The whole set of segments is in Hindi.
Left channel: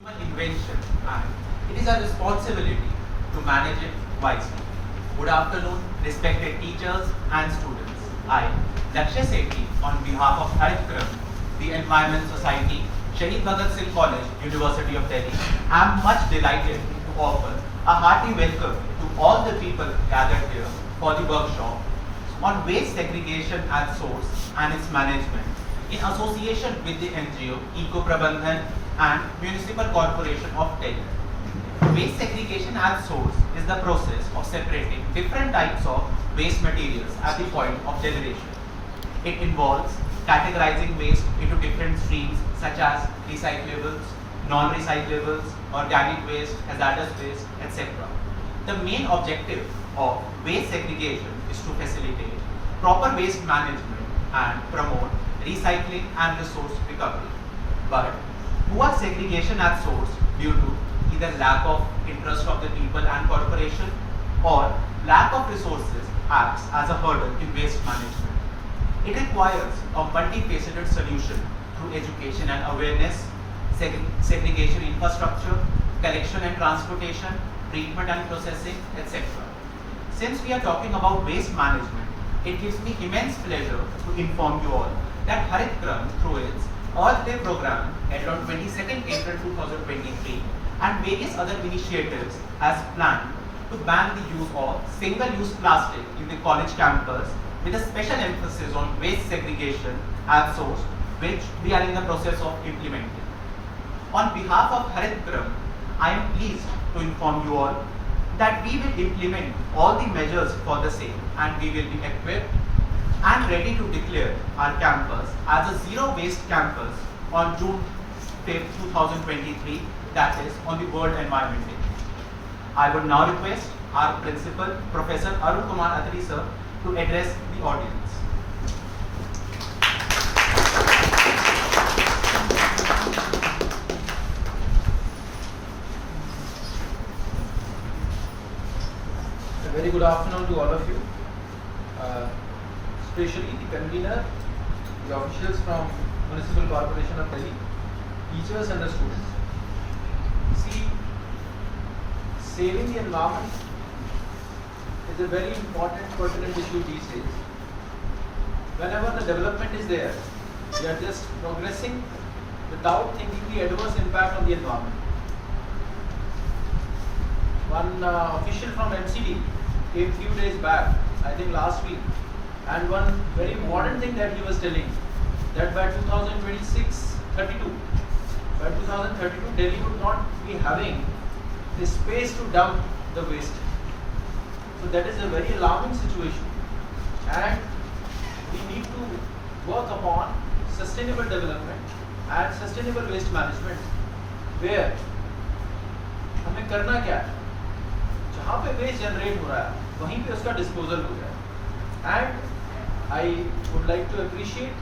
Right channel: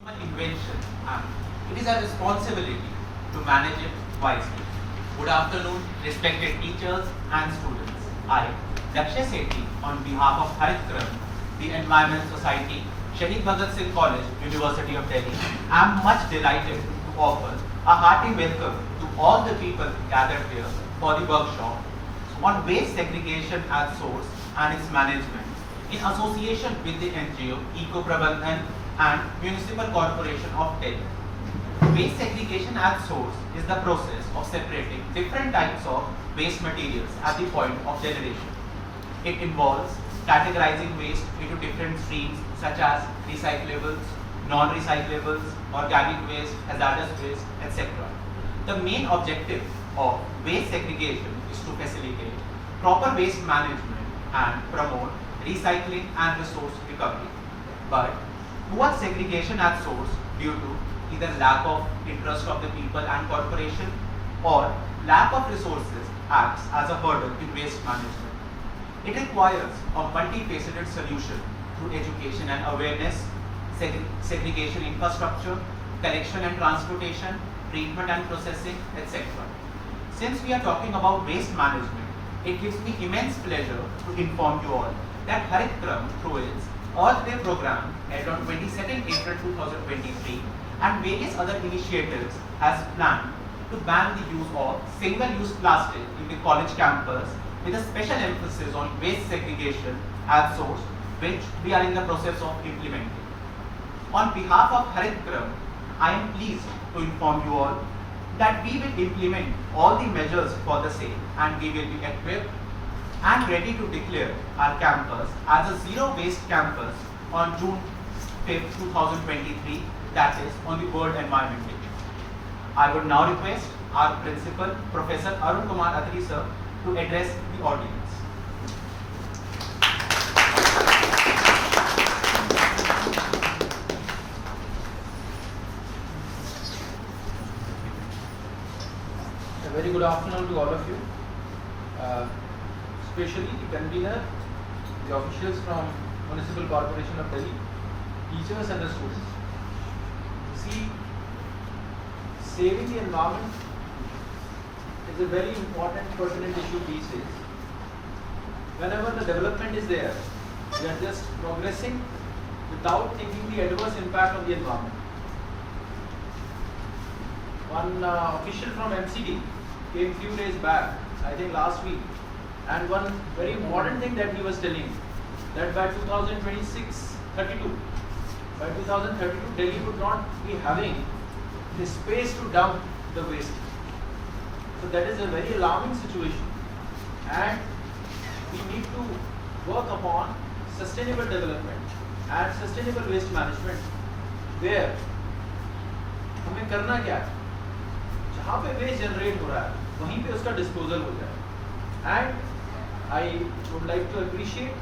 human invention and it is our responsibility to manage it wisely. Good afternoon, respected teachers and students. I, Lakshya Sethi, on behalf of Haritgram, the Environment Society, Shahid Bhagat Singh College, University of Delhi, am much delighted to offer a hearty welcome to all the people gathered here for the workshop on waste segregation at source and its management in association with the NGO Eco Prabandhan and Municipal Corporation of Delhi. Waste segregation at source is the process of separating different types of waste materials at the point of generation. It involves categorizing waste into different streams such as recyclables, non-recyclables, organic waste, hazardous waste, etc. The main objective of waste segregation is to facilitate proper waste management and promote recycling and resource recovery. But poor segregation at source due to either lack of interest of the people and corporation or lack of resources acts as a hurdle in waste management. It requires a multifaceted solution through education and awareness, segregation infrastructure, collection and transportation, treatment and processing, etc. Since we are talking about waste management, it gives me immense pleasure to inform you all that Haritgram, through its Earth Day program held on 22nd April 2023 and various other initiatives, has planned to ban the use of single-use plastic in the college campus with a special emphasis on waste segregation at source, which we are in the process of implementing. On behalf of Haritgram, I am pleased to inform you all that we will implement all the measures for the same and we will be equipped and ready to declare our campus as a zero waste campus on June 5th, 2023, that is on the World Environment Day. I would now request our principal, Professor Arun Kumar Atri sir, to address the audience. A very good afternoon to all of you, especially the convener, the officials from Municipal Corporation of Delhi, teachers and the students. See, saving the environment is a very important pertinent issue these days. Whenever the development is there, we are just progressing without thinking the adverse impact on the environment. One official from MCD came few days back, I think last week, and one very important thing that he was telling, that by 2032, Delhi would not be having the space to dump the waste. So that is a very alarming situation, and we need to work upon sustainable development and sustainable waste management, where हमें करना क्या है, जहाँ पे वेस्ट जनरेट हो रहा है वहीं पे उसका डिस्पोजल हो जाए. And I would like to appreciate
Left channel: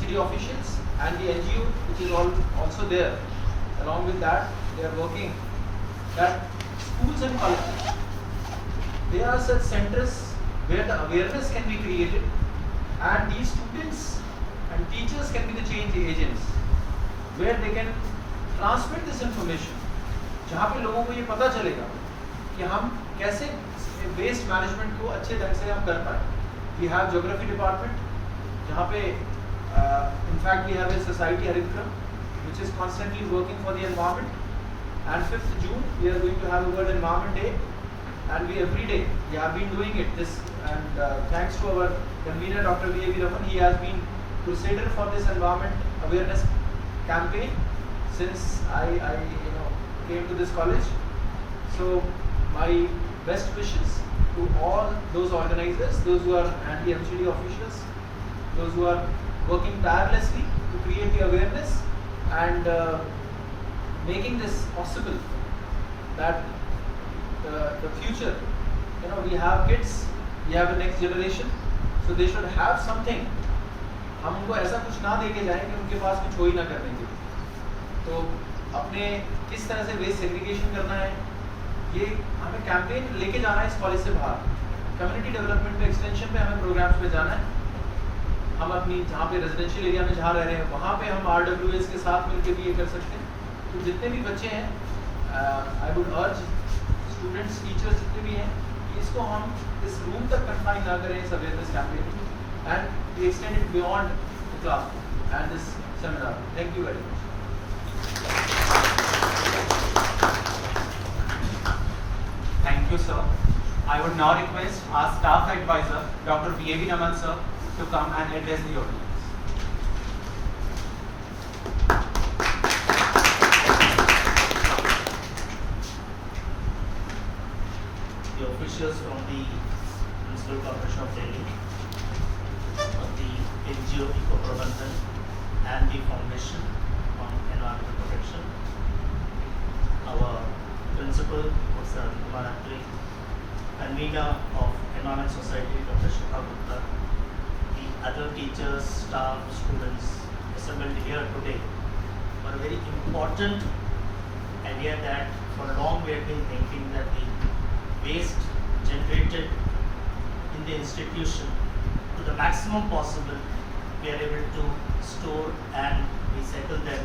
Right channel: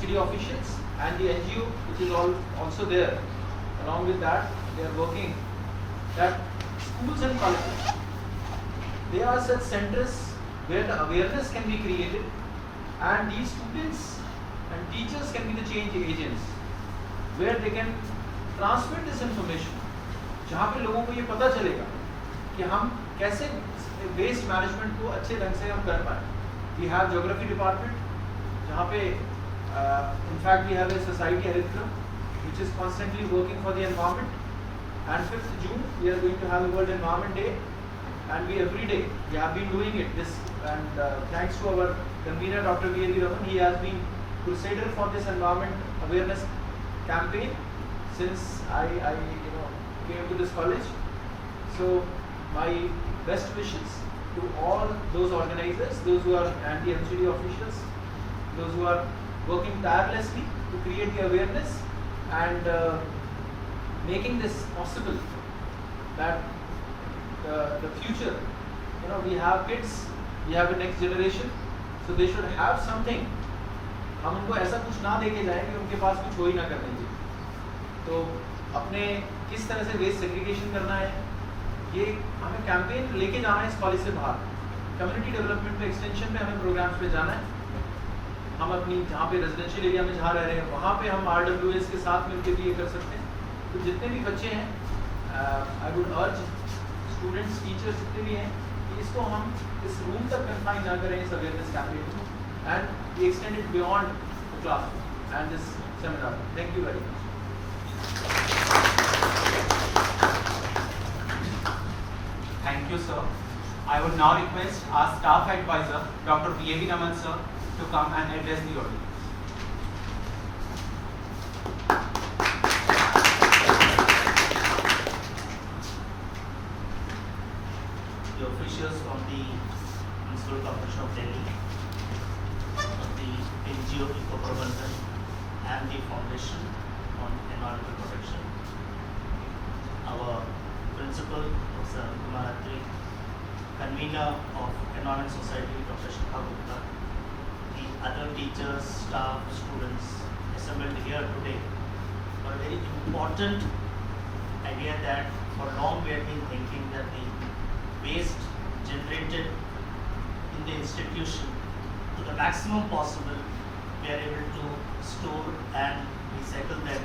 city officials and the NGO which is also there. Along with that, they are working that schools and colleges, they are such centers where the awareness can be created and these students and teachers can be the change agents, where they can transmit this information, जहाँ पे लोगों को ये पता चलेगा कि हम कैसे वेस्ट मैनेजमेंट को अच्छे ढंग से हम कर पाए. वी हैव ज्योग्राफी डिपार्टमेंट, जहाँ पे in fact we have a society Haritgram which is constantly working for the environment, and 5th June we are going to have a World Environment Day, and we every day we have been doing it this, and thanks to our convener Dr. V.A.V. Raman, he has been crusader for this environment awareness campaign since I came to this college. So my best wishes to all those organizers, those who are and the MCD officials, those who are working tirelessly to create the awareness and making this possible, that the future, we have kids, we have the next generation, so they should have something. हम उनको ऐसा कुछ ना देके जाएं कि उनके पास कुछ हो ही ना करने के. तो अपने किस तरह से वेस्ट सेग्रीगेशन करना है, ये हमें कैंपेन लेके जाना है इस कॉलेज से बाहर. कम्युनिटी डेवलपमेंट एक्सटेंशन पे हमें प्रोग्राम्स पे जाना है. हम अपनी जहाँ पे रेजिडेंशियल एरिया में जहाँ रह रहे हैं वहाँ पे हम RWS के साथ मिलकर भी ये कर सकते हैं. तो जितने भी बच्चे हैं आई वुड अर्ज स्टूडेंट्स टीचर्स जितने भी हैं कि इसको हम इस रूम तक कंफाइन ना करें इस awareness campaign and we extend it beyond the class and this seminar. Thank you very much. Thank you, sir. I would now request our staff advisor, Dr. V.A.V. Naman, sir, to come and address the audience. The officials from the Municipal Corporation of Delhi, the NGO Eco Prabandhan and the Foundation on Environmental Protection, our principal, Professor Kumar Atri, convener of Environment Society, Dr. Shikha Gupta, the other teachers, staff, students assembled here today for a very important idea that for long we have been thinking that the waste generated in the institution to the maximum possible we are able to store and recycle them,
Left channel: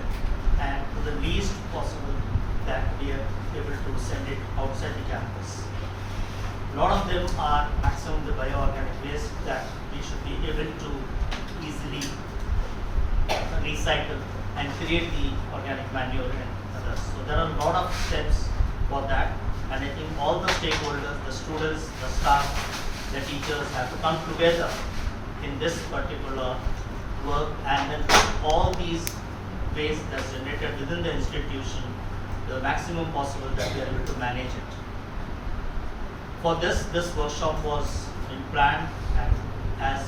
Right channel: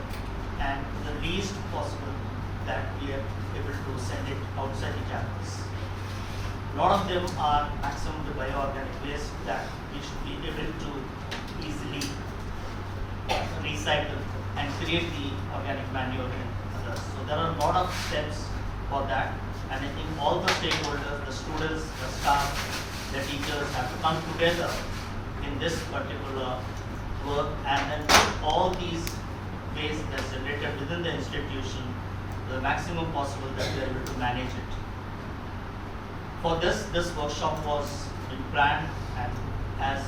and to the least possible that we are able to send it outside the campus. A lot of them are maximum the bioorganic waste that we should be able to easily recycle and create the organic manure in others. So there are a lot of steps for that, and I think all the stakeholders, the students, the staff, the teachers have to come together in this particular work and then put all these waste that's generated within the institution the maximum possible that we are able to manage it. For this workshop was in planned, and as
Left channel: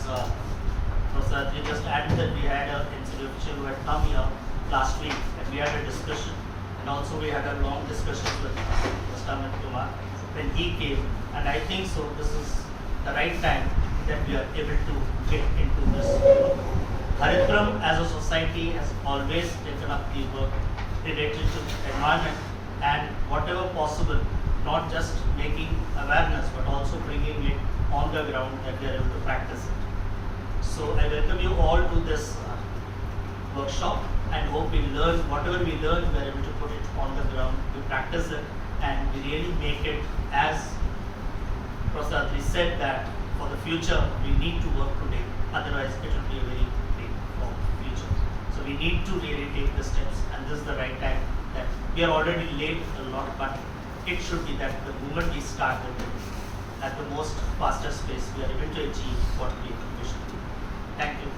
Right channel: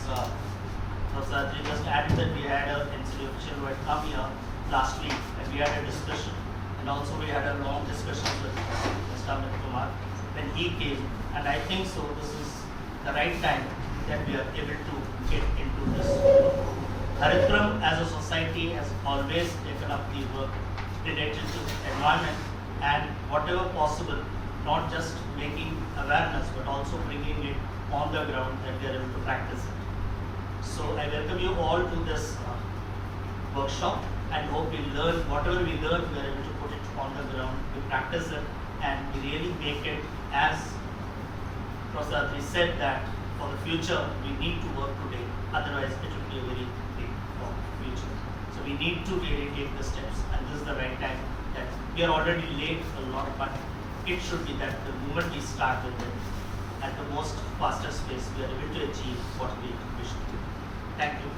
Professor Atri just added that we had an NCD official who had come here last week and we had a discussion, and also we had a long discussion with Mr. Amit Kumar when he came, and I think so this is the right time that we are able to get into this. Haritram as a society has always taken up the work related to environment and whatever possible, not just making awareness but also bringing it on the ground that we are able to practice it. So I welcome you all to this workshop and hope we learn whatever we learn, we are able to put it on the ground, we practice it and we really make it as Professor Atri said that for the future we need to work today, otherwise it will be a very big future. So we need to really take the steps, and this is the right time that we are already late a lot, but it should be that the moment we start with it at the most fastest pace, we are able to achieve what we should do. Thank you.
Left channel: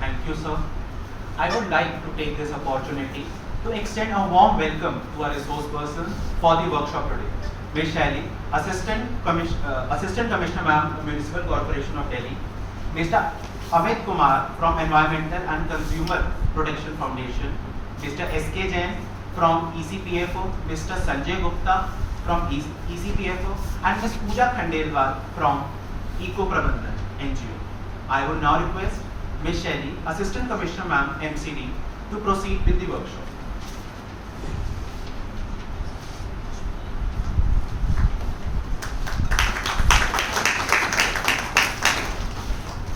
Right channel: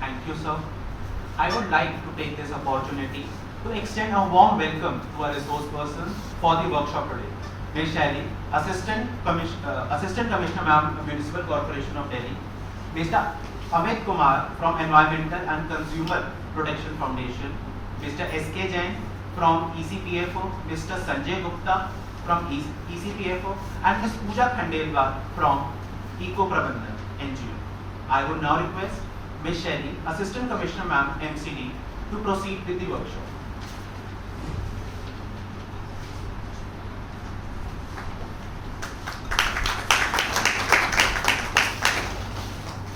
Thank you, sir. I would like to take this opportunity to extend a warm welcome to our resource person for the workshop today, Ms. Shaili, Assistant Commissioner, Ma'am, Municipal Corporation of Delhi, Mr. Amit Kumar from Environmental and Consumer Protection Foundation, Mr. S.K. Jain from ECPFO, Mr. Sanjay Gupta from ECPFO, and Ms. Pooja Khandelwal from Eco Prabandhan NGO. I would now request Ms. Shaili, Assistant Commissioner, Ma'am, MCD, to proceed with the workshop.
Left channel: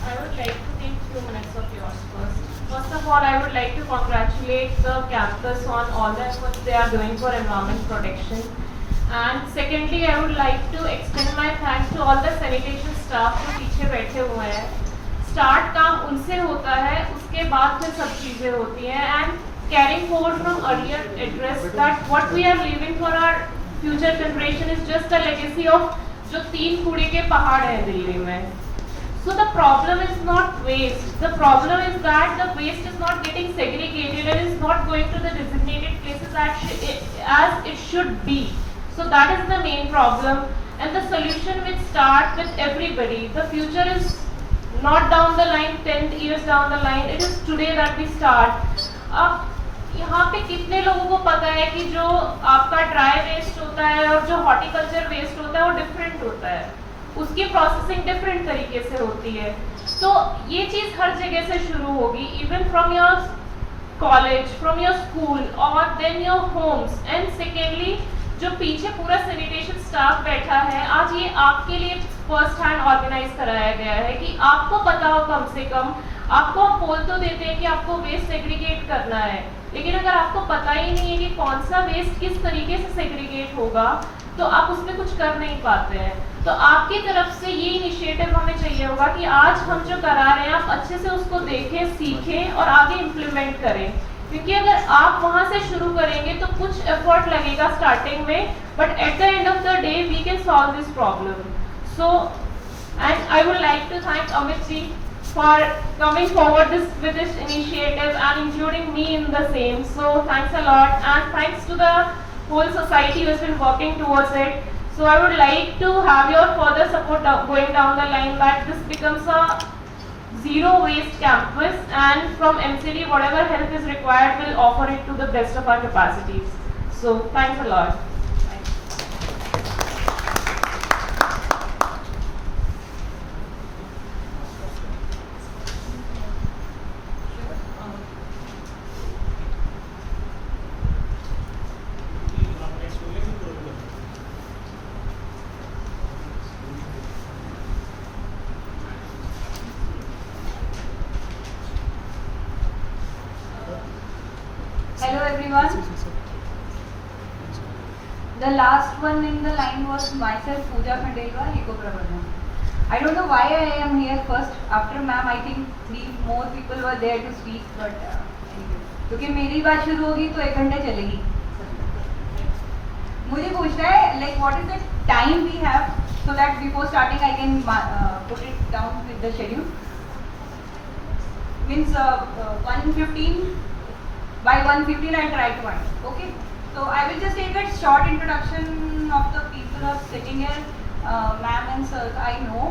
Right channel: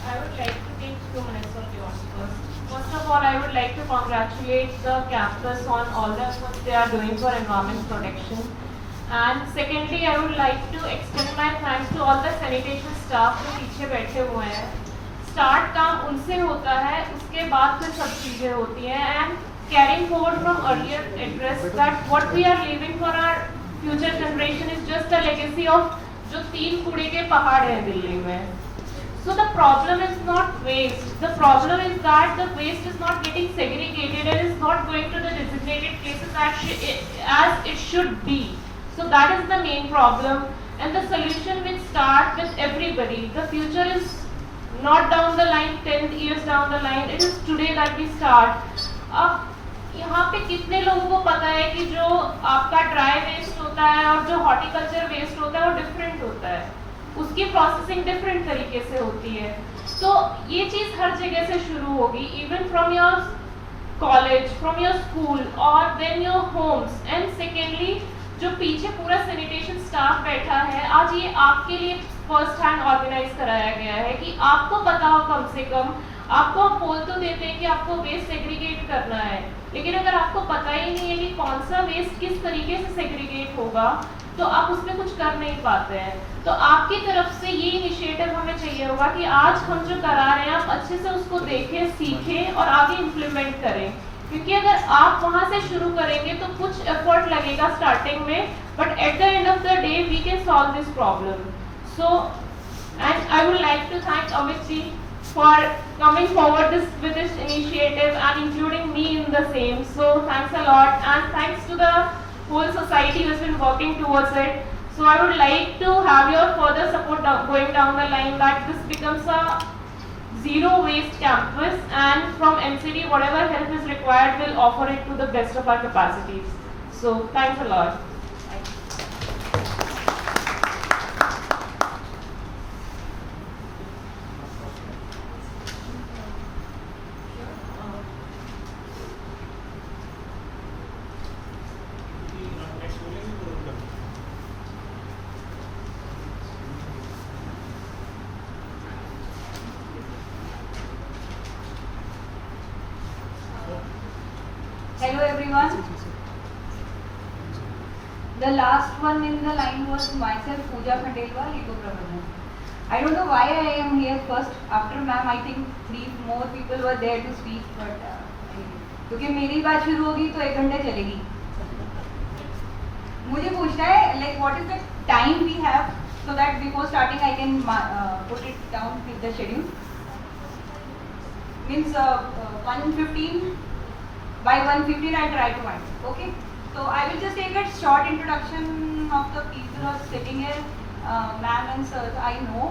I would like to take few minutes of yours first. First of all, I would like to congratulate the campus on all the efforts they are doing for environment protection. And secondly, I would like to extend my thanks to all the sanitation staff जो पीछे बैठे हुए हैं. स्टार्ट काम उनसे होता है, उसके बाद फिर सब चीजें होती हैं. And carrying forward from earlier address that what we are leaving for our future generation is just the legacy of जो 3 कूड़े के पहाड़ हैं दिल्ली में. So the problem is not waste. The problem is that the waste is not getting segregated and is not going to the designated places as it should be. So that is the main problem, and the solution will start with everybody. The future is not down the line, 10 years down the line. It is today that we start. अब यहाँ पे कितने लोगों को पता है कि जो आपका ड्राई वेस्ट होता है और जो हॉर्टिकल्चर वेस्ट होता है वो डिफरेंट होता है, उसकी प्रोसेसिंग डिफरेंट तरीके से होती है. तो ये चीज़ हर जगह से शुरू होगी, even from your college, from your school और then your homes. And secondly जो पीछे पूरा सैनिटेशन स्टाफ बैठा है, आज ये आपके लिए फर्स्ट हैंड ऑर्गेनाइज कराया गया है कि आपको पता हो कम से कम। आपको हम बोल तो देते हैं कि आपको वेस्ट सेग्रीगेट करना है, लेकिन अगर आपको पता ही नहीं है कि कौन सा वेस्ट किस तरीके से सेग्रीगेट होगा तो आप उसमें कुछ कर नहीं पाते हैं। तो आपकी तरफ से ये इनिशिएटिव हमें चाहिए होगा कि आज हम जो करा रहे हैं आप अच्छे से उसको देखें, सीखें और आगे इम्प्लीमेंट करें, क्योंकि अगर आप वहाँ से शुरू करेंगे तो कुछ एफर्ट लगेगा स्टार्टिंग में, but at the end of the day we can solve this problem. So and I would like to thank Amit ji for coming forward with this initiative and including me in the same. So thanks a lot, and thanks to the whole society who has been working towards it. So I would like to have your further support going down the line that this becomes a zero waste campus, and from MCD whatever help is required we'll offer it to the best of our capacities. So thanks a lot. Hello everyone. The last one in the line was myself, Pooja Khandelwal, Eco Prabodhan. I don't know why I am here first. After ma'am, I think 3 more people were there to speak, but क्योंकि मेरी बात शुरू होगी तो 1 घंटे चलेगी। मुझे पूछना है like what is the time we have so that before starting I can put it down with the schedule. Means 1:15. By 1:15 I'll try to end. Okay. So I will just take a short introduction of the people who are sitting here, ma'am and sir. I know,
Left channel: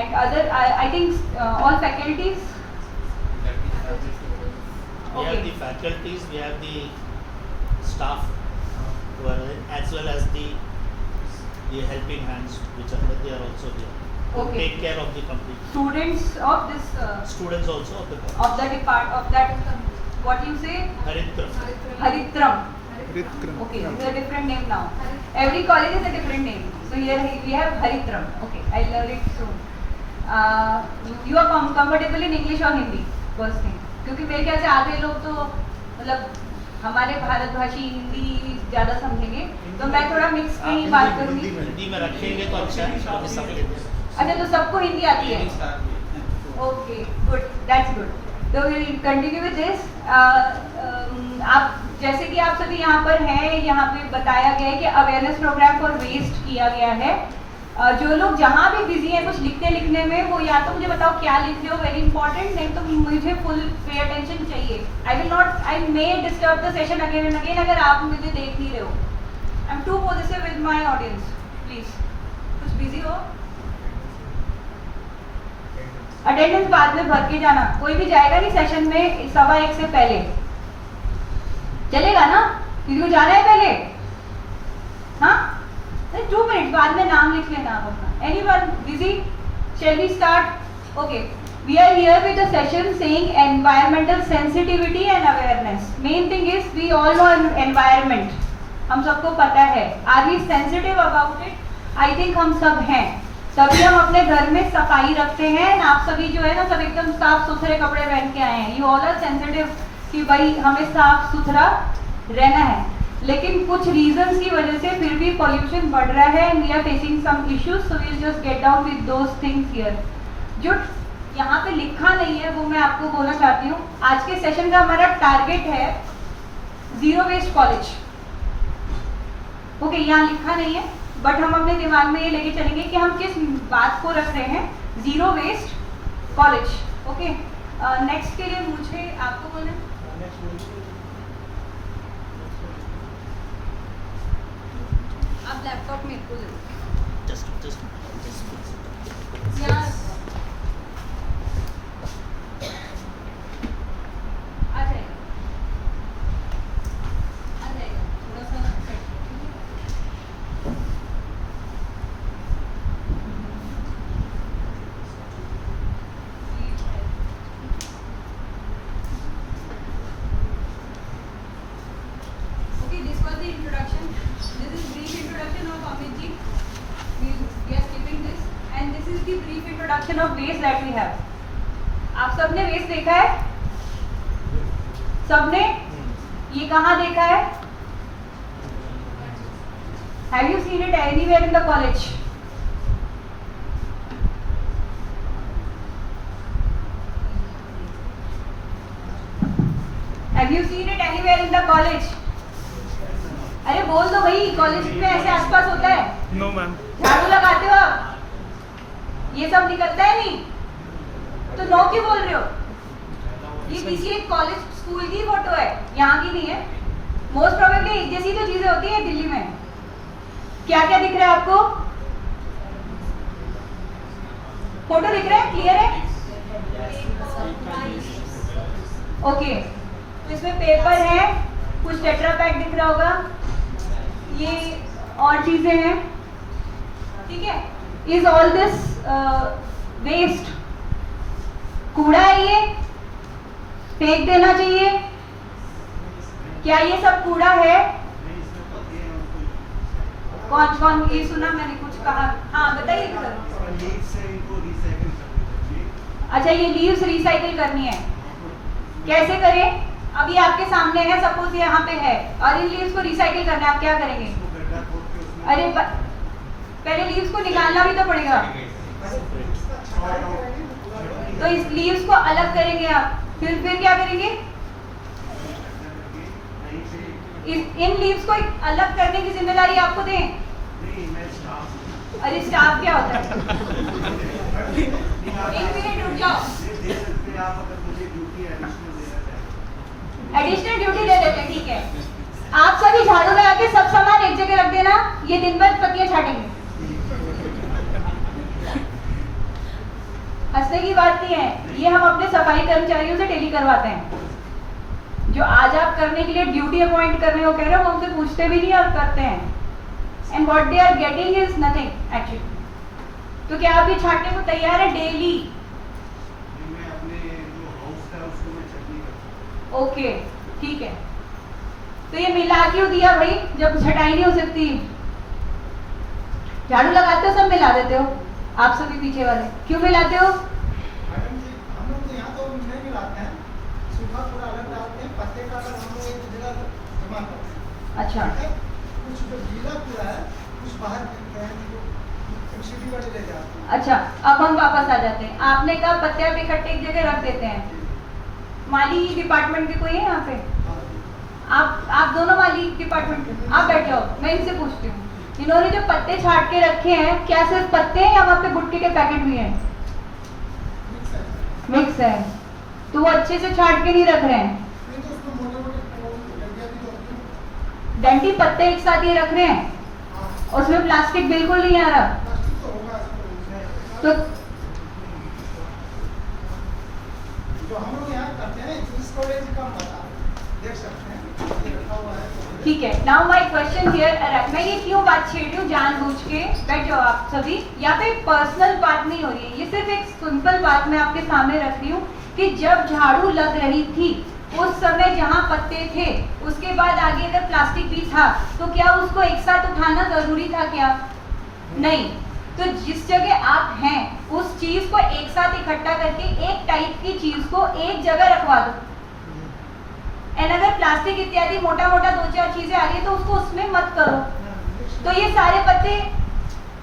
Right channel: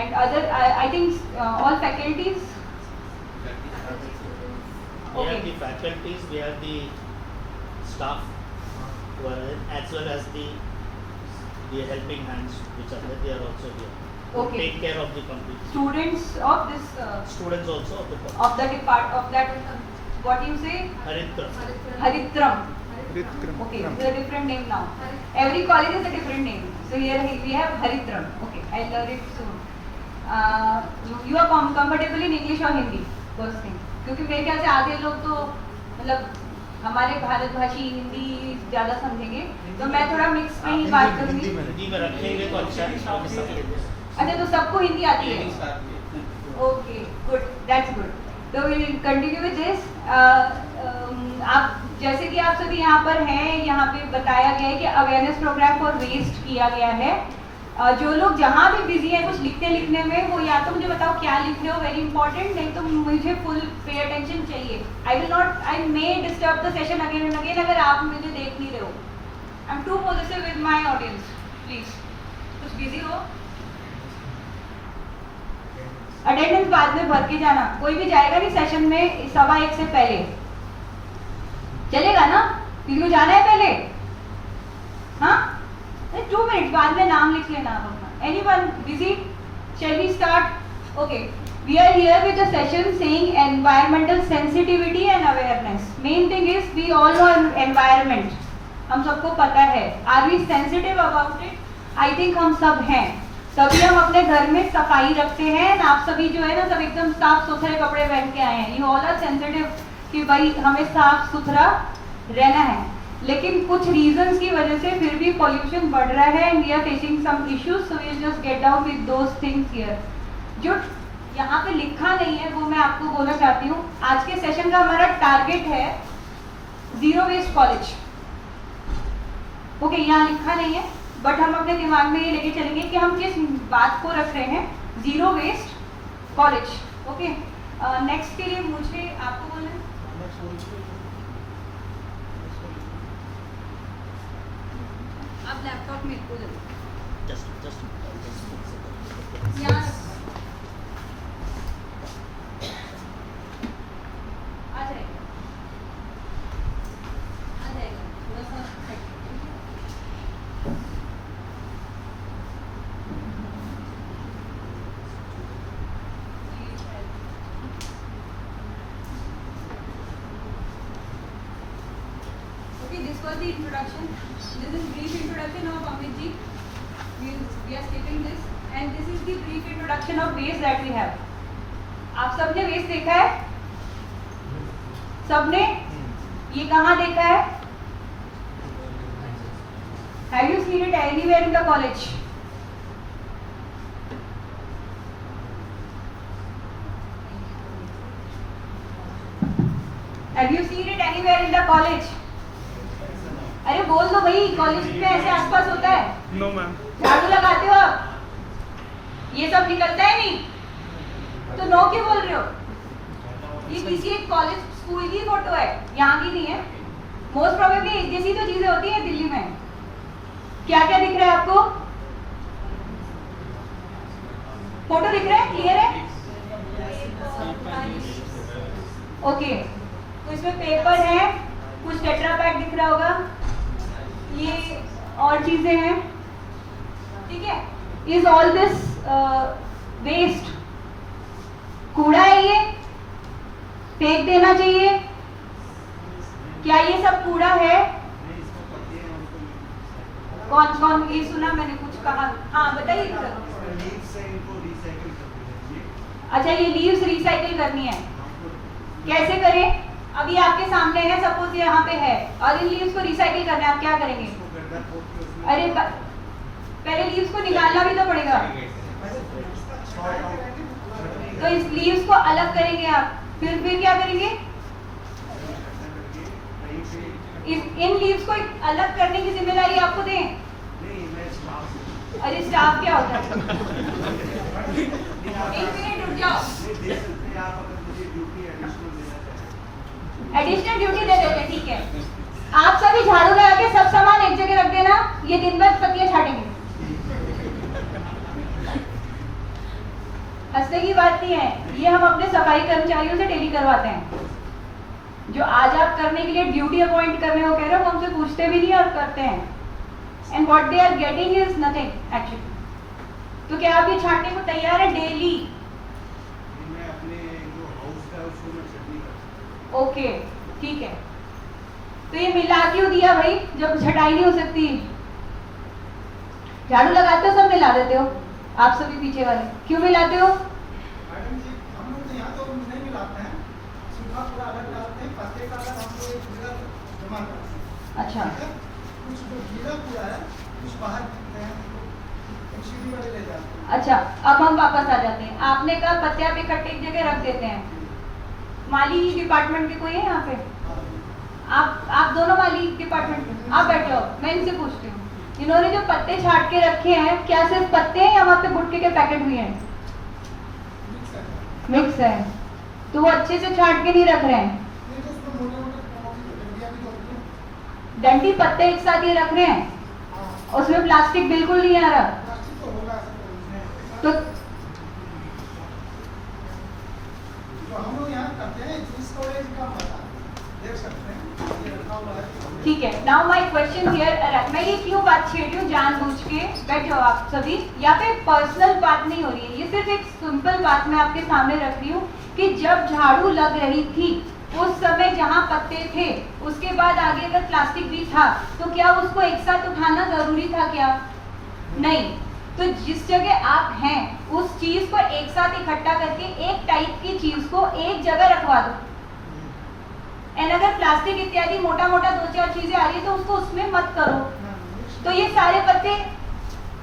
and other. I think all faculties. We have the faculties, we have the staff, as well as the helping hands which are there. They are also here. Okay. Take care of the complete. Students of this. Students also of the college. Of the depart of that. What you say? Haritram. Haritram. Okay, this is a different name now. Every college is a different name. So here we have Haritram. Okay, I'll learn it soon. You are comfortable in English or Hindi? First thing. क्योंकि मेरे ख्याल से आधे लोग तो मतलब हमारे भारतभाषी हिंदी ज़्यादा समझेंगे, तो मैं थोड़ा मिक्स में ही बात करूँगी। हिंदी में रखेंगे तो अच्छा है, सब अच्छा, तो सबको हिंदी आती है? Okay, good, that's good. तो विल कंटिन्यू विद दिस। आप जैसे कि आप सभी यहाँ पर हैं, यहाँ पे बताया गया है कि अवेयरनेस प्रोग्राम फॉर वेस्ट किया गया है। जो लोग जहाँ भी बिजी हैं कुछ लिखने में, वो या तो मुझे बताओ क्या लिख रहे हो, वेरी इंपॉर्टेंट, नहीं तो मुझे फुल पे अटेंशन चाहिए। I may disturb the session again and again अगर आप मुझे देख नहीं रहे हो। I am too positive with my audience, please कुछ बिजी हो। अटेंडेंस बाद में भर के जाना, कोई भी जाएगा नहीं सेशन में 1:15 से पहले, चलेगा ना? किसी को जाना है पहले? हाँ, 2 मिनट बाद में नाम लिख लेना आप अपना। Anyone busy? Shall we start? Okay, we are here with the session saying environmental sensitivity and awareness. Main thing is we all know environment, हम सबको पता है। Are we sensitive about it? I think हम सब हैं, तभी हम अपने घर में सफाई रखते हैं। आप सभी जो है ना, सब एकदम साफ सुथरे कपड़े पहन के आए हैं। यू ऑल आर सेंसिटिव कि भाई हमें साफ सुथरा रहना है, लेकिन कुछ रीजंस की वजह से फिर भी पॉल्यूशन बढ़ रहा है and we are facing some issues, so we just get down with those things here. जो यहाँ पे लिखा नहीं है वो मैं आपको बोलना चाहती हूँ। आज के सेशन का हमारा टारगेट है जीरो वेस्ट कॉलेज। ओके, यहाँ लिखा नहीं है, बट हम अपने दिमाग में ये लेके चलेंगे कि हम किस बात को रख रहे हैं, zero waste college. Okay, next के लिए मुझे आपको बोलना है। आप लैपटॉप मेरे को दे दो। just यहाँ आ जाएगा, आ जाएगा, थोड़ा सा Okay, this was the introduction. This is brief introduction of Amit ji. We are skipping this, and this is the brief introduction of waste that we have. आप सबने waste देखा है? सबने? ये कहाँ देखा है? Have you seen it anywhere in the college? Have you seen it anywhere in the college? अरे बोल दो भाई, कॉलेज में ऐसे आसपास होता है? No ma'am. झाड़ू लगाते हो आप? ये सब निकलता है नहीं? तो नो क्यों बोल रहे हो? ये किसी एक कॉलेज स्कूल की फोटो है, यहाँ की नहीं है। मोस्ट प्रोबेबली इस जैसी तो चीजें होती हैं दिल्ली में। क्या क्या दिख रहा है आपको? फोटो दिख रहा है? क्लियर है? ओके, तो इसमें पेपर है, कुछ टेट्रा पैक दिख रहा होगा, ये और चीजें हैं, ठीक है? Is all this waste? कूड़ा है ये? फेंक देना चाहिए? क्या ये सब कूड़ा है? कौन कौन ये सुना मैंने कुछ कहा? हाँ बताइए सर। अच्छा, ये लीव्स रिसाइकिल करनी है, कैसे करें? अभी आपके सामने है, सपोज यहाँ पे है और इन लीव्स को रिसाइकिल करना है, आप क्या करेंगे? अरे पहले लीव्स को निकालना भी तो पड़ेगा, तो इस लीव्स को अलग करेंगे आप, फिर क्या करेंगे? इन लीव्स को अलग करने की जिम्मेदारी आपको दें? अरे स्टाफ क्या होता है? एक मिनट रुक जाओ, एडिशनल ड्यूटी दे देते हैं, ठीक है? आप सभी झाड़ू लगा के सब सामान एक जगह रख देना, ये दिन भर पत्तियां छाटेंगे। हंसने की बात नहीं है, ये हम अपने सफाई कर्मचारियों से डेली करवाते हैं। जो आज आप करने के लिए ड्यूटी अपॉइंट कर रहे हो, कह रहे हो, वो हमसे पूछते भी नहीं और करते हैं। And what they are getting is nothing actually. तो क्या आप ये छाटने को तैयार है डेली? ओके, ठीक है। तो ये मिला क्यों दिया भाई, जब छटाई नहीं हो सकती? झाड़ू लगाते हो सब मिला देते हो, आप सभी पीछे वाले क्यों मिलाते हो? मैडम जी, हम लोग यहाँ तो नहीं मिलाते हैं, सुबह पूरा अलग डालते हैं, पत्ते का अलग हम लोग एक जगह जमा करते हैं। अच्छा, कुछ जो गीला पूरा है कुछ बाहर फेंकते हैं, एक सीढ़ी वाले ले जाते हैं। अच्छा, अब हम वापस आ जाते हैं। आपने कहा पत्तियां पे इकट्ठे एक जगह रख देते हैं। माली डिपार्टमेंट के कोई है यहाँ पे? आप दोनों माली डिपार्टमेंट के, आप बैठ जाओ, मैं इनसे पूछती हूँ। इन्होंने जो पत्ते छाट के रखे हैं, क्या सिर्फ पत्ते हैं या वहाँ पे भुट्टे के पैकेट भी हैं? मिक्स है, तो वो अच्छे से छाट के नहीं रख रहे हैं। नहीं तो उसमें मोटे-मोटे डंडियाँ भी होती हैं। डंडी पत्ते एक साथ ये रख रहे हैं, हाँ, उसमें प्लास्टिक बिल्कुल नहीं आ रहा। प्लास्टिक तो होगा इसमें। तो जो हम लोग यहाँ करते हैं, इस कॉलेज का पता देख सकते हैं, ये रखा हुआ है। ठीक है, नाउ माय क्वेश्चन हियर, मैं ये क्यों बात छेड़ रही हूँ जानबूझ के? बैठ जाओ आप सभी, यहाँ पे पर्सनल बात नहीं हो रही है, ये सिर्फ एक सिंपल बात मैं आपके सामने रख रही हूँ कि जब झाड़ू लग रही थी उस समय जहाँ पत्ते थे, उसके बाद आगे अगर प्लास्टिक भी था, तो क्या उसको एक साथ उठाना जरूरी था क्या? नहीं। तो जिस जगह आप हैं उस चीज को एक साथ इकट्ठा करके एक टाइप की चीज को एक जगह रखवा दो। एंड अगर प्लास्टिक इत्यादि मोटा मोटा 2-4 चीजें आ रही है तो उसको उसमें मत करो। तो ये सारे पत्ते,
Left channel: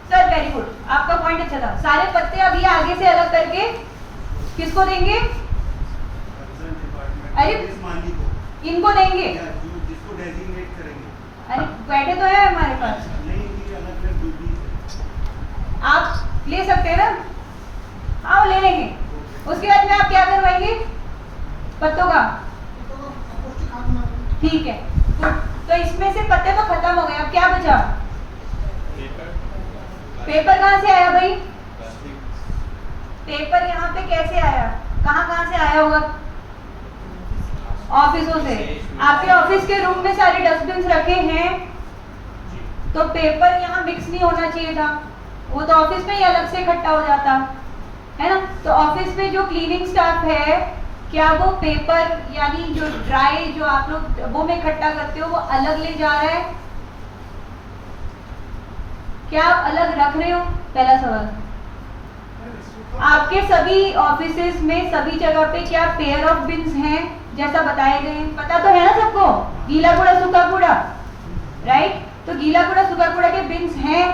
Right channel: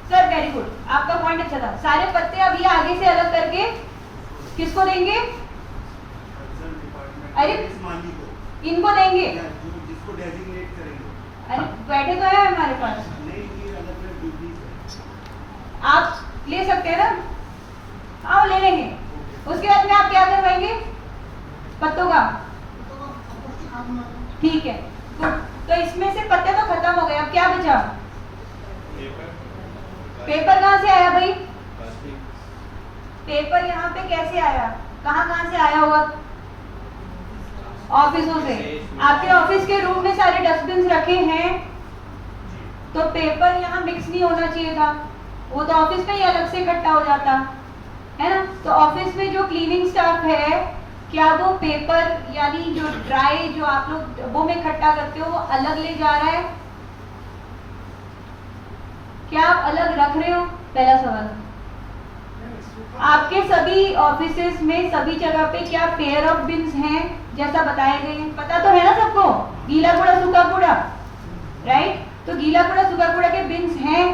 सर वेरी गुड, आपका पॉइंट अच्छा था। सारे पत्ते अब ये आगे से अलग करके किसको देंगे? अरे इनको देंगे, जिसको डेजिग्नेट करेंगे। अरे बैठे तो है हमारे पास, नहीं, ये अलग-अलग ड्यूटीज है। आप ले सकते हैं ना? आओ ले लेंगे। उसके बाद में आप क्या करवाएंगे पत्तों का? ठीक है, तो इसमें से पत्ते तो खत्म हो गए, अब क्या बचा? पेपर कहाँ से आया भाई? पेपर यहाँ पे कैसे आया? कहाँ से आया होगा? ऑफिसों से। आपके ऑफिस के रूम में सारे डस्टबिन रखे हैं, तो पेपर यहाँ मिक्स नहीं होना चाहिए था, वो तो ऑफिस में ही अलग से इकट्ठा हो जाता है ना? तो ऑफिस में जो क्लीनिंग स्टाफ है, क्या वो पेपर यानी जो ड्राई जो आप लोग डब्बों में इकट्ठा करते हो वो अलग ले जा रहा है? क्या आप अलग रख रहे हो? पहला सवाल। आपके सभी ऑफिसेस में सभी जगह पे क्या पेयर ऑफ बिन्स हैं जैसा बताए गए हैं? पता तो है ना सबको, गीला कूड़ा सूखा कूड़ा, राइट? तो गीला कूड़ा सूखा कूड़ा के बिन्स हैं?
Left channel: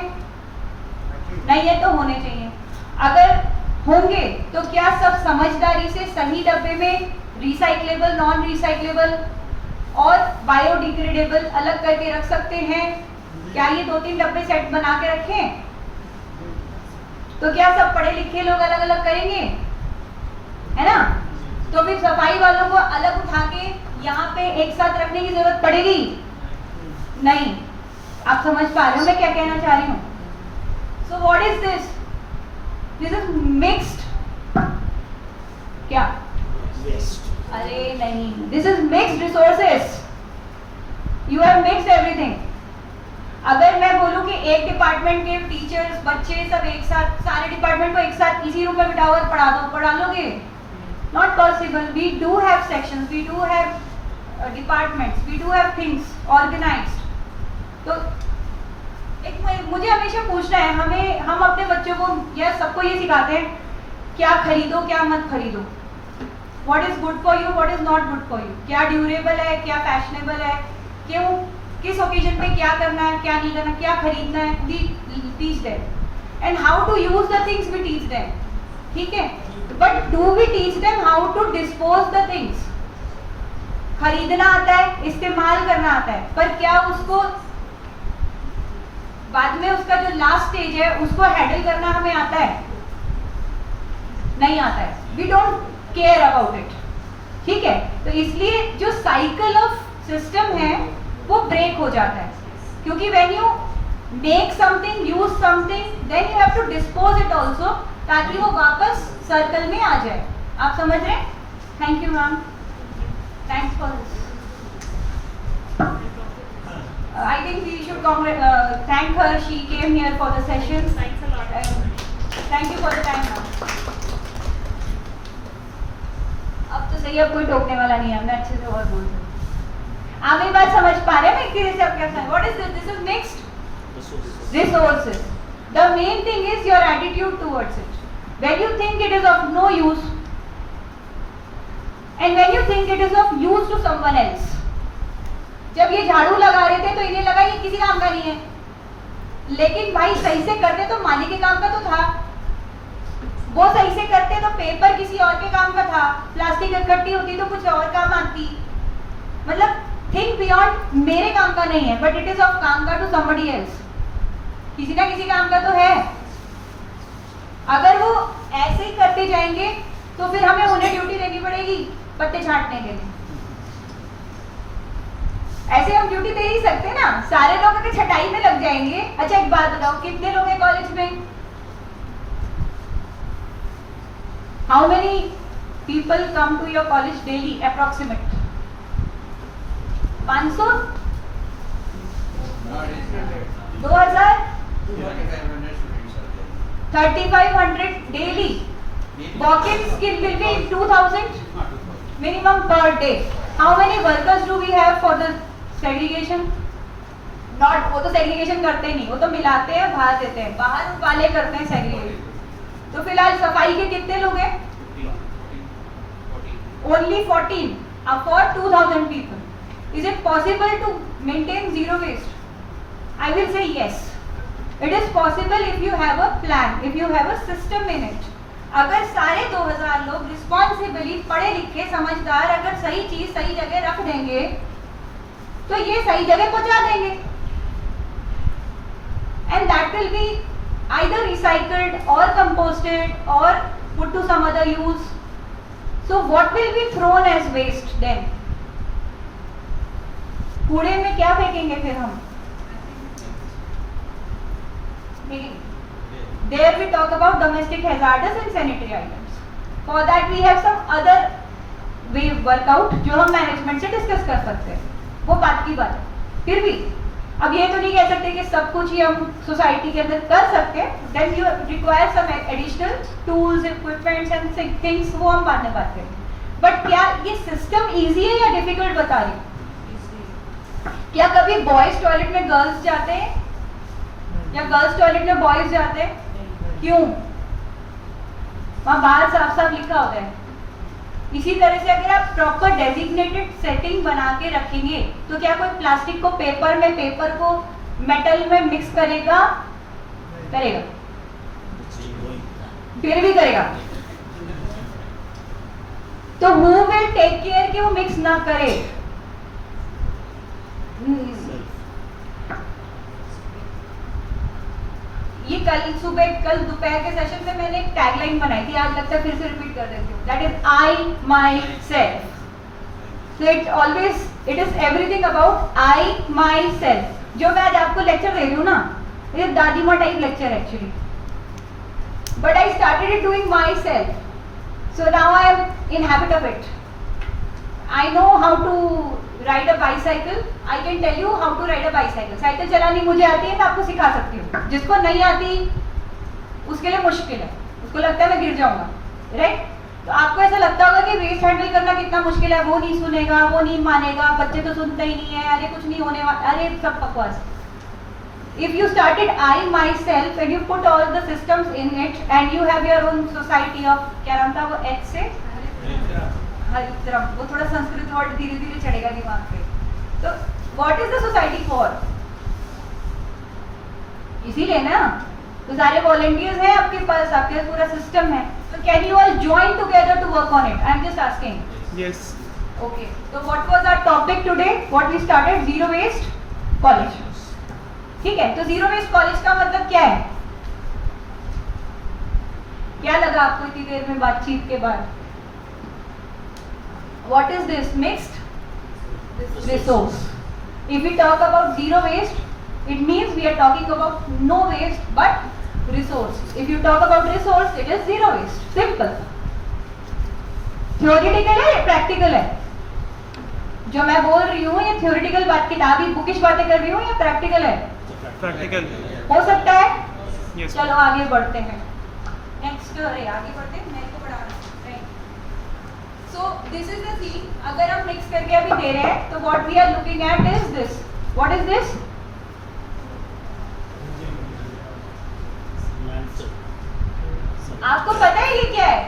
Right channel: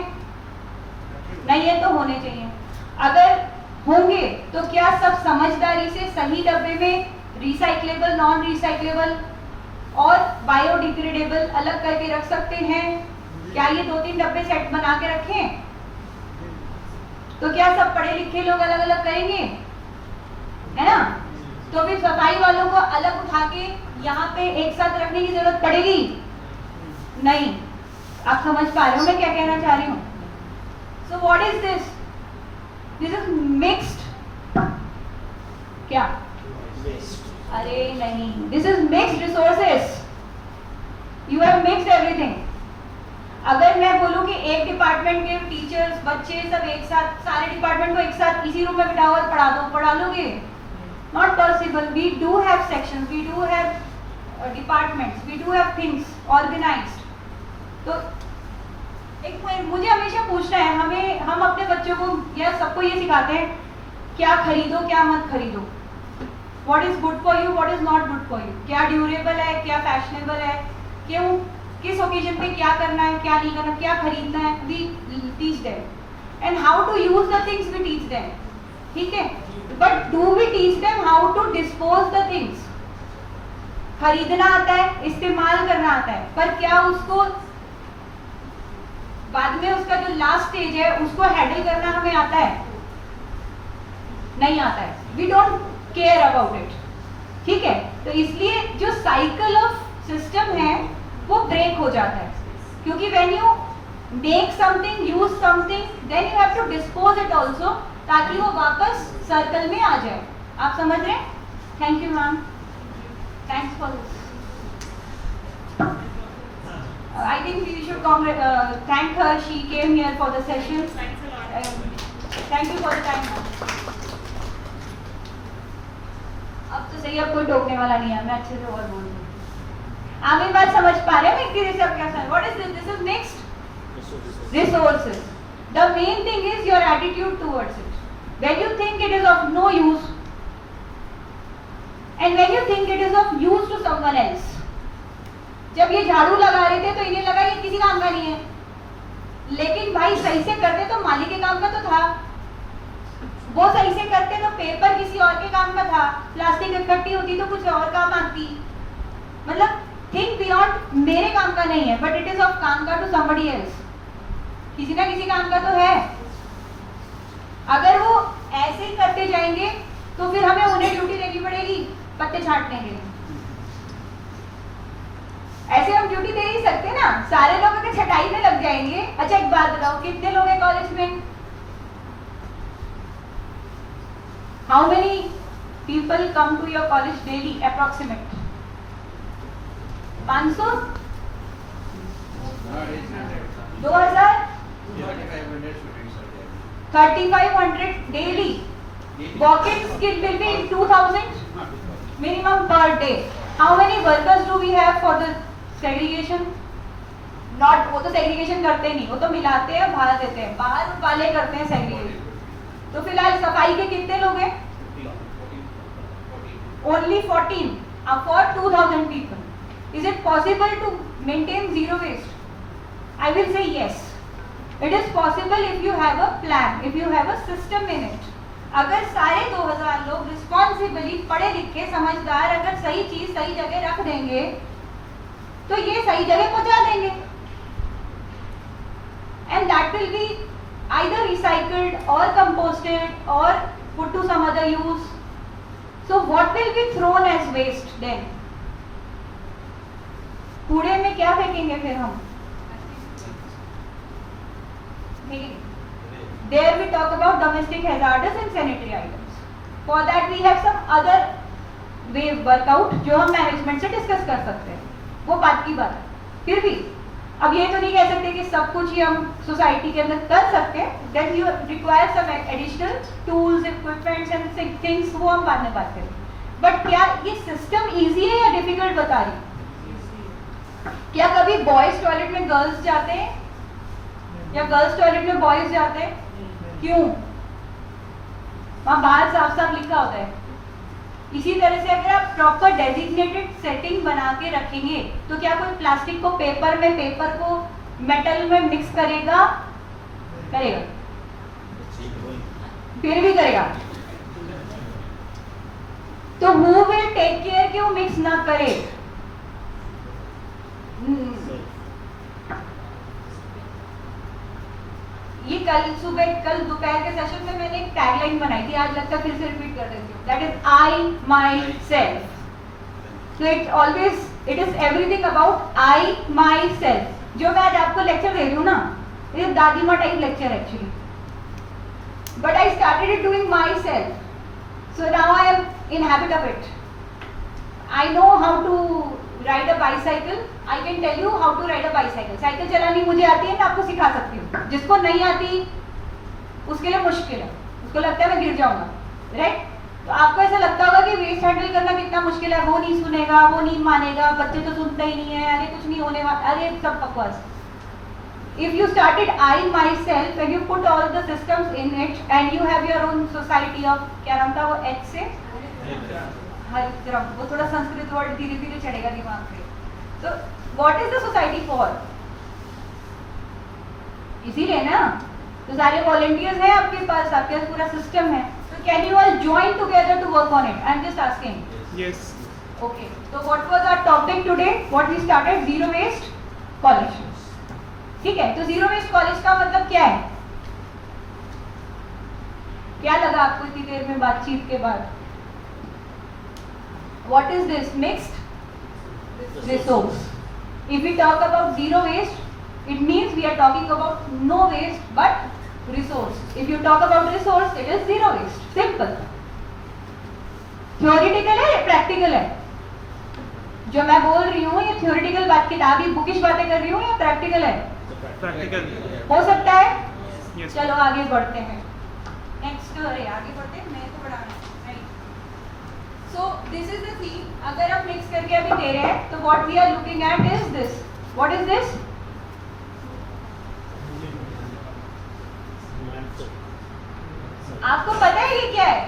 नहीं है तो होने चाहिए। अगर होंगे तो क्या सब समझदारी से सही डब्बे में रिसाइक्लेबल, नॉन रिसाइक्लेबल और बायोडिग्रेडेबल अलग करके रख सकते हैं? क्या ये 2-3 डब्बे सेट बना के रखें? तो क्या सब पढ़े लिखे लोग अलग अलग करेंगे? है ना? तो फिर सफाई वालों को अलग उठा के यहाँ पे एक साथ रखने की जरूरत पड़ेगी? नहीं। आप समझ पा रहे हो मैं क्या कहना चाह रही हूँ? So what is this? This is mixed क्या? अरे नहीं, this is mixed resources. You have mixed everything. अगर मैं बोलूं कि एक डिपार्टमेंट के टीचर्स, बच्चे सब एक साथ, सारे डिपार्टमेंट को एक साथ इसी रूम में बिठाकर पढ़ा दो, पढ़ा लोगे? Not possible. We do have sections, we do have departments, we do have things organized. तो एक मुझे हमेशा पूछना है, हम अपने बच्चों को या सबको ये सिखाते हैं क्या खरीदो क्या मत खरीदो, what is good for you, what is not good for you, क्या ड्यूरेबल है, क्या फैशनेबल है, क्यों, किस ओकेजन पे क्या करना है, क्या नहीं करना, क्या खरीदना है। We teach them and how to use the things, we teach them, ठीक है? But do we teach them how to dispose the things? खरीदना आता है, इस्तेमाल करना आता है, पर क्या उसको बाद में उसका जो लास्ट स्टेज है उसको हैंडल करना हमें आता है? नहीं आता है। We don't care about it, ठीक है? तो इसलिए जो साइकिल ऑफ सिस्टम है वो ब्रेक हो जाता है, क्योंकि when you make something, use something, then you have to dispose it also, ताकि वो वापस सर्कल में आ जाए। आप समझ रहे हैं? Thank you ma'am, thanks for this. I think we should thank her. She came here for the session. Thanks a lot. Thank you for the time, ma'am. अब तो सही, अब कोई टोकने वाला नहीं है, मैं अच्छे से और बोल रही हूँ। आप ये बात समझ पा रहे हैं मैं किसी से अब क्या समझ? What is this? This is next resources. The main thing is your attitude towards it. When you think it is of no use, and when you think it is of use to someone else. जब ये झाड़ू लगा रहे थे तो इन्हें लगा ये किसी काम का नहीं है, लेकिन भाई सही से करते तो मालिक के काम का तो था, वो सही से करते तो पेपर किसी और के काम का था, प्लास्टिक इकट्ठी होती तो कुछ और काम आती। मतलब थिंक बियॉन्ड, मेरे काम का नहीं है बट इट इज ऑफ काम का टू समबडी एल्स, किसी ना किसी काम का तो है। अगर वो ऐसे ही करते जाएंगे तो फिर हमें उन्हें ड्यूटी देनी पड़ेगी पत्ते छांटने के लिए। ऐसे हम ड्यूटी दे ही सकते ना, सारे लोग अगर छटाई में लग जाएंगे। अच्छा एक बात बताओ, कितने लोग हैं कॉलेज में? How many people come to your college daily approximate? 500, 2000, 3500 daily. Walk-ins will be 2000 minimum per day. How many workers do we have for the segregation? Not, वो तो segregation करते नहीं, वो तो मिलाते हैं बाहर देते हैं, बाहर वाले करते हैं segregation। तो फिलहाल सफाई के कितने लोग हैं? Only 14 for 2000 people. Is it possible to maintain zero waste? I will say yes. It is possible if you have a plan, if you have a system in it. अगर सारे 2000 लोग रिस्पॉन्सिबली पढ़े लिखे समझदार अगर सही चीज सही जगह रख देंगे तो ये सही जगह पहुंचा देंगे, and that will be either recycled or composted or put to some other use. So what will be thrown as waste then? कूड़े में क्या फेंकेंगे फिर हम? There we talk about domestic hazardous and sanitary items. For that we have some other way workout जो हम मैनेजमेंट से डिस्कस कर सकते हैं, वो बात की बात है। फिर भी अब ये तो नहीं कह सकते कि सब कुछ ही हम सोसाइटी के अंदर कर सकते हैं। Then you require some additional tools, equipments and things, वो हम बाद में बात करेंगे। बट क्या ये सिस्टम इजी है या डिफिकल्ट बता रही? क्या कभी बॉयज टॉयलेट में गर्ल्स जाते हैं? या गर्ल्स टॉयलेट में बॉयज जाते हैं? क्यों? वहाँ बाहर साफ साफ लिखा होता है। इसी तरह से अगर आप प्रॉपर डेजिग्नेटेड सेटिंग बना के रखेंगे तो क्या कोई प्लास्टिक को पेपर में, पेपर को मेटल में मिक्स करेगा? करेगा? फिर भी करेगा। तो हु विल टेक केयर कि वो मिक्स ना करे? ये कल दोपहर के सेशन में मैंने एक टैगलाइन बनाई थी, आज लगता है फिर से रिपीट कर देती हूँ। That is I my self. So it is everything about I my self. जो मैं आज आपको लेक्चर दे रही हूँ ना, ये दादी माँ type lecture actually, but I started it doing myself, so now I am in habit of it. I know how to ride a bicycle, I can tell you how to ride a bicycle. Cycle चलानी मुझे आती है, मैं आपको सिखा सकती हूँ। जिसको नहीं आती उसके लिए मुश्किल है, उसको लगता है मैं गिर जाऊंगा, राइट? तो आपको ऐसा लगता होगा कि वेस्ट हैंडल करना कितना मुश्किल है, वो नहीं सुनेगा, वो नहीं मानेगा, बच्चे तो सुनते ही नहीं है, अरे कुछ नहीं होने वाला, अरे सब बकवास। If you started I myself and you put all the systems in it and you have your own society of, क्या नाम था वो X से? हरिद्रम। वो थोड़ा संस्कृत वर्ड धीरे धीरे चढ़ेगा दिमाग पे। तो what is the society for? इसीलिए ना, तो सारे volunteers हैं आपके पास, आपके पास पूरा system है। So can you all join together to work on it? I am just asking. Yes. Okay. So what was our topic today? What we started? Zero waste college. ठीक है, तो जीरो वेस्ट कॉलेज का मतलब क्या है? क्या लगा आपको इतनी देर में बातचीत के बाद? What is this? Mixed resource. If we talk about zero waste, it means we are talking about no waste but resource. If you talk about resource, it is zero waste. Simple. Theoretical है, practical है? जो मैं बोल रही हूँ ये theoretical बात, किताबी बुकिश बातें कर रही हूँ या practical है? Practical. हो सकता है? Yes. चलो आगे बढ़ते हैं। नेक्स्ट, आगे बढ़ते हैं, मेरे को पढ़ाना नहीं। So this is the thing, अगर आप मिक्स करके अभी दे रहे हैं तो what we are looking at is this. What is this? आपको पता है ये क्या है?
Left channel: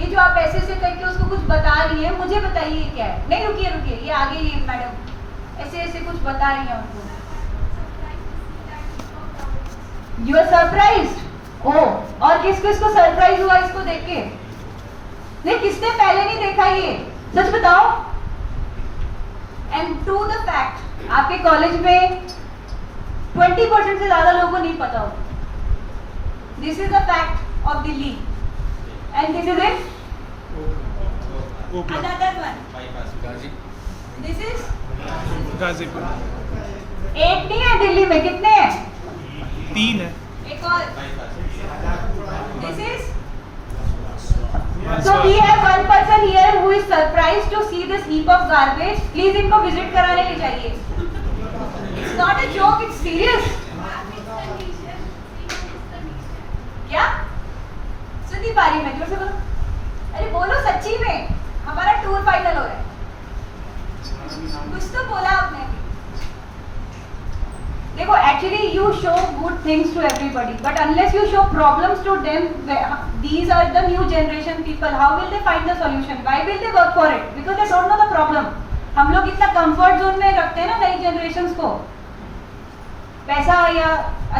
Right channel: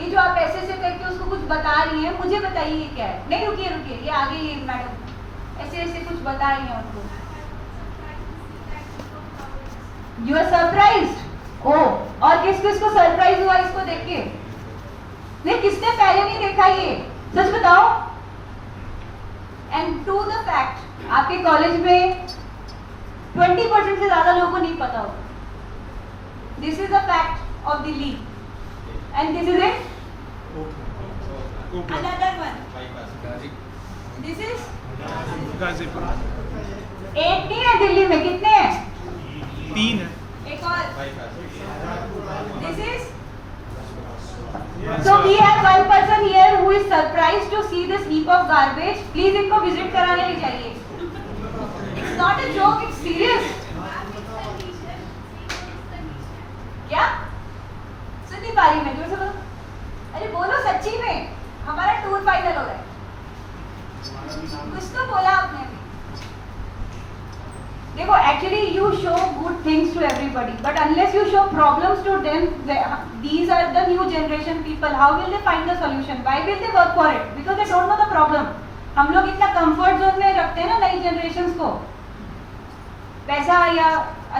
ये जो आप ऐसे से करके उसको कुछ बता रही हैं, मुझे बताइए ये क्या है? नहीं, रुकिए रुकिए, ये आगे ये मैडम ऐसे ऐसे कुछ बता रही हैं उनको। You are surprised? ओह, और किस किस को सरप्राइज हुआ इसको देख के? नहीं, किसने पहले नहीं देखा ये? सच बताओ। एंड टू द फैक्ट, आपके कॉलेज में 20% से ज्यादा लोगों को नहीं पता होगा। This is the fact of Delhi and this is it. Another one, this is Ghazipur. एक नहीं है दिल्ली में, कितने हैं? 3 है। एक और, this is, so we have one person here who is surprised to see this heap of garbage. Please इनको visit कराने ले जाइए। It's not a joke, it's serious. क्या? सुन नहीं पा रही मैं, जोर से बोलो। अरे बोलो सच्ची में, हमारा टूर फाइनल हो रहा है। कुछ तो बोला आपने। देखो, actually you show good things to everybody, but unless you show problems to them, these are the new generation people. How will they find the solution? Why will they work for it? Because they don't know the problem. हम लोग इतना comfort zone में रखते हैं ना नई generations को। पैसा या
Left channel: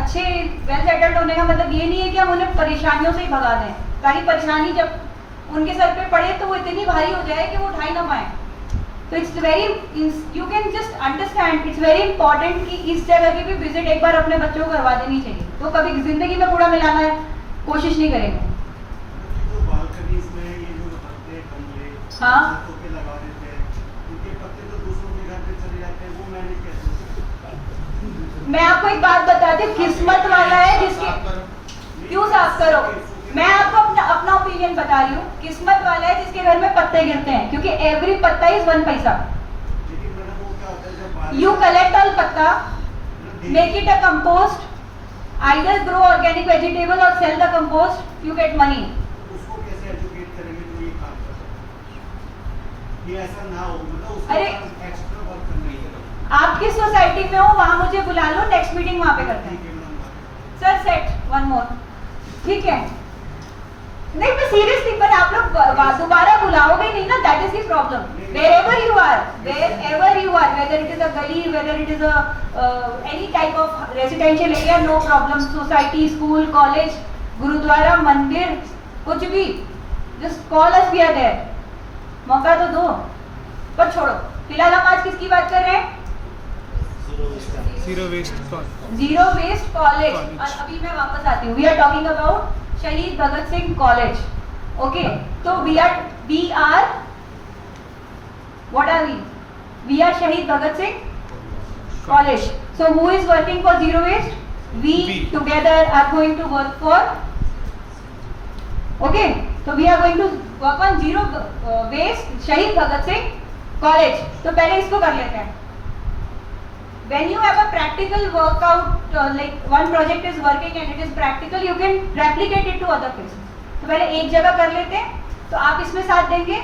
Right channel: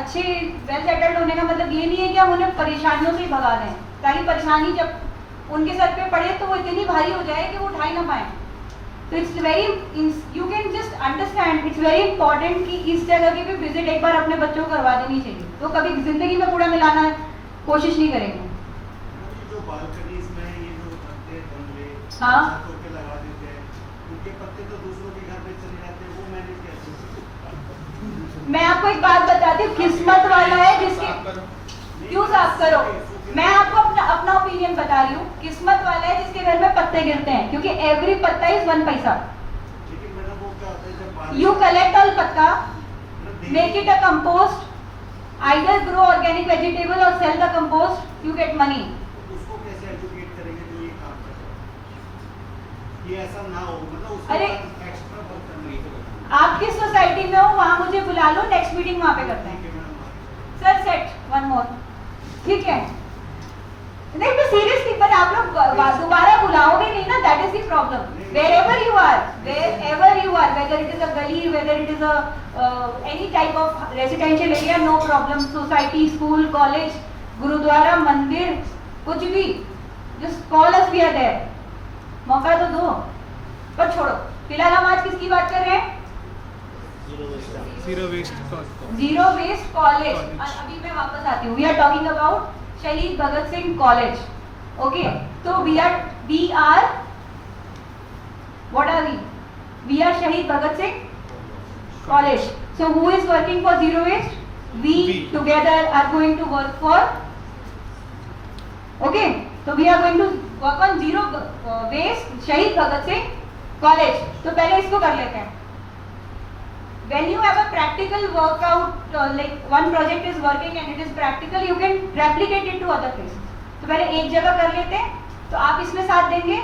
अच्छे well settled होने का मतलब ये नहीं है कि हम उन्हें परेशानियों से ही भगा दें। सारी परेशानी जब उनके सर पे पड़े तो वो इतनी भारी हो जाए कि वो उठा ही ना पाए। तो it's very, you can just understand, it's very important कि इस जगह की भी विजिट एक बार अपने बच्चों को करवा देनी चाहिए। तो कभी जिंदगी में कूड़ा मिलाना कोशिश नहीं करेंगे। जो बालकनीज में ये जो पत्ते गमले हाँ, पे लगा देते हैं, इनके पत्ते तो दूसरों के घर पे चले जाते हैं, वो मैनेज कैसे? मैं आपको एक बात बताती हूँ, किस्मत वाला है जिसके, क्यों साफ करो, मैं आपको अपना ओपिनियन बता रही हूँ, किस्मत वाला है जिसके घर में पत्ते गिरते हैं, क्योंकि एवरी पत्ता इज 1 पैसा। लेकिन मैडम वो क्या होता है जब बारिश, यू कलेक्ट ऑल पत्ता, make it a compost, either grow organic vegetable or sell the compost, you get money. उसको कैसे एजुकेट करेंगे जो ये काम कर रहे हैं? ये ऐसा ना हो, मतलब उसके अरे, बाद एक्स्ट्रा वर्क करना है। आप किस सोसाइटी में हो वहां मुझे बुला लो, नेक्स्ट मीटिंग वहां पे करते हैं। सर सेट वन मोर, ठीक है? नहीं मैं सीरियसली, पर आप लोग दोबारा बुलाओगे नहीं ना, that is the problem. wherever you are, whether it is a gully, whether it is a any type of residential area, no problem, society, school, college, gurdwara, मंदिर, कुछ भी, just call us, we are there। मौका तो दो, पर छोड़ो। फिलहाल हम आज किसकी बात कर रहे हैं? Zero waste college. और अभी मैं वापस आती हूँ, we are talking about Shaheed Bhagat Singh college. Okay, तो we are what are we are Shaheed Bhagat Singh college. So who is working for zero waste? We together are going to work for, okay, so we are going to work on zero waste शहीद भगत सिंह कॉलेज। तो पहले इसको कर लेते हैं। When you have a practical workout, like one project is working and it is practical, you can replicate it to other places। तो पहले एक जगह कर लेते हैं, तो आप इसमें साथ देंगे।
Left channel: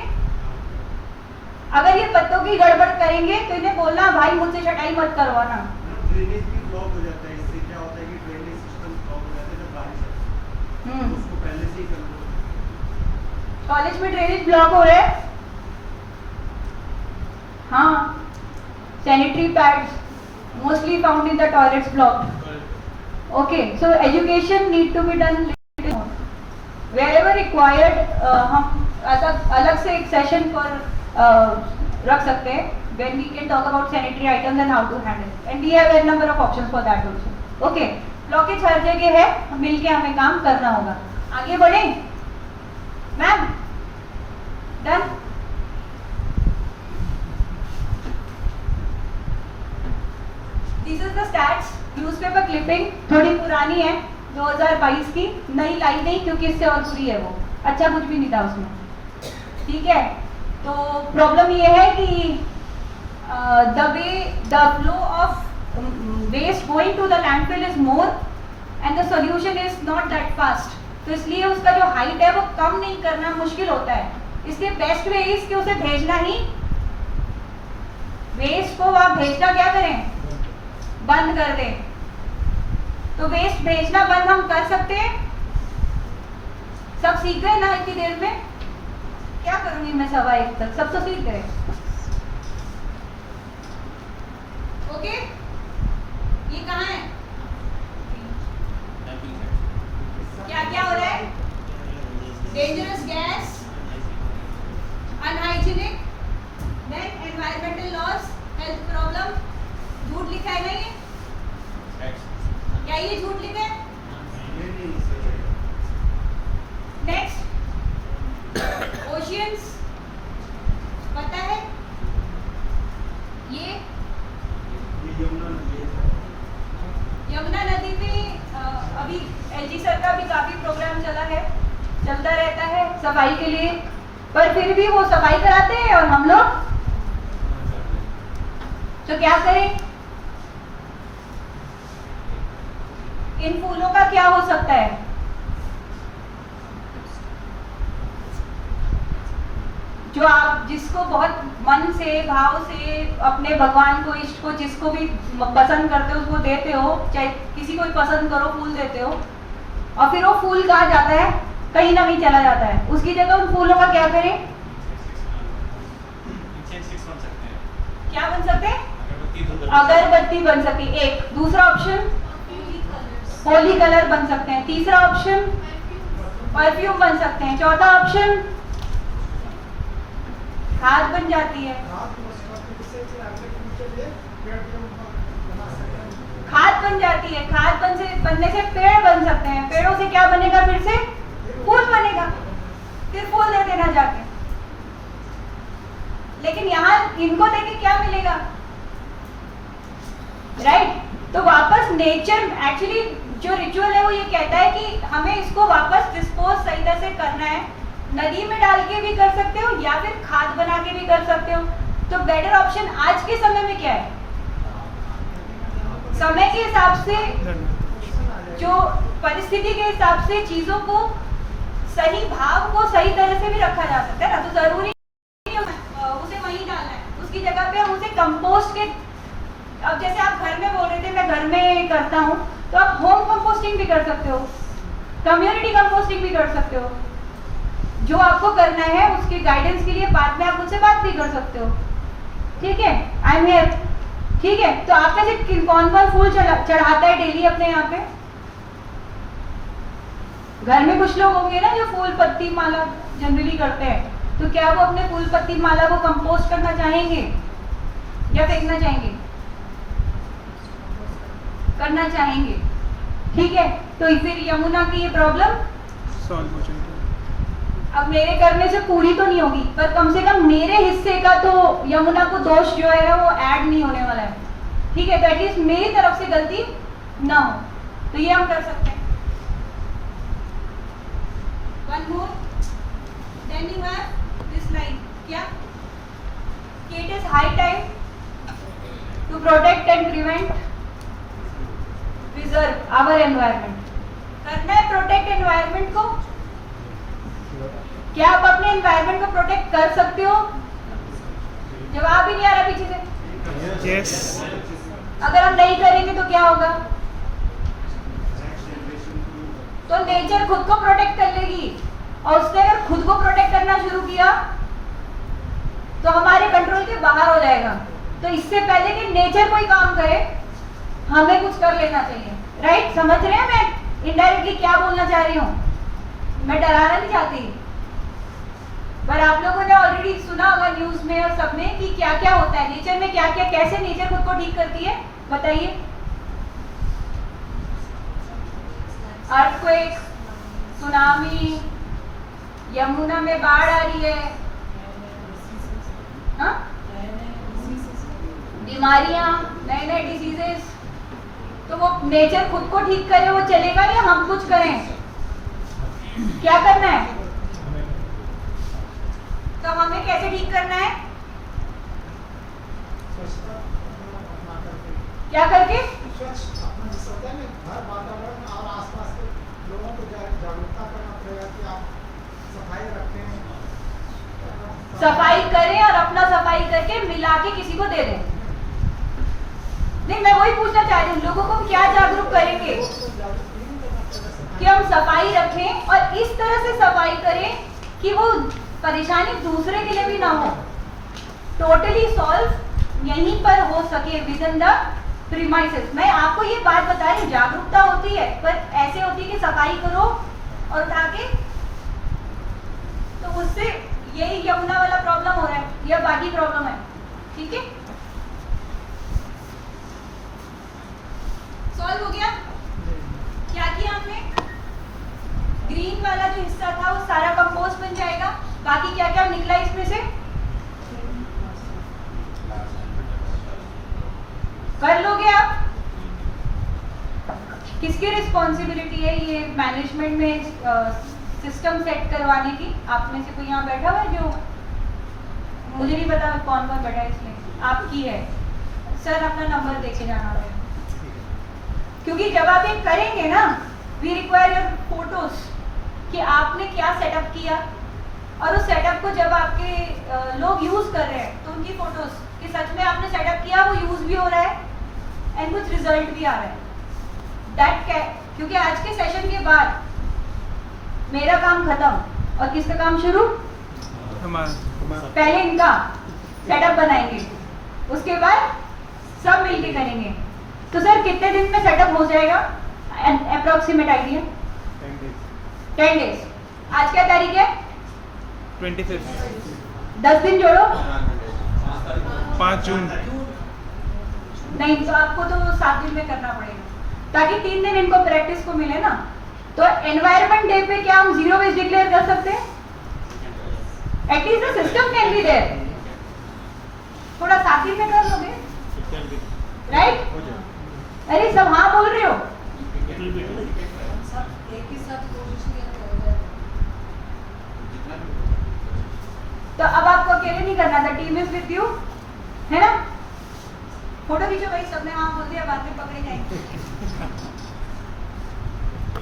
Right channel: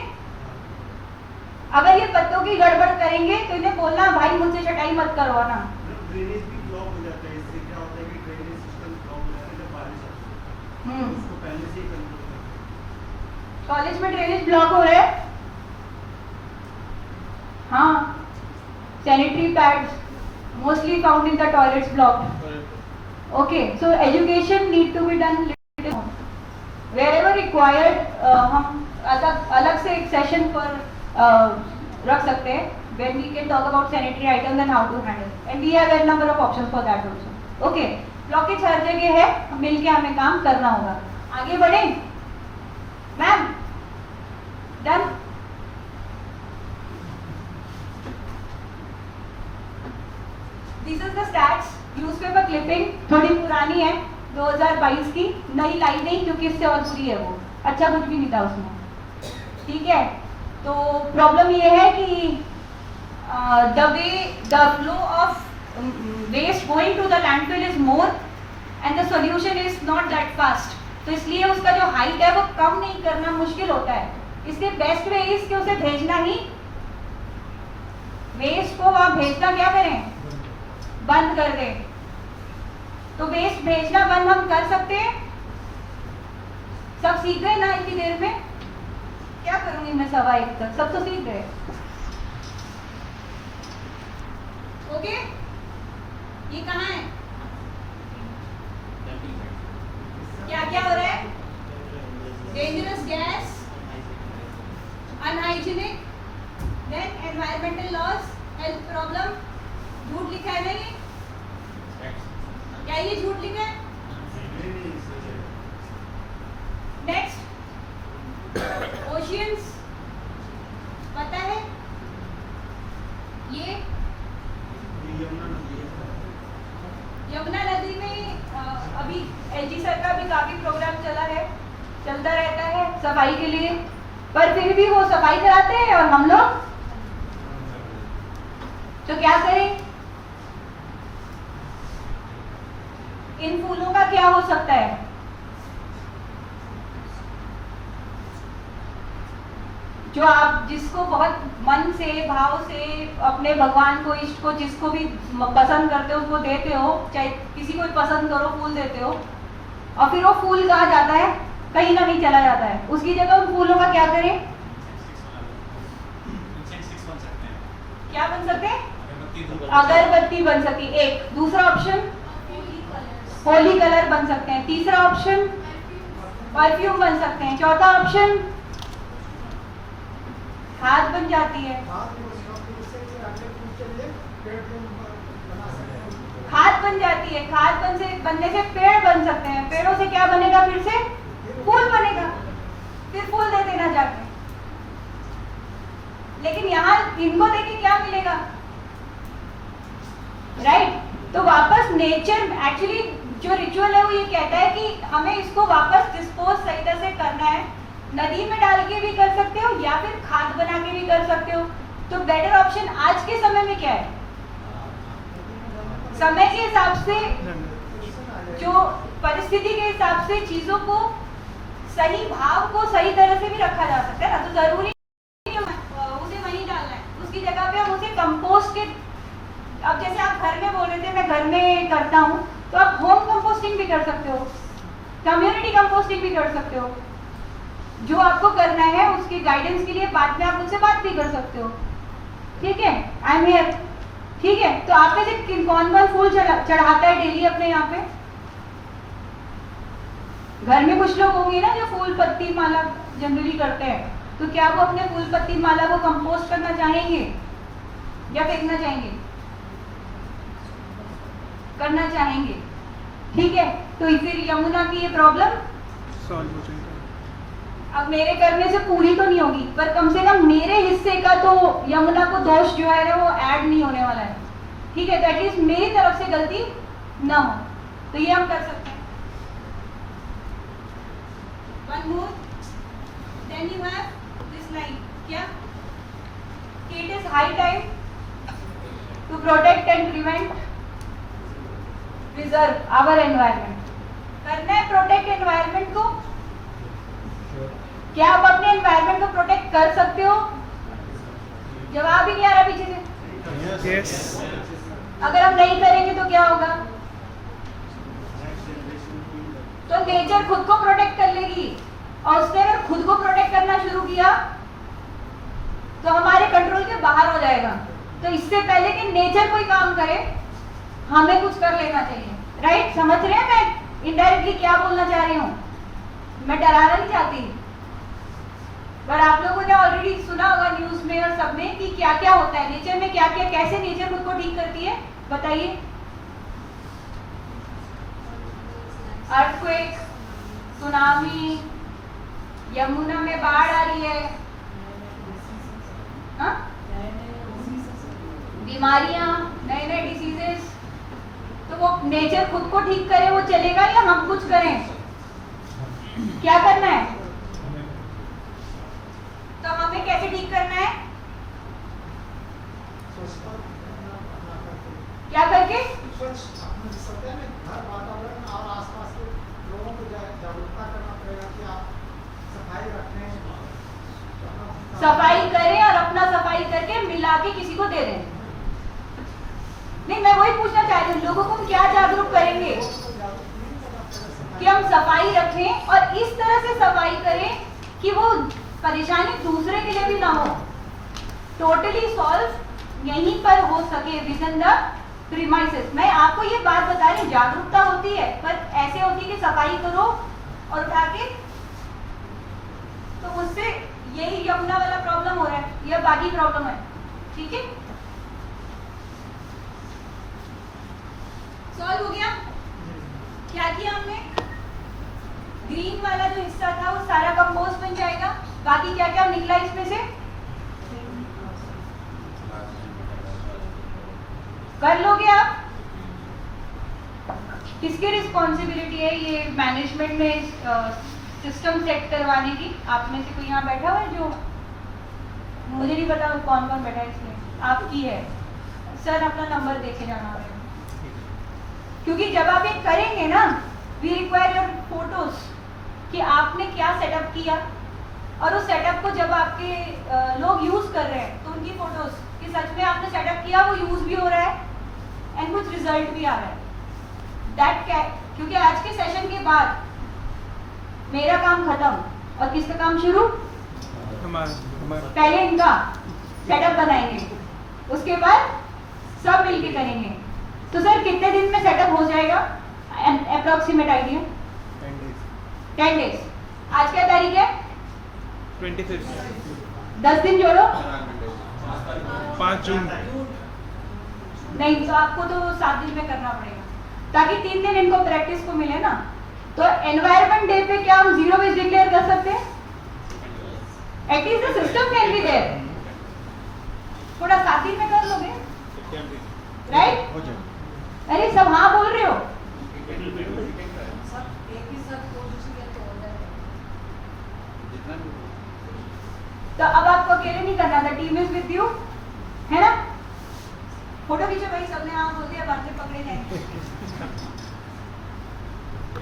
अगर ये पत्तों की गड़बड़ करेंगे तो इन्हें बोलना भाई मुझसे छटाई मत करवाना। ड्रेनेज भी ब्लॉक हो जाता है, इससे क्या होता है कि ड्रेनेज सिस्टम ब्लॉक हो जाता है जब बारिश आती है, तो उसको पहले से ही करना होता है। कॉलेज में ड्रेनेज ब्लॉक हो रहा है, हाँ, sanitary pads mostly found in the toilets blocked। Okay, so education need to be done little more wherever required। हम अलग से एक सेशन पर रख सकते हैं when we can talk about sanitary items and how to handle, and we have a number of options for that also। Okay, blockage हर जगह है, मिलके हमें काम करना होगा। आगे बढ़े ma'am, done? These are the stats, newspaper clipping थोड़ी पुरानी है, 2022 की, नई लाई नहीं क्योंकि इससे और बुरी है वो, अच्छा कुछ भी नहीं था उसमें, ठीक है? तो प्रॉब्लम ये है कि the flow of waste going to the landfill is more and the solution is not that fast। तो इसलिए उसका जो हाइट है वो कम नहीं करना मुश्किल होता है। इसके बेस्ट वे इज कि उसे भेजना ही, वेस्ट को वहाँ भेजना क्या करें, बंद कर दें। तो वेस्ट भेजना बंद हम कर सकते हैं। सब सीख गए ना इतनी देर में? क्या करूंगी मैं 1:15 तक, सब तो सीख गए। ओके, ये कहाँ है? क्या क्या हो रहा है? Dangerous gas, unhygienic, then environmental loss, health problem. झूठ लिखा है ना ये? क्या ये झूठ लिखा है? नेक्स्ट, ओशियंस, पता है ये यमुना नदी में अभी एलजी सर का भी काफी प्रोग्राम चलता रहता है सफाई के लिए, पर फिर भी वो सफाई कराते हैं और हम लोग तो क्या करें? इन फूलों का क्या हो सकता है? जो आप जिसको बहुत मन से, भाव से, अपने भगवान को, इष्ट को, जिसको भी पसंद करते हो उसको देते हो, चाहे किसी को भी पसंद करो, फूल देते हो, और फिर वो फूल कहाँ जाता है? कहीं ना कहीं चला जाता है। उसकी जगह उन फूलों का क्या करें? क्या बन सकते हैं? अगरबत्ती बन सके एक। दूसरा ऑप्शन होली कलर बन सकते हैं। तीसरा ऑप्शन परफ्यूम बन सकते हैं। चौथा ऑप्शन खाद बन जाती है। खाद बन जाती है, खाद बनने से पेड़ बन सकते हैं। पेड़ों से क्या बनेगा? फिर से फूल बनेगा, फिर फूल दे देना जाके। लेकिन यहाँ इनको देके क्या मिलेगा? राइट? तो वापस नेचर, एक्चुअली जो रिचुअल है वो ये कहता है कि हमें इसको वापस डिस्पोज सही तरह से करना है। नदी में डाल के भी कर सकते हो या फिर खाद बना के भी कर सकते हो। तो बेटर ऑप्शन आज के समय में क्या है? समय के हिसाब से, जो परिस्थिति के हिसाब से चीजों को, सही भाव को सही तरह से भी रखा जा सकता है ना। तो जरूरी नहीं उसे वहीं डालना है, उसकी जगह पे हम उसे कंपोस्ट के अब जैसे आप घर में बोल रहे थे मैं घर में करता हूँ, तो आप होम कंपोस्टिंग भी कर सकते हो, कम्युनिटी कंपोस्टिंग भी कर सकते हो। जो आपको करना है उसकी गाइडेंस के लिए बाद में आप मुझसे बात भी कर सकते हो, ठीक है? आई एम हियर, ठीक है? तो आप में से कौन कौन फूल चढ़ाता है डेली अपने यहाँ पे? घर में कुछ लोग होंगे ना जो फूल पत्ती माला जनरली करते हैं, तो क्या वो अपने फूल पत्ती माला को कंपोस्ट करना चाहेंगे या फेंकना चाहेंगे? करना चाहेंगे, ठीक है? तो फिर यमुना की ये प्रॉब्लम सॉल्व हो जाएगा। अब मेरे करने से पूरी तो नहीं होगी, पर कम से कम मेरे हिस्से का तो यमुना को दोष जो है ना वो ऐड नहीं होने वाला है, ठीक है? तो एटलीस्ट मेरी तरफ से गलती ना हो, तो ये हम कर सकते हैं। One more, then you have this line, क्या? It is high time to protect and prevent, preserve our environment. करना है प्रोटेक्ट एनवायरनमेंट को। क्या आप अपने एनवायरनमेंट को प्रोटेक्ट कर सकते हो? जवाब ही नहीं आ रहा पीछे से। यस। अगर हम नहीं करेंगे तो क्या होगा? तो नेचर खुद को प्रोटेक्ट कर लेगी, और उसने अगर खुद को प्रोटेक्ट करना शुरू किया तो हमारे कंट्रोल के बाहर हो जाएगा। तो इससे पहले कि नेचर कोई काम करे, हमें कुछ कर लेना चाहिए, राइट? समझ रहे हैं मैं इनडायरेक्टली क्या बोलना चाह रही हूँ? मैं डराना नहीं चाहती, पर आप लोगों ने ऑलरेडी सुना होगा न्यूज में और सब में कि क्या क्या होता है नेचर में, क्या क्या, कैसे नेचर खुद को ठीक करती है, बताइए। अर्थक्वेक, सुनामी, यमुना में बाढ़ आ रही है, हाँ? बीमारियां, नए नए डिसीजेस, तो वो नेचर खुद को ठीक करे वो चलेगा या हम कुछ करें? क्या करना है? तो हमें कैसे ठीक करना है? क्या करके? सत्य में घर, वातावरण और आसपास के लोगों को जागरूकता करना पड़ेगा कि आप सफाई रखें, सफाई करें और अपना सफाई करके मिला के किसी को दे दें। नहीं, मैं वही पूछना चाह रही हूँ, लोगों को हम क्या जागरूक करेंगे कि हम सफाई रखें और इस तरह से सफाई करें कि वो परेशानी दूसरे के लिए भी ना हो, टोटली सॉल्व यहीं पर हो सके विद इन द प्रीमाइसेस। मैं आपको ये बात बता रही हूँ, जागरूकता होती है पर ऐसे होती है कि सफाई करो और उठा के, तो उससे यही यमुना वाला प्रॉब्लम हो रहा है या बाकी प्रॉब्लम है, ठीक है? सॉल्व हो गया? क्या किया हमने? ग्रीन वाला जो हिस्सा था वो सारा कंपोस्ट बन जाएगा, बाकी क्या क्या निकला इसमें से? कर लोगे आप? किसकी रिस्पॉन्सिबिलिटी है ये मैनेजमेंट में सिस्टम सेट करवाने की? आप में से कोई यहाँ बैठा हुआ है जो, मुझे नहीं पता कौन कौन बैठा है इसमें, आपकी है। सर अपना नंबर देके जाना रहेगा, क्योंकि जब आप ये करेंगे ना, वी रिक्वायर योर फोटोज कि आपने क्या सेटअप किया, और उस सेटअप को जब आपके लोग यूज कर रहे हैं तो उनकी फोटोज कि सच में आपने सेटअप किया, वो यूज भी हो रहा है एंड कुछ रिजल्ट भी आ रहा है। दैट क्योंकि आज के सेशन के बाद मेरा काम खत्म और किसका काम शुरू? पहले इनका सेटअप बनाएंगे, उसके बाद सब मिलके करेंगे। तो सर कितने दिन में सेटअप हो जाएगा? Approximate idea? 10 डेज। आज क्या तारीख है? 25। 10 दिन जोड़ो। 5 जून। नहीं, तो आपको तो 7 दिन में करना पड़ेगा ताकि 3 दिन इनको प्रैक्टिस को मिले ना। तो एनवायरनमेंट डे पे क्या हम जीरो वेस्ट डिक्लेयर कर सकते हैं? At least the system can be there. थोड़ा 7 दिन में कर लोगे, राइट? अरे सब हाँ बोल रहे हो? तो अब आपको अकेले नहीं करना था, टीम इज विद यू, है ना? फोटो खींचो भाई, सबने वहां बोल दिया, बाद में पकड़े जाएंगे।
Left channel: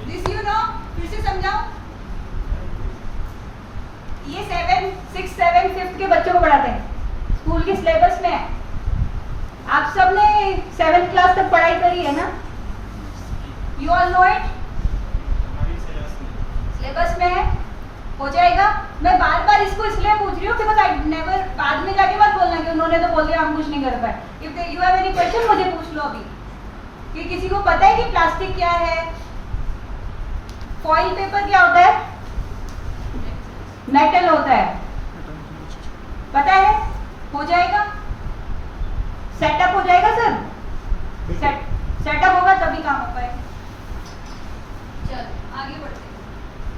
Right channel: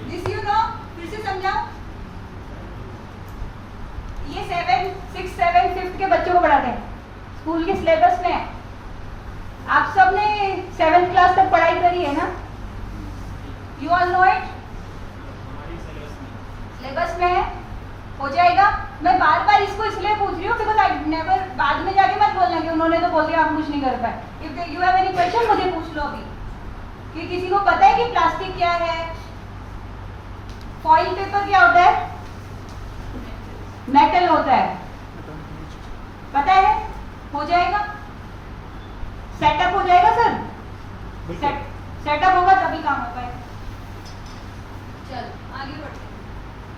दिस यू नो, फिर से समझाओ। ये 7, 6, 7, 5th के बच्चों को पढ़ाते हैं, स्कूल के सिलेबस में है। आप सब ने 7th क्लास तक पढ़ाई करी है ना? You all know it? Syllabus में है, हो जाएगा। मैं बार बार इसको इसलिए पूछ रही हूँ कि आई नेवर, बाद में जाके मत बोलना कि उन्होंने तो बोल दिया हम कुछ नहीं कर पाए। If you have any question मुझे पूछ लो अभी। कि किसी को पता है कि प्लास्टिक क्या है, फॉइल पेपर क्या होता है, मेटल होता है, पता है? हो जाएगा, सेटअप हो जाएगा सर, सेटअप होगा तभी काम हो पाएगा। चलो आगे बढ़ते हैं।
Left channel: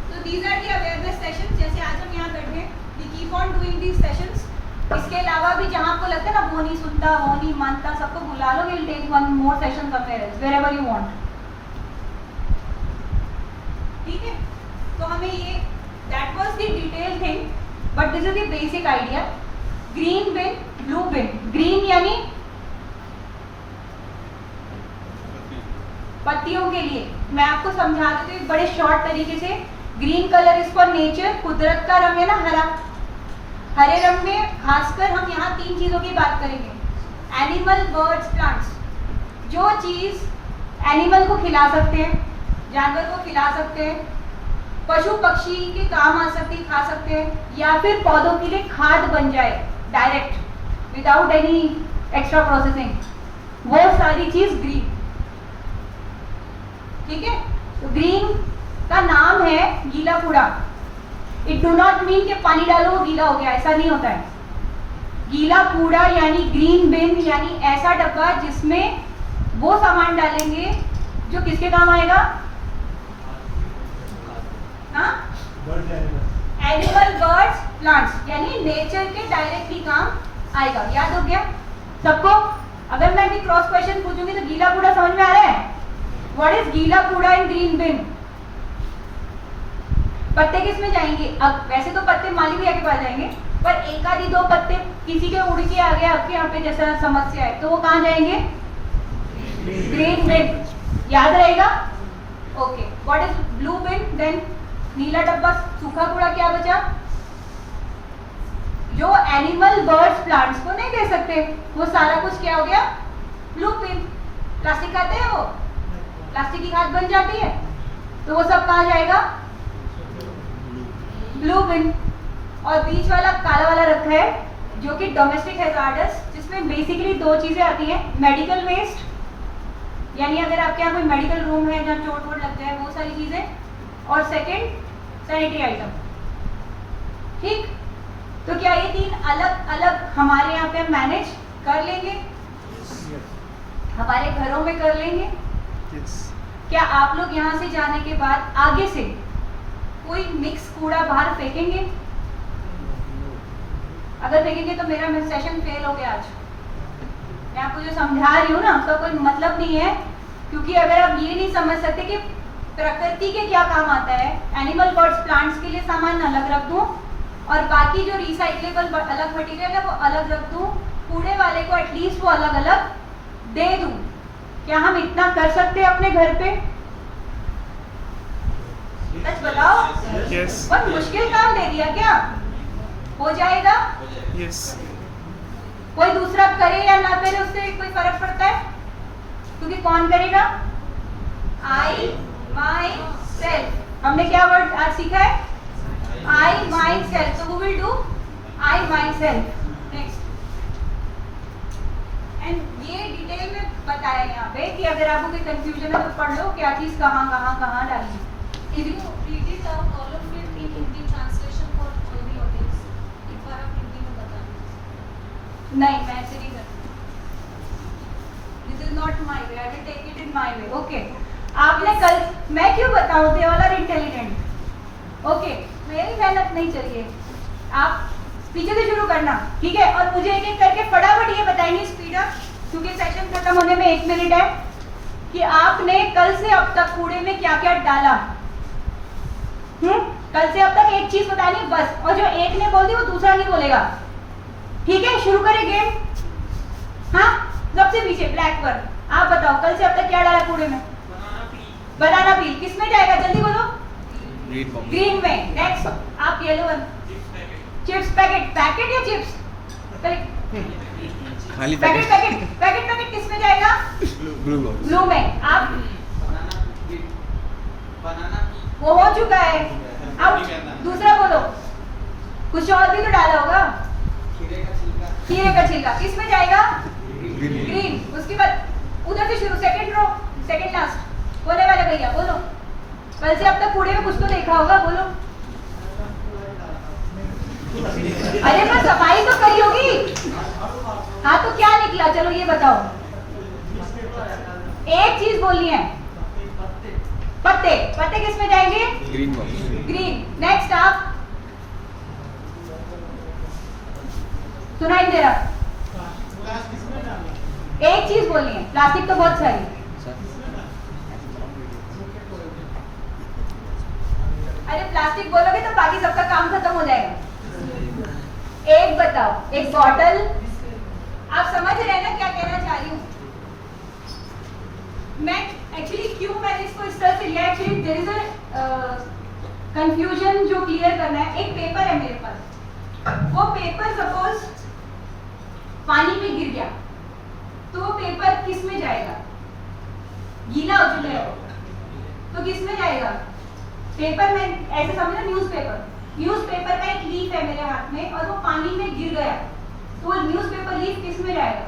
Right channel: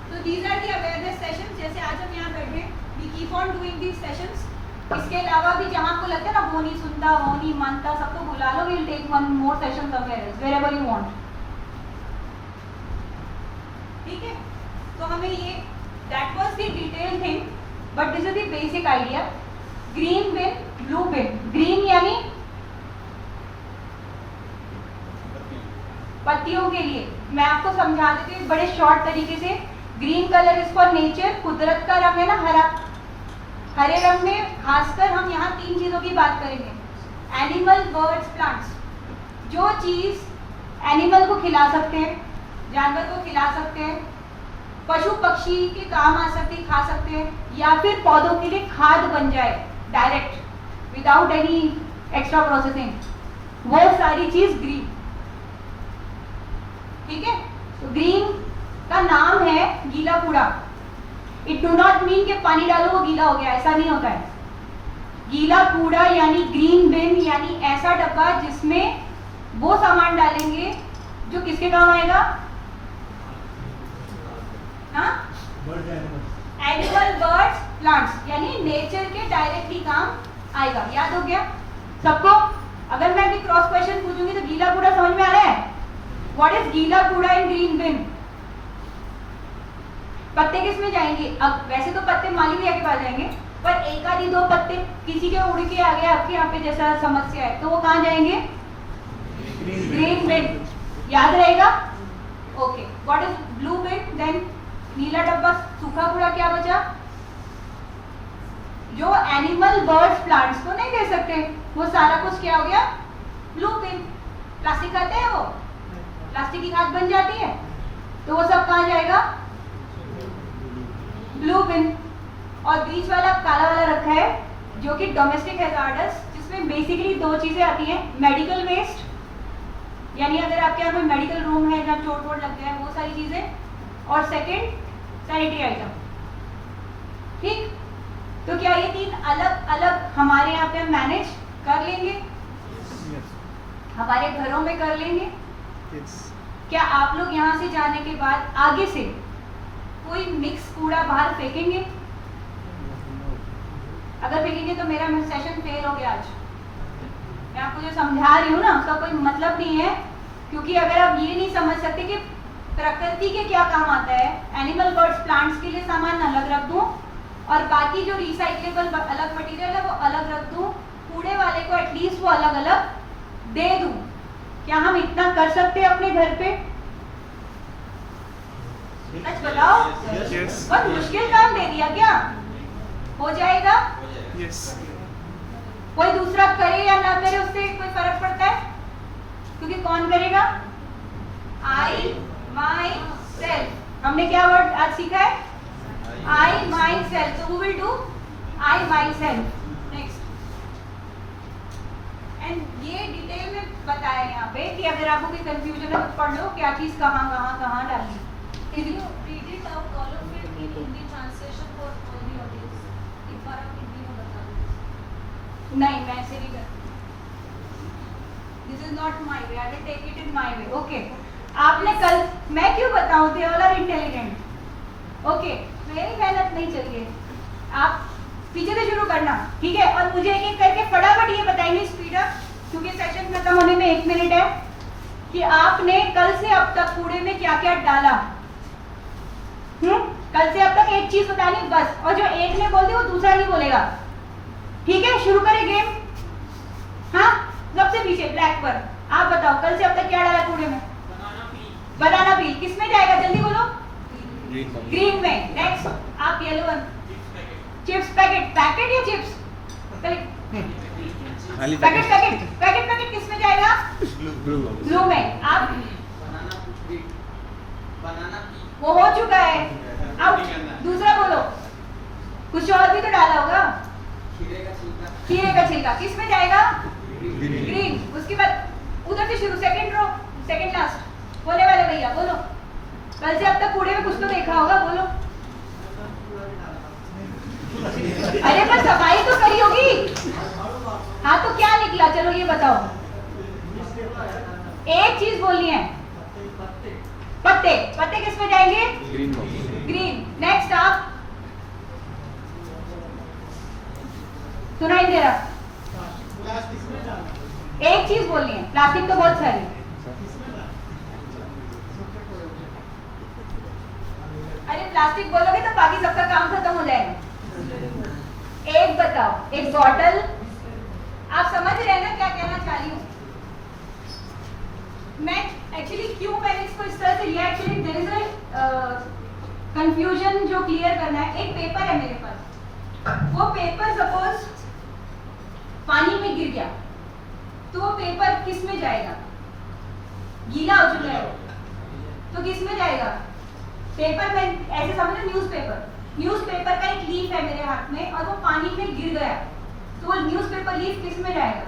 तो these are the awareness session. जैसे आज हम यहाँ बैठे, we keep on doing these sessions. इसके अलावा भी जहाँ आपको लगता है ना वो नहीं सुनता, वो नहीं मानता, सबको बुला लो, we will take one more session somewhere else, wherever you want. ठीक है, तो हमें ये that was the detail thing, but this is the basic idea. Green bin, blue bin. Green यानी पत्तियों के लिए। मैं आपको समझा देती हूँ बड़े शॉर्ट तरीके से। Green colour is for nature, कुदरत का रंग है ना हरा। हरे रंग में खासकर हम यहाँ 3 चीजों की बात करेंगे, एनिमल, बर्ड्स, प्लांट्स। जो चीज एनिमल को खिला सकते हैं, जानवर को खिला सकते हैं, पशु पक्षी के काम आ सकती, खा सकते हैं, या फिर पौधों के लिए खाद बन जाए direct without any extra processing, वो सारी चीज ग्रीन। ठीक है, तो ग्रीन का नाम है गीला कूड़ा। इट डू नॉट मीन कि पानी डालो वो गीला हो गया, ऐसा नहीं होता है। गीला कूड़ा यानी ग्रीन बिन, यानी ऐसा डब्बा जिसमें वो सामान डालेंगे जो किसके काम आएगा? हाँ, एनिमल, बर्ड्स, प्लांट्स, यानी नेचर के डायरेक्टली काम आएगा। याद हो गया सबको? अगर मैं अभी क्रॉस क्वेश्चन पूछूंगी तो गीला कूड़ा समझ में आ रहा है? व्हाट इज गीला कूड़ा इन ग्रीन बिन? पत्ते किस में जाएंगे? अब वैसे तो पत्ते माली भैया के पास जाएंगे, पर एक आधी 2 पत्ते किसी के उड़ के आ गए आपके यहाँ पे जैसा समस्या है, तो वो कहाँ जाएंगे? Green bin. याद रहेगा? Okay, what is blue bin? Then नीला डब्बा, सूखा कूड़ा क्या बचा? जो एनिमल, बर्ड्स, प्लांट्स को नहीं दे सकते, वो सारा कुछ क्या हो गया? ब्लू बिन। प्लास्टिक खाते हैं वो, प्लास्टिक की खाद बन जाती है, तो वो सब कहाँ जाएगा? ब्लू बिन। और बीच वाला काला वाला रखा है जो कि डोमेस्टिक हैजार्डस, जिसमें बेसिकली 2 चीजें आती हैं, मेडिकल वेस्ट, यानी अगर आपके यहाँ कोई मेडिकल रूम है जहाँ चोट वोट लग जाए वो सारी चीजें, और सेकंड सैनिटरी आइटम। ठीक, तो क्या ये 3 अलग अलग हमारे यहाँ पे मैनेज कर लेंगे? हमारे घरों में कर लेंगे? क्या आप लोग यहाँ से जाने के बाद आगे से कोई मिक्स कूड़ा बाहर फेंकेंगे? अगर फेंकेंगे तो मेरा सेशन फेल हो गया आज। मैं आपको जो समझा रही हूँ ना उसका कोई मतलब नहीं है, क्योंकि अगर आप ये नहीं समझ सकते कि प्रकृति के क्या काम आता है, एनिमल, बर्ड्स, प्लांट्स के लिए सामान अलग रख दूँ और बाकी जो रिसाइक्लेबल अलग मटेरियल है वो अलग रख दूँ, कूड़े वाले को एटलीस्ट वो अलग अलग दे दूँ। क्या हम इतना कर सकते हैं अपने घर पे? सच बताओ, बहुत मुश्किल काम दे दिया क्या? हो जाएगा? कोई दूसरा करे या ना करे उससे कोई फर्क पड़ता है? क्योंकि कौन करेगा? I, my, self. हमने क्या वर्ड आज सीखा है? I, my, self. तो we will do I, my, self. Next, and ये डिटेल में बताया यहाँ पे कि अगर आपको कोई कंफ्यूजन है तो पढ़ लो क्या चीज कहाँ कहाँ कहाँ डालनी। Can you read it out, all of it, in Hindi translation for all the audience? एक बार आप हिंदी में बताना। नहीं, मैं ऐसे नहीं करती। This is not my way. I will take it in my way. Okay. आपने कल, मैं क्यों बताऊँ? They all are intelligent. Okay, मेरी मेहनत नहीं चाहिए, आप पीछे से शुरू करना, ठीक है? और मुझे एक एक करके फटाफट ये बताएंगे स्पीड अप, क्योंकि सेशन खत्म होने में 1 मिनट है, कि आपने कल से अब तक कूड़े में क्या क्या डाला। कल से अब तक एक चीज बतानी बस, और जो एक ने बोल दी वो दूसरा नहीं बोलेगा, ठीक है? शुरू करें गेम। हाँ, सबसे पीछे ब्लैक पर आप बताओ कल से अब तक क्या डाला कूड़े में? बनाना पील। किस में जाएगा? जल्दी बोलो। ग्रीन में। नेक्स्ट, आप yellow one. Chips packet. Packet या chips? Packet packet packet packet किस में जाएगा? ब्लू में। आप वो हो चुका है। आउट। दूसरा बोलो, कुछ और भी तो डाला होगा। खीरे का छिलका किस में जाएगा? ग्रीन। उसके बाद उधर से शुरू, सेकंड रो, सेकंड लास्ट होने वाले भैया बोलो। कल से अब तक कूड़े में कुछ तो देखा होगा, बोलो। अरे पर सफाई तो करी होगी। हाँ तो क्या निकला, चलो ये बताओ। एक चीज बोलनी है। पत्ते। पत्ते किस में जाएंगे? ग्रीन। नेक्स्ट आप सुनाई दे रहा। एक चीज बोलनी है। प्लास्टिक तो बहुत सारी। अरे प्लास्टिक बोलोगे तो बाकी सबका काम खत्म हो जाएगा। एक बताओ, एक बॉटल। आप समझ रहे हैं ना क्या कहना चाह रही हूँ मैं? एक्चुअली क्यों मैंने इसको इस तरह से लिया, actually there is a confusion जो क्लियर करना है। एक पेपर है मेरे पास, वो पेपर सपोज पानी में गिर गया तो वो पेपर किस में जाएगा? गीला हो चुका है तो किस में जाएगा? पेपर में ऐसे समझो न्यूज़पेपर। न्यूज़पेपर का एक लीफ है मेरे हाथ में और वो पानी में गिर गया तो वो न्यूज़पेपर लीफ किस में जाएगा?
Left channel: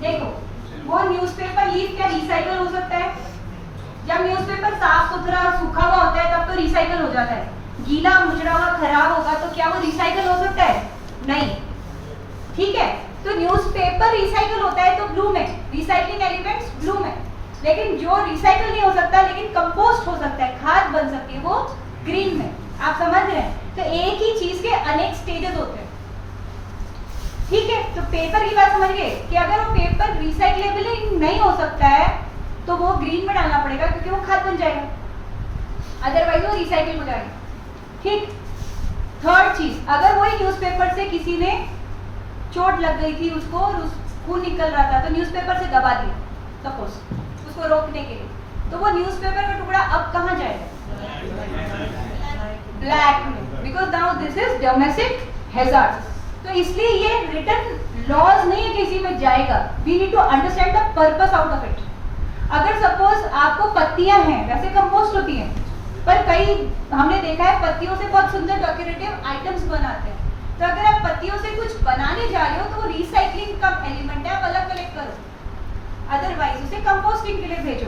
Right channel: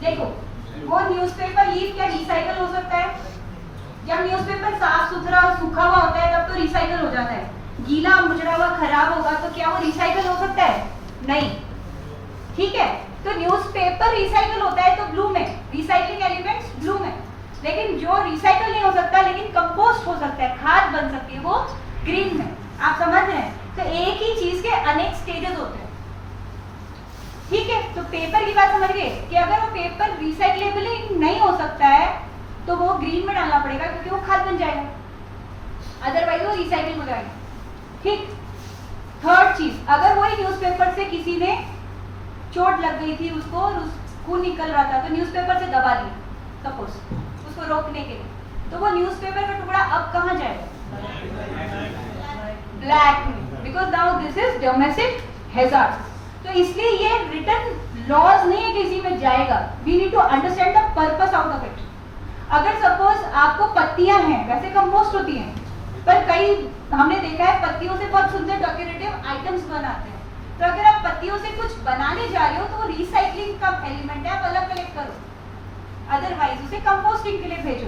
देखो वो न्यूज़पेपर लीफ क्या रिसाइकल हो सकता है? जब न्यूज़पेपर साफ सुथरा और सूखा हुआ होता है तब तो रिसाइकल हो जाता है। गीला मुचड़ा हुआ खराब होगा तो क्या वो रिसाइकल हो सकता है? नहीं। ठीक है, तो न्यूज़पेपर रिसाइकल होता है तो ब्लू में, रिसाइकलिंग एलिमेंट्स ब्लू में। लेकिन जो रिसाइकल नहीं हो सकता लेकिन कंपोस्ट हो सकता है, खाद बन सकती है, वो ग्रीन में। आप समझ रहे हैं? तो एक ही चीज के अनेक स्टेजेस होते हैं। ठीक है, तो पेपर की बात समझ गए कि अगर वो पेपर रिसाइक्लेबल नहीं हो सकता है तो वो ग्रीन में डालना पड़ेगा क्योंकि वो खाद बन जाएगा, अदरवाइज वो रिसाइकिल हो जाएगा। ठीक। थर्ड चीज, अगर वही न्यूज़पेपर से किसी ने चोट लग गई थी उसको और खून निकल रहा था तो न्यूज़पेपर से दबा दिया सपोज उसको रोकने के लिए, तो वो न्यूज़पेपर का टुकड़ा अब कहाँ जाएगा? ब्लैक में, because now this is domestic hazard. तो इसलिए ये रिटर्न लॉज नहीं है किसी में जाएगा। We need to understand the purpose out of it. अगर सपोज आपको पत्तियां हैं, वैसे कंपोस्ट होती हैं, पर कई हमने देखा है पत्तियों से बहुत सुंदर डेकोरेटिव आइटम्स बनाते हैं। तो अगर आप पत्तियों से कुछ बनाने जा रहे हो तो वो रिसाइकलिंग का एलिमेंट है, आप अलग कलेक्ट करो, अदरवाइज उसे कंपोस्टिंग के लिए भेजो।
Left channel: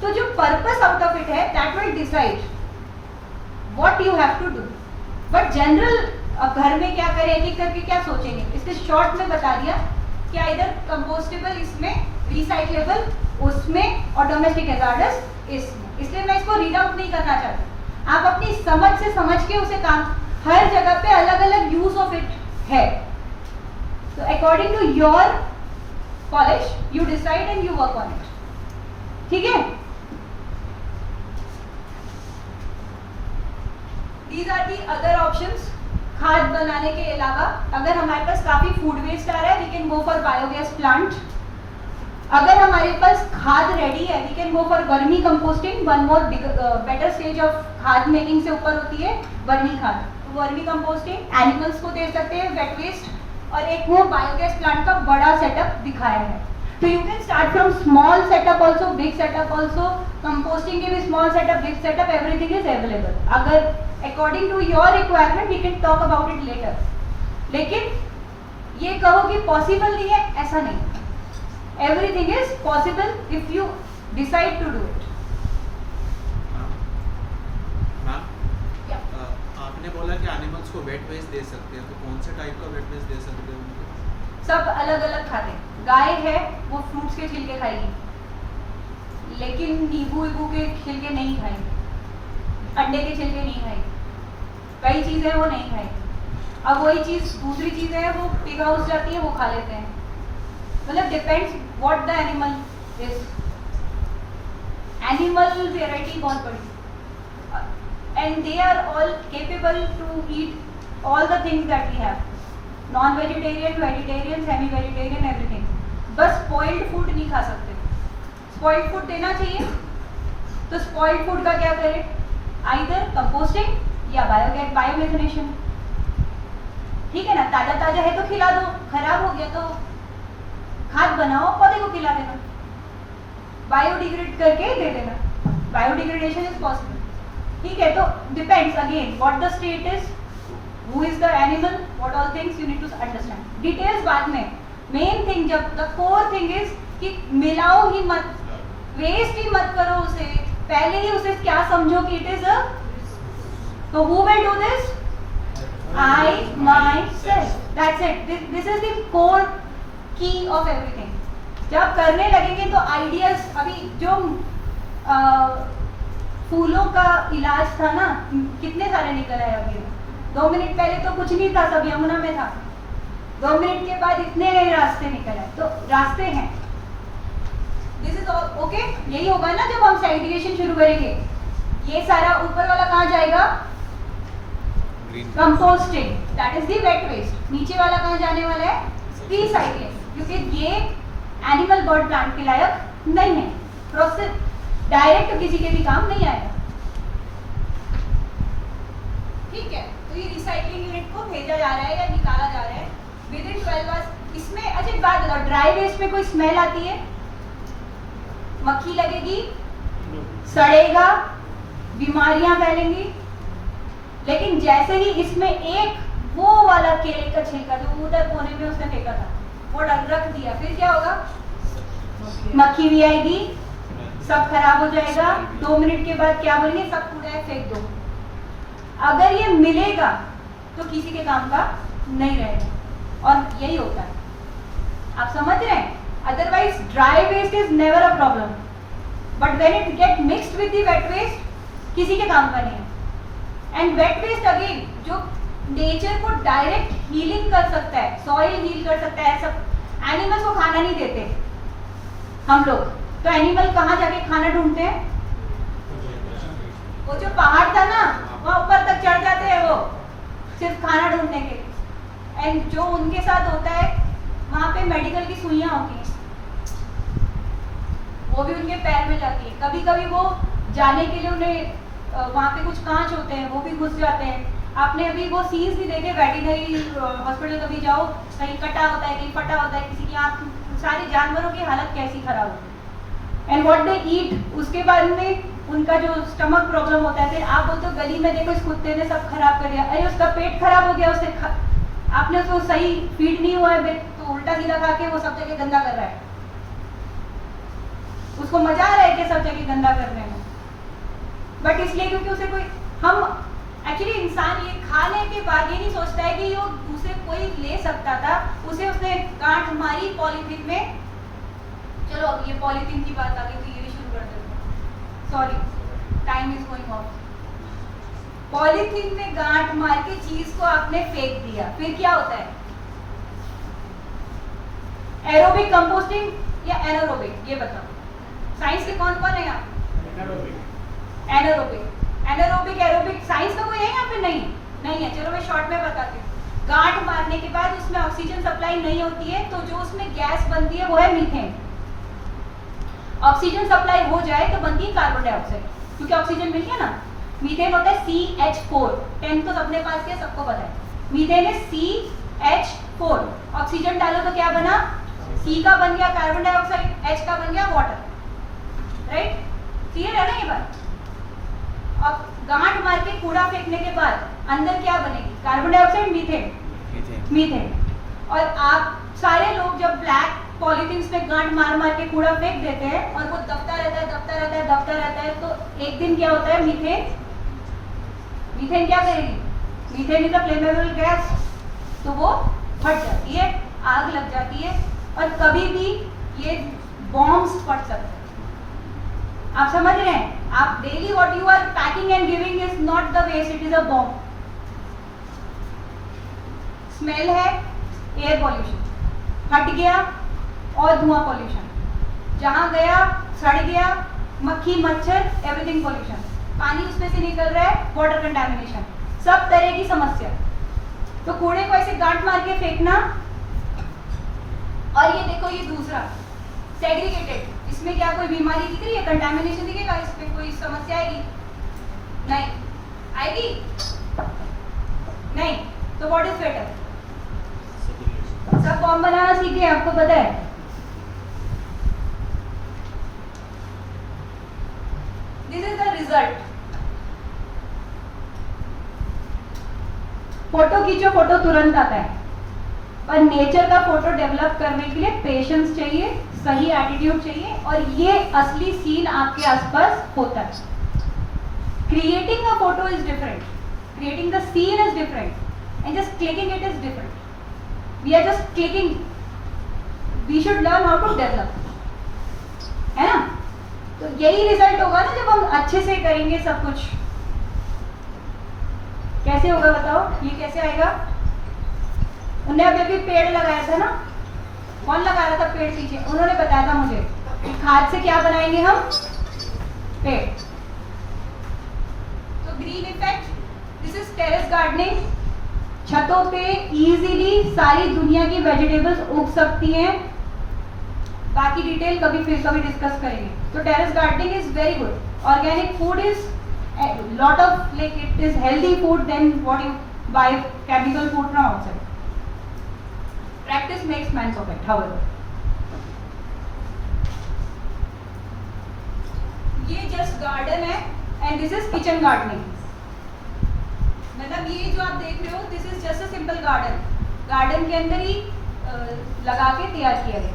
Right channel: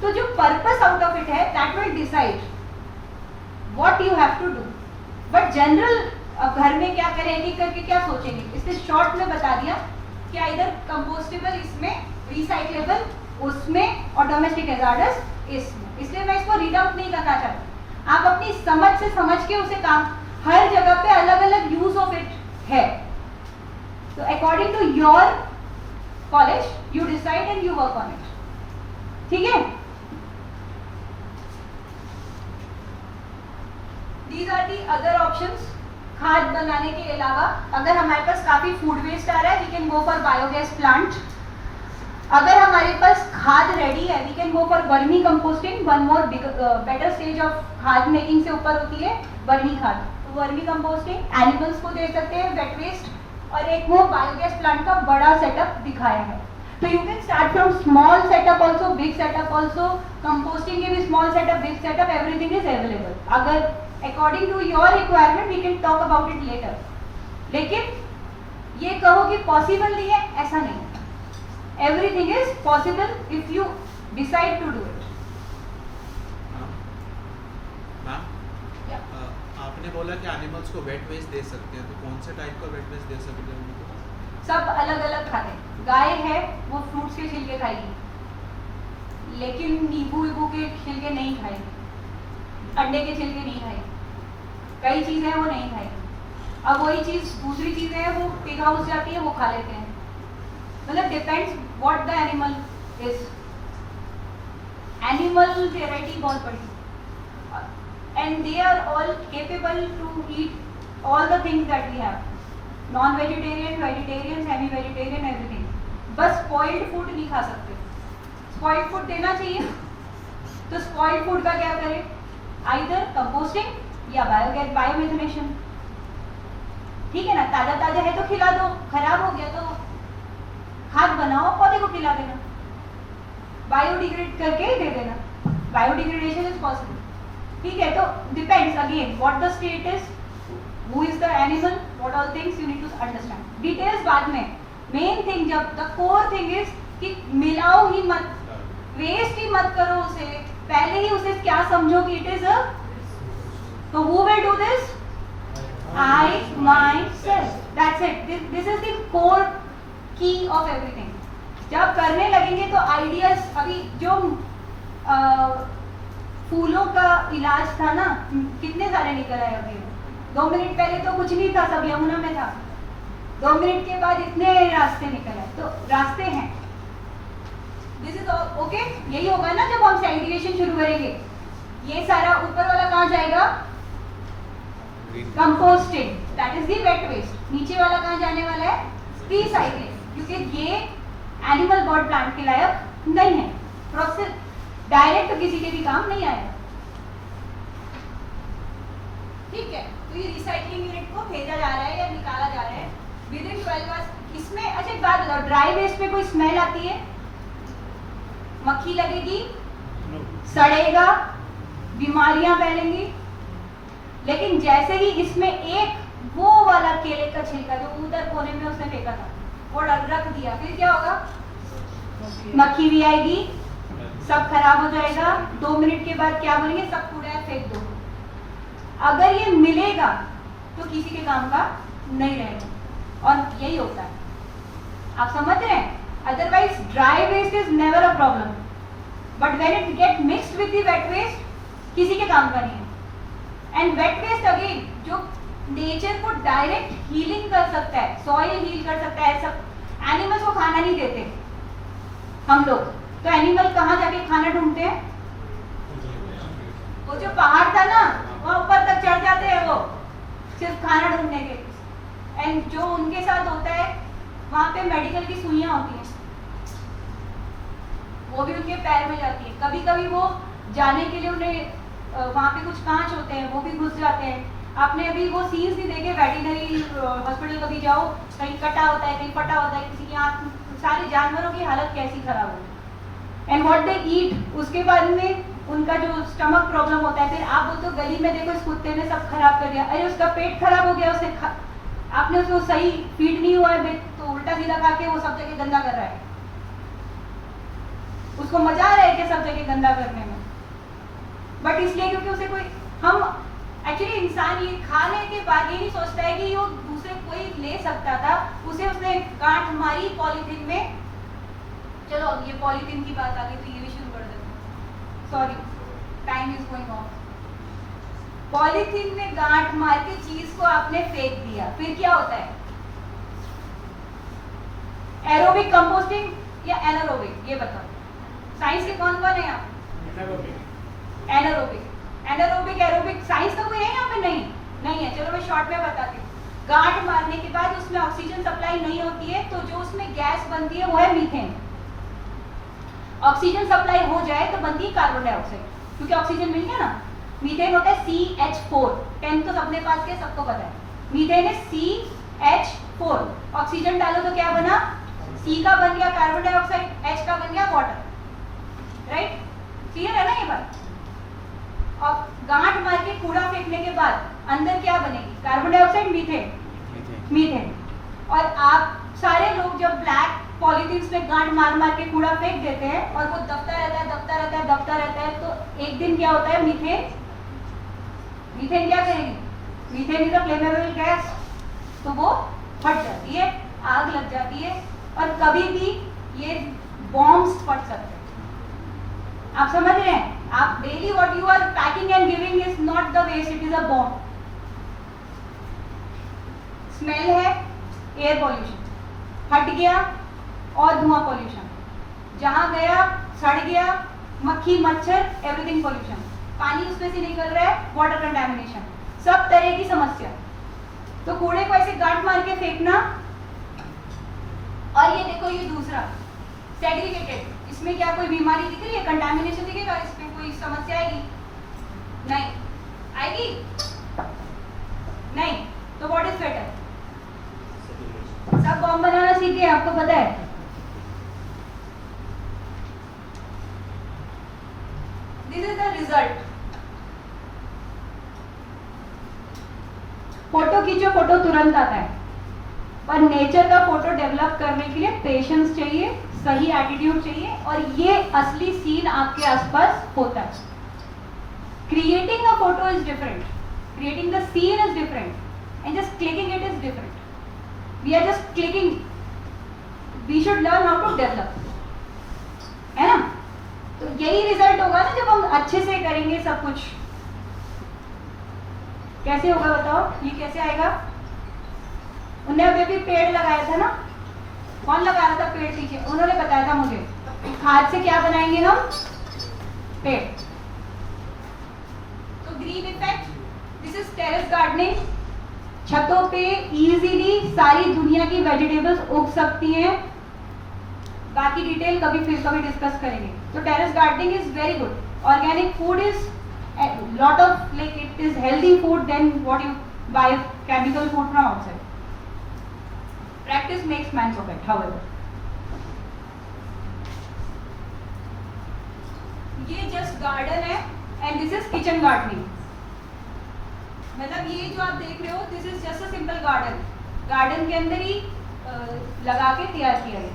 तो जो पर्पस आउट ऑफ इट है that will decide what you have to do. But general अब घर में क्या करेंगे करके क्या सोचेंगे, इसके शॉर्ट में बता दिया कि इधर कंपोस्टेबल इसमें, रिसाइक्लेबल उसमें और डोमेस्टिक हैजार्डस इसमें। इसलिए मैं इसको रीड आउट नहीं करना चाहती। आप अपनी समझ से समझ के उसे काम, हर जगह पे अलग अलग यूज ऑफ इट है। तो according to your college you decide and you work on it. ठीक है, these are the other options. खाद बनाने के अलावा अगर हमारे पास काफी फूड वेस्ट आ रहा है we can go for biogas plant. अगर हमारे पास खाद रेडी है we can go for vermi composting. One more better stage of खाद मेकिंग से ऊपर होती है वर्मी खाद। तो वर्मी कंपोस्टिंग एनिमल्स को दे सकते हैं, वेट वेस्ट, और एक वो बायोगैस प्लांट का बड़ा सेटअप दिखाया है। तो you can start from small setup also, big setup also. Composting के भी small setup, big setup, everything is available. अगर according to your requirement we can talk about it later. लेकिन ये कहो कि पॉसिबल नहीं है, ऐसा नहीं है। Everything is possible if you decide to do it. Ma'am, आपने बोला कि एनिमल्स को वेट वेस्ट दे सकते हैं, तो कौन से टाइप का वेट वेस्ट दे सकते हैं उनको? सब अलग अलग खाते हैं। गाय है वो फ्रूट्स के छिलके खाएगी, लेकिन नींबू वीबू के छिलके नहीं खाएगी, अंडे के छिलके नहीं खाएगी, कई चीजें वो नहीं खाएगी। अब वही चीज दूसरी चीजें हैं वो पिग हाउस जाती है वो खा लेते हैं। मतलब depends what the animal is. Animal variety बहुत बड़ी and they are all capable to eat all the things that we have, non vegetarian, vegetarian, semi vegetarian, everything. बस स्पॉइल्ड फूड नहीं खा सकते। स्पॉइल्ड फूड देना चाहिए तो स्पॉइल्ड फूड का क्या करें, आइदर कंपोस्टिंग या बायोमेथनेशन। ठीक है ना, ताजा ताजा है तो खिला दो, खराब हो गया तो खाद बनाओ, पौधे को खिला देना, बायोडिग्रेड करके दे देना, बायोडिग्रेडेशन इज पॉसिबल, ठीक है। तो depends again what the state is, who is the animal, what all things you need to understand, details बाद में, मेन थिंग जब द कोर थिंग इज कि मिलाओ ही मत, वेस्ट ही मत करो उसे, पहले ही उसे क्या समझो कि इट इज अ, तो who will do this, I myself, that's it, this is the core key of everything। जब करने लगेंगे तो आइडियाज, अभी जो फूलों का इलाज था ना, कितने सारे निकल आए अभी, 2 मिनट पहले तो कुछ नहीं था, सब यमुना में था, 2 मिनट के बाद इतने रास्ते निकल आए, तो रास्ते हैं, दिस इज ओके। यही होगा ना जब हम सेग्रीगेशन शुरू करेंगे, ये सारा ऊपर वाला कहाँ जाएगा, composting, that is the wet waste, नीचे वाला कहाँ जाने वाला है, रिसाइकलिंग, क्योंकि ये एनिमल बर्ड प्लांट के लायक नहीं है, प्रोसेस डायरेक्ट किसी के भी काम नहीं आएगा, ठीक है। तो ये रिसाइकलिंग यूनिट को भेजा जा रहा है या निकाला जा रहा है विद इन 12 आवर्स। इसमें अच्छा एक बात बताओ, ड्राई वेस्ट में कोई स्मेल आती है, मक्खी लगेगी, सड़ेगा, बीमारियां फैलेंगी, लेकिन जैसे ही इसमें एक वो वाला केले का छिलका जो उधर कोने में उसने फेंका था वो रख दिया, फिर क्या होगा, मक्खी भी आएगी, सब खराब हो जाएगा, 2 मिनट के बाद क्या बोलेंगे, सब कूड़ा फेंक दो। अगर ये मिलेगा तो किसी के काम का नहीं रहेगा, और यही होता है, आप समझ रहे हैं। Otherwise dry waste is never a problem, but when it get mixed with the wet waste किसी के काम का नहीं है। एंड वेट वेस्ट अगेन जो नेचर को डायरेक्ट हीलिंग कर सकता है, सॉइल हील कर सकता है, सब एनिमल्स को खाना नहीं देते हम लोग, तो एनिमल कहाँ जाके खाना ढूंढते हैं, वो जो पहाड़ था ना वहाँ ऊपर तक चढ़ जाते हैं वो सिर्फ खाना ढूंढने के, एंड जो उनके साथ होता है वहाँ पे मेडिकल की सुइयां होती हैं, वो भी उनके पैर में जाती है, कभी कभी वो जाने के लिए उन्हें वहाँ पे कुछ कांच होते हैं वो भी घुस जाते हैं। आपने अभी वो सीन्स भी देखे, वेटरनरी हॉस्पिटल कभी जाओ, कहीं कटा होता है, कहीं फटा होता है, किसी की आँख, सारे जानवरों की हालत कैसी खराब होती है, एंड व्हाट दे ईट, उसके बाद में उनका जो स्टमक प्रॉब्लम होता है, फिर आप बोलते हो गली में देखो इस कुत्ते ने सब खराब कर दिया, अरे उसका पेट खराब हो गया, उसने आपने उसको सही फीड नहीं हुआ है तो उल्टा सीधा खा के वो सब जगह गंदा कर रहा है, उसको मजा आ रहा है कि सब जगह गंदा करने में, बट इसलिए क्योंकि उसे कोई, हम एक्चुअली इंसान ये खाने के बाद ये नहीं सोचता है कि वो दूसरे कोई ले सकता था, उसे उसने गांठ मारी पॉलीथीन में। चलो अब ये पॉलीथीन की बात आ गई तो ये भी शुरू कर देते हैं, sorry time is going of. Polythene में गांठ मार के चीज को आपने फेंक दिया, फिर क्या होता है, एरोबिक कंपोस्टिंग या एनारोबिक, ये बताओ, साइंस के कौन कौन है आप, एनारोबिक, एनारोबिक, एरोबिक, साइंस का कोई है यहाँ पे, नहीं है, चलो मैं शॉर्ट में बताती हूँ। गांठ मारने के बाद उसमें ऑक्सीजन सप्लाई नहीं होती है, तो जो उसमें गैस बनती है वो है मीथेन। ऑक्सीजन सप्लाई हो जाए तो बनती है कार्बन डाइऑक्साइड, क्योंकि ऑक्सीजन मिल गया ना, मीथेन होता है CH4, 10 तो सबने पास किया, सबको पता है, मीथेन है CH4, ऑक्सीजन डालो तो क्या बना, C का बन गया कार्बन डाइऑक्साइड, H का बन गया वाटर, राइट, क्लियर है ना ये बात। और गांठ मार के कूड़ा फेंकने के बाद अंदर क्या बनेगी, कार्बन डाइऑक्साइड, मीथेन। और आप सारे लोग जब ब्लैक पॉलीथीन में गांठ मार मार के कूड़ा फेंक देते हैं और वो दबता रहता है, तो एक दिन क्या होता है, मीथेन क्या करेगी, methane is a flammable gas, तो वो फट जाती है, आग लग जाती है, और कभी भी ये बॉम्ब्स फट सकते हैं। आप समझ रहे हैं, आप daily what you are packing and giving is not the waste, it is a bomb. Smell है एयर पॉल्यूशन, फट गया, और धुआं पॉल्यूशन, जहां गया सड़ गया, मक्खी मच्छर एवरीथिंग पॉल्यूशन, पानी उसमें से निकल रहा है, वाटर कंटामिनेशन, सब तरह की समस्या। तो कूड़े को ऐसे गांठ मार के फेंकना, और ये देखो ये दूसरा सेग्रीगेटेड, इसमें क्या कोई बीमारी दिख रही है, कंटामिनेशन दिखेगा, इसमें कोई समस्या आएगी नहीं, आएगी नहीं, तो व्हाट इज बेटर, आपको पता है? This is the result. Photo खींचो, फोटो तुरंत आता है, पर नेचर का फोटो डेवलप करने के लिए पेशेंस चाहिए, सही एटीट्यूड चाहिए, और ये असली सीन आपके आसपास होता है। Creating a photo is different, creating the scene is different, and just clicking it is different. We are just clicking. We should learn how to develop, है ना? तो यही रिजल्ट होगा ना जब हम अच्छे से करेंगे सब कुछ। कैसे होगा बताओ, ये कैसे आएगा? उन्होंने अभी पेड़ लगाया था ना, कौन लगा रहा था पेड़ पीछे? उन्होंने बताया था मुझे कि खाद से क्या बनाएंगे हम? पेड़। तो green effect, this is terrace gardening. छतों पे इजीली सारी दुनिया की वेजिटेबल्स उग सकती हैं। बाकी डिटेल कभी डिस्कस करेंगे। तो terrace gardening is very good. Organic food is lot of like it is healthy food then what you buy chemical food from outside. Practice makes man perfect. However, ये जस्ट गार्डन है and this is kitchen gardening. मतलब ये जो आप देख रहे हो, this is just a simple garden. Garden के अंदर ही लगा के तैयार किया है।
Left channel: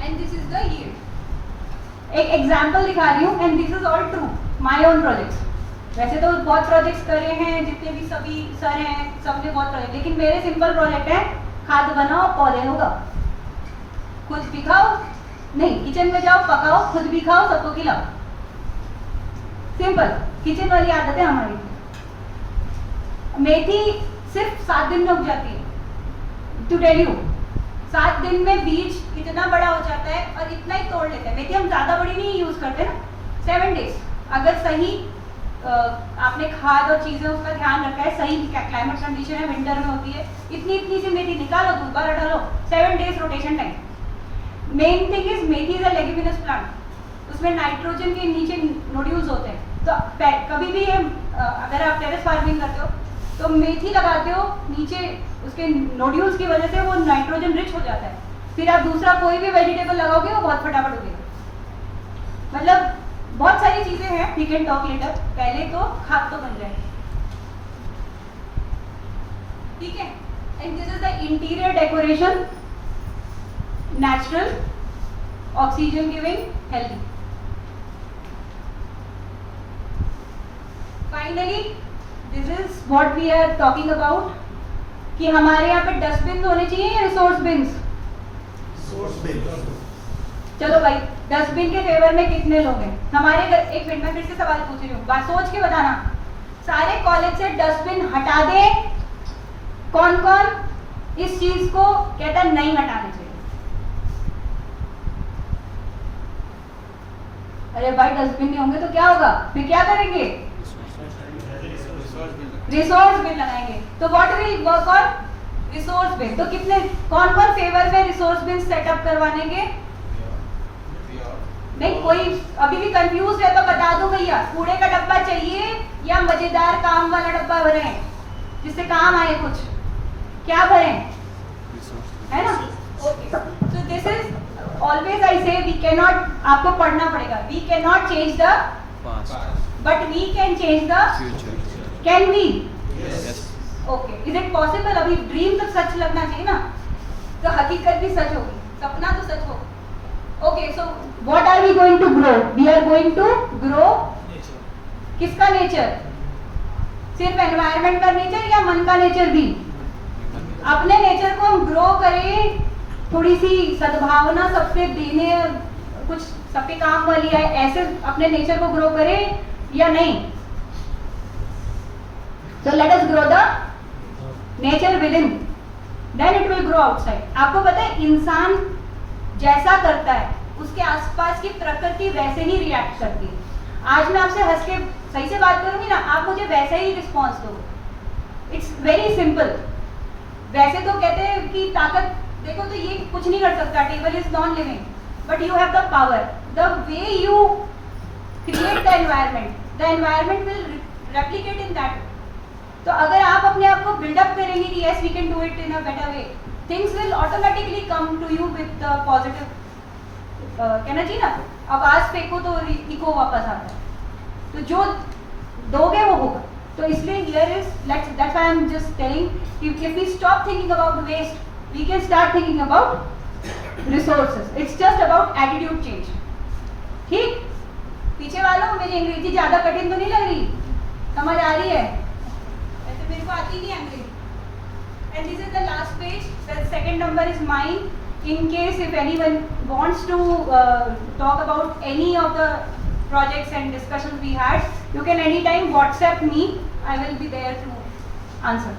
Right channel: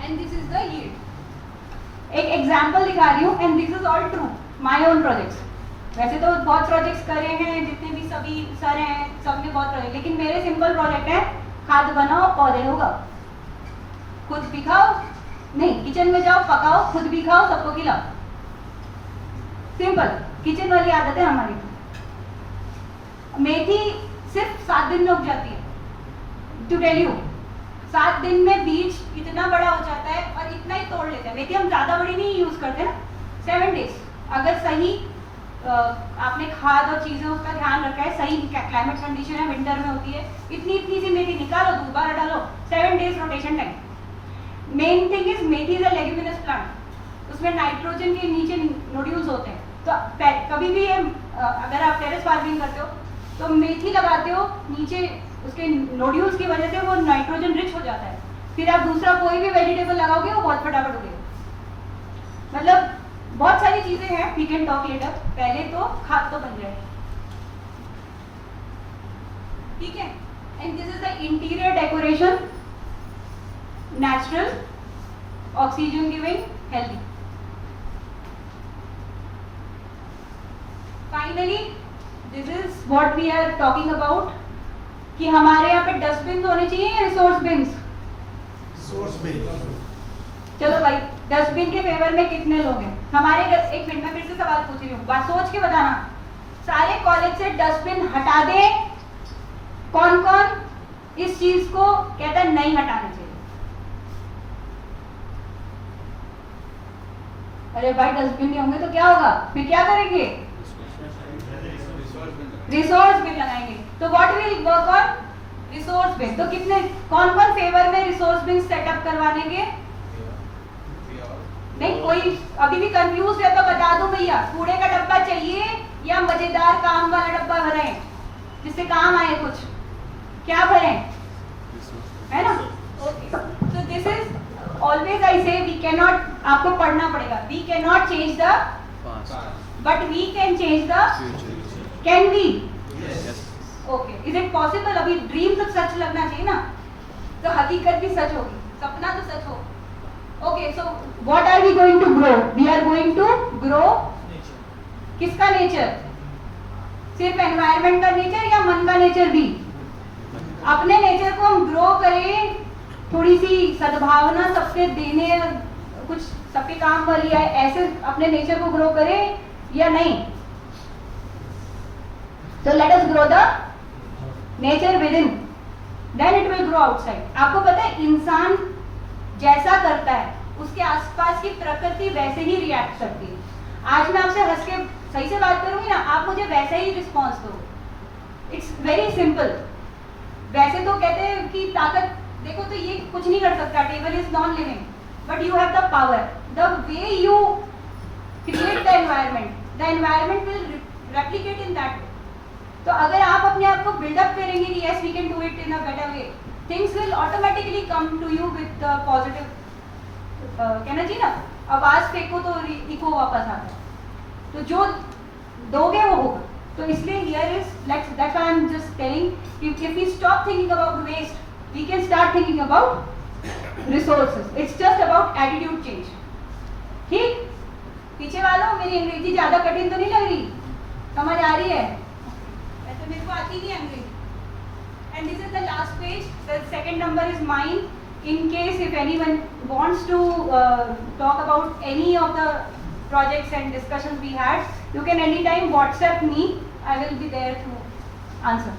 And this is the yield. एक एग्जांपल दिखा रही हूँ, and this is all true, my own projects. वैसे तो बहुत प्रोजेक्ट्स करे हैं, जितने भी सभी सर हैं सबने बहुत प्रोजेक्ट, लेकिन मेरे सिंपल प्रोजेक्ट है, खाद बनाओ पौधे होगा, खुद भी खाओ, नहीं किचन में जाओ पकाओ, खुद भी खाओ, सबको खिलाओ। सिंपल किचन वाली आदत है हमारी। मेथी सिर्फ 7 दिन में उग जाती है। टू टेल यू, 7 दिन में बीज इतना बड़ा हो जाता है और इतना ही तोड़ लेता है। मेथी हम ज्यादा बड़ी नहीं यूज करते ना, 7 डेज अगर सही आपने खाद और चीजें उसका ध्यान रखा है, सही क्लाइमेट कंडीशन है, विंटर में होती है, इतनी इतनी सी मेथी निकालो, दोबारा डालो, 7 days rotation time. Main thing is methi is a leguminous plant, उसमें नाइट्रोजन के नीचे नोड्यूल्स होते हैं। तो कभी भी अगर आप टेरेस फार्मिंग करते हो तो मेथी लगाते हो, नीचे उसके नोड्यूल्स की वजह से वो नाइट्रोजन रिच हो जाता है। फिर आप दूसरा कोई भी वेजिटेबल लगाओगे वो बहुत फटाफट उगेगा। मतलब बहुत सारी चीजें हैं, वी कैन टॉक लेटर। पहले तो खाद तो बन जाए, ठीक है। And this is the interior decoration, natural, oxygen giving, healthy. Finally this is what we are talking about, कि हमारे यहाँ पे डस्टबिन होने चाहिए या रिसोर्स बिन्स? चलो भाई, डस्टबिन के फेवर में कितने लोग हैं हमारे घर? एक मिनट, मैं फिर से सवाल पूछ रही हूँ, बात सोच के बताना। सारे कॉलेज से डस्टबिन हटा दे, कौन कौन इस चीज को कहता है नहीं हटाने चाहिए? अरे भाई डस्टबिन में होंगे तो क्या होगा, फिर क्या करेंगे? रिसोर्स बिन लगाएंगे। तो what will work on? Resource bin. तो कितने, कौन कौन फेवर में रिसोर्स बिन सेटअप करवाने के? नहीं, कोई अभी भी कंफ्यूज है तो बता दो भैया, कूड़े का डब्बा चाहिए या मजेदार काम वाला डब्बा भरें जिससे काम आए? कुछ क्या भरें, है ना? ओके, तो दिस इज ऑलवेज आई से वी कैन नॉट, आपको पढ़ना पड़ेगा, we can not change the but we can change the can we? Okay, is it possible? अभी ड्रीम तो सच लगना चाहिए ना, तो हकीकत भी सच होगी, सपना तो सच होगा। Okay, so what are we going to grow? We are going to grow किसका नेचर? सिर्फ एनवायरनमेंट का नेचर या मन का नेचर भी? अपने नेचर को हम ग्रो करें, थोड़ी सी सद्भावना सबसे देने, कुछ सबके काम वाली है, ऐसे अपने नेचर को ग्रो करें या नहीं? So let us grow the nature within, then it will grow outside. आपको पता है इंसान जैसा करता है उसके आसपास की प्रकृति वैसे ही रिएक्ट करती है। आज मैं आपसे हंस के सही से बात करूंगी ना, आप मुझे वैसे ही रिस्पॉन्स दो। It's very simple. वैसे तो कहते हैं कि ताकत देखो तो ये कुछ नहीं कर सकता, table is non living, but you have the power. The way you create the environment will replicate in that. तो अगर आप अपने आप को बिल्डअप करेंगे कि yes we can do it in a better way, things will automatically come to you with positive, कहना चाहिए ना, आवाज फेंको तो इको वापस आता है, तो जो दोगे वो होगा। तो इसलिए here is that's why I am just telling if we stop thinking about waste we can start thinking about resources, it's just about attitude change. ठीक, पीछे वालों मेरी अंग्रेजी ज्यादा कठिन तो नहीं लग रही, समझ आ रही है? वैसे मेरे को आती नहीं अंग्रेजी। And this is the last page, the second number is mine. In case if anyone wants to talk about any of the projects and discussions we had, you can anytime WhatsApp me. I will be there to answer.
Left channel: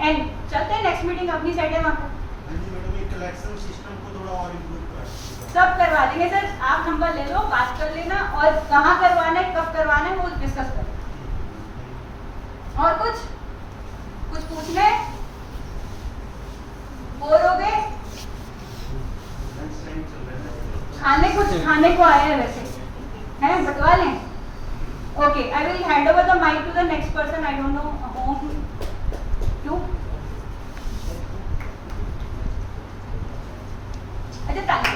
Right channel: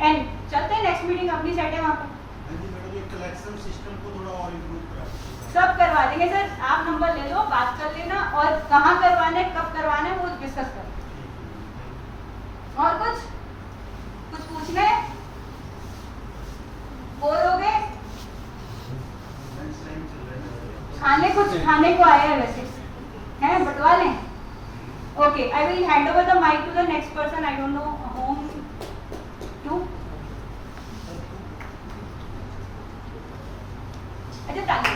And चलते हैं नेक्स्ट मीटिंग अपनी साइड है वहाँ पर। हाँ जी मैडम, ये कलेक्शन सिस्टम को थोड़ा और इम्प्रूव करा। सब करवा देंगे सर, आप नंबर ले लो, बात कर लेना, और कहाँ करवाना है कब करवाना है वो डिस्कस करें। और कुछ पूछना है? बोर हो गए? नेक्स्ट टाइम चल रहा है। कुछ खाने को आया है वैसे, हैं बटवा लें? Okay, I will hand over the mic to the next person, I don't know whom to. अच्छा ताली।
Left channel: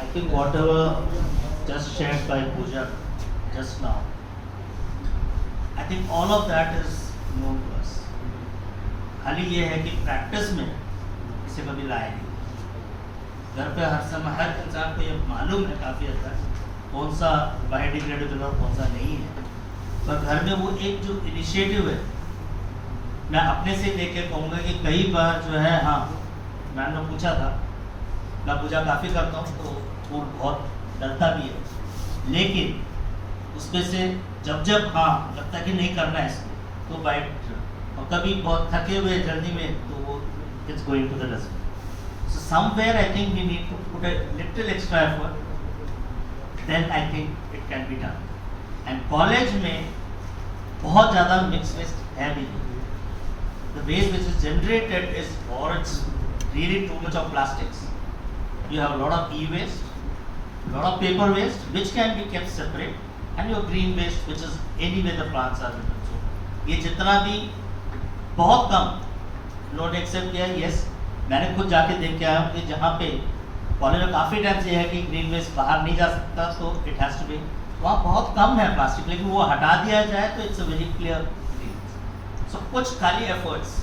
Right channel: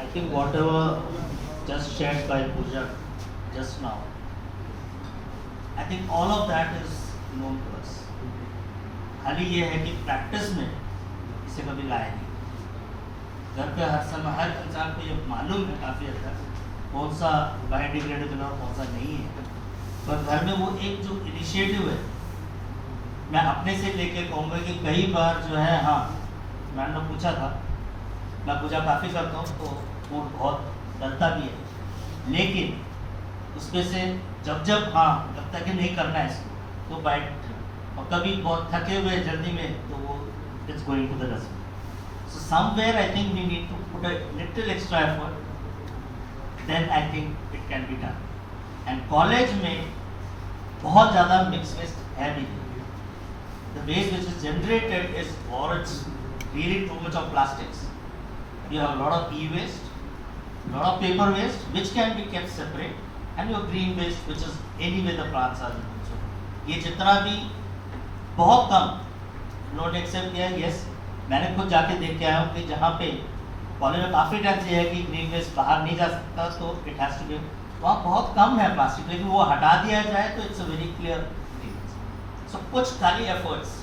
I think whatever just shared by Pooja just now, I think all of that is known to us. खाली ये है कि प्रैक्टिस में इसे कभी लाए नहीं। घर पे हर समय हर इंसान को ये मालूम है काफ़ी हद तक कौन सा बायोडिग्रेडेबल और कौन सा नहीं है, पर घर में वो एक जो इनिशिएटिव है, मैं अपने से लेके कहूँगा कि कई बार जो है, हाँ मैंने पूछा था, मैं पूजा काफ़ी करता हूँ तो वो बहुत डरता भी है, लेकिन उसमें से जब तक ही नहीं करना है इसको तो बाइट, और कभी बहुत थके हुए जल्दी में तो वो it's going to the dustbin. So somewhere I think we need to put a little extra effort, then I think it can be done. And college में बहुत ज़्यादा मिक्स वेस्ट है भी, the waste which is generated is और it's really too much of plastics. You have a lot of e-waste, lot of paper waste, which can be kept separate, and your green waste, which is anyway the plants are living. So, ये जितना भी बहुत कम लोग एक्सेप्ट किया है। यस, मैंने खुद जाके देख के आया हूँ कि जहाँ पे कॉलेज में काफ़ी टाइम से है कि ग्रीन वेस्ट बाहर नहीं जा सकता, तो इट हैज़ टू बी, वहाँ बहुत कम है प्लास्टिक, लेकिन वो हटा दिया जाए तो it's a very clear thing. So कुछ खाली efforts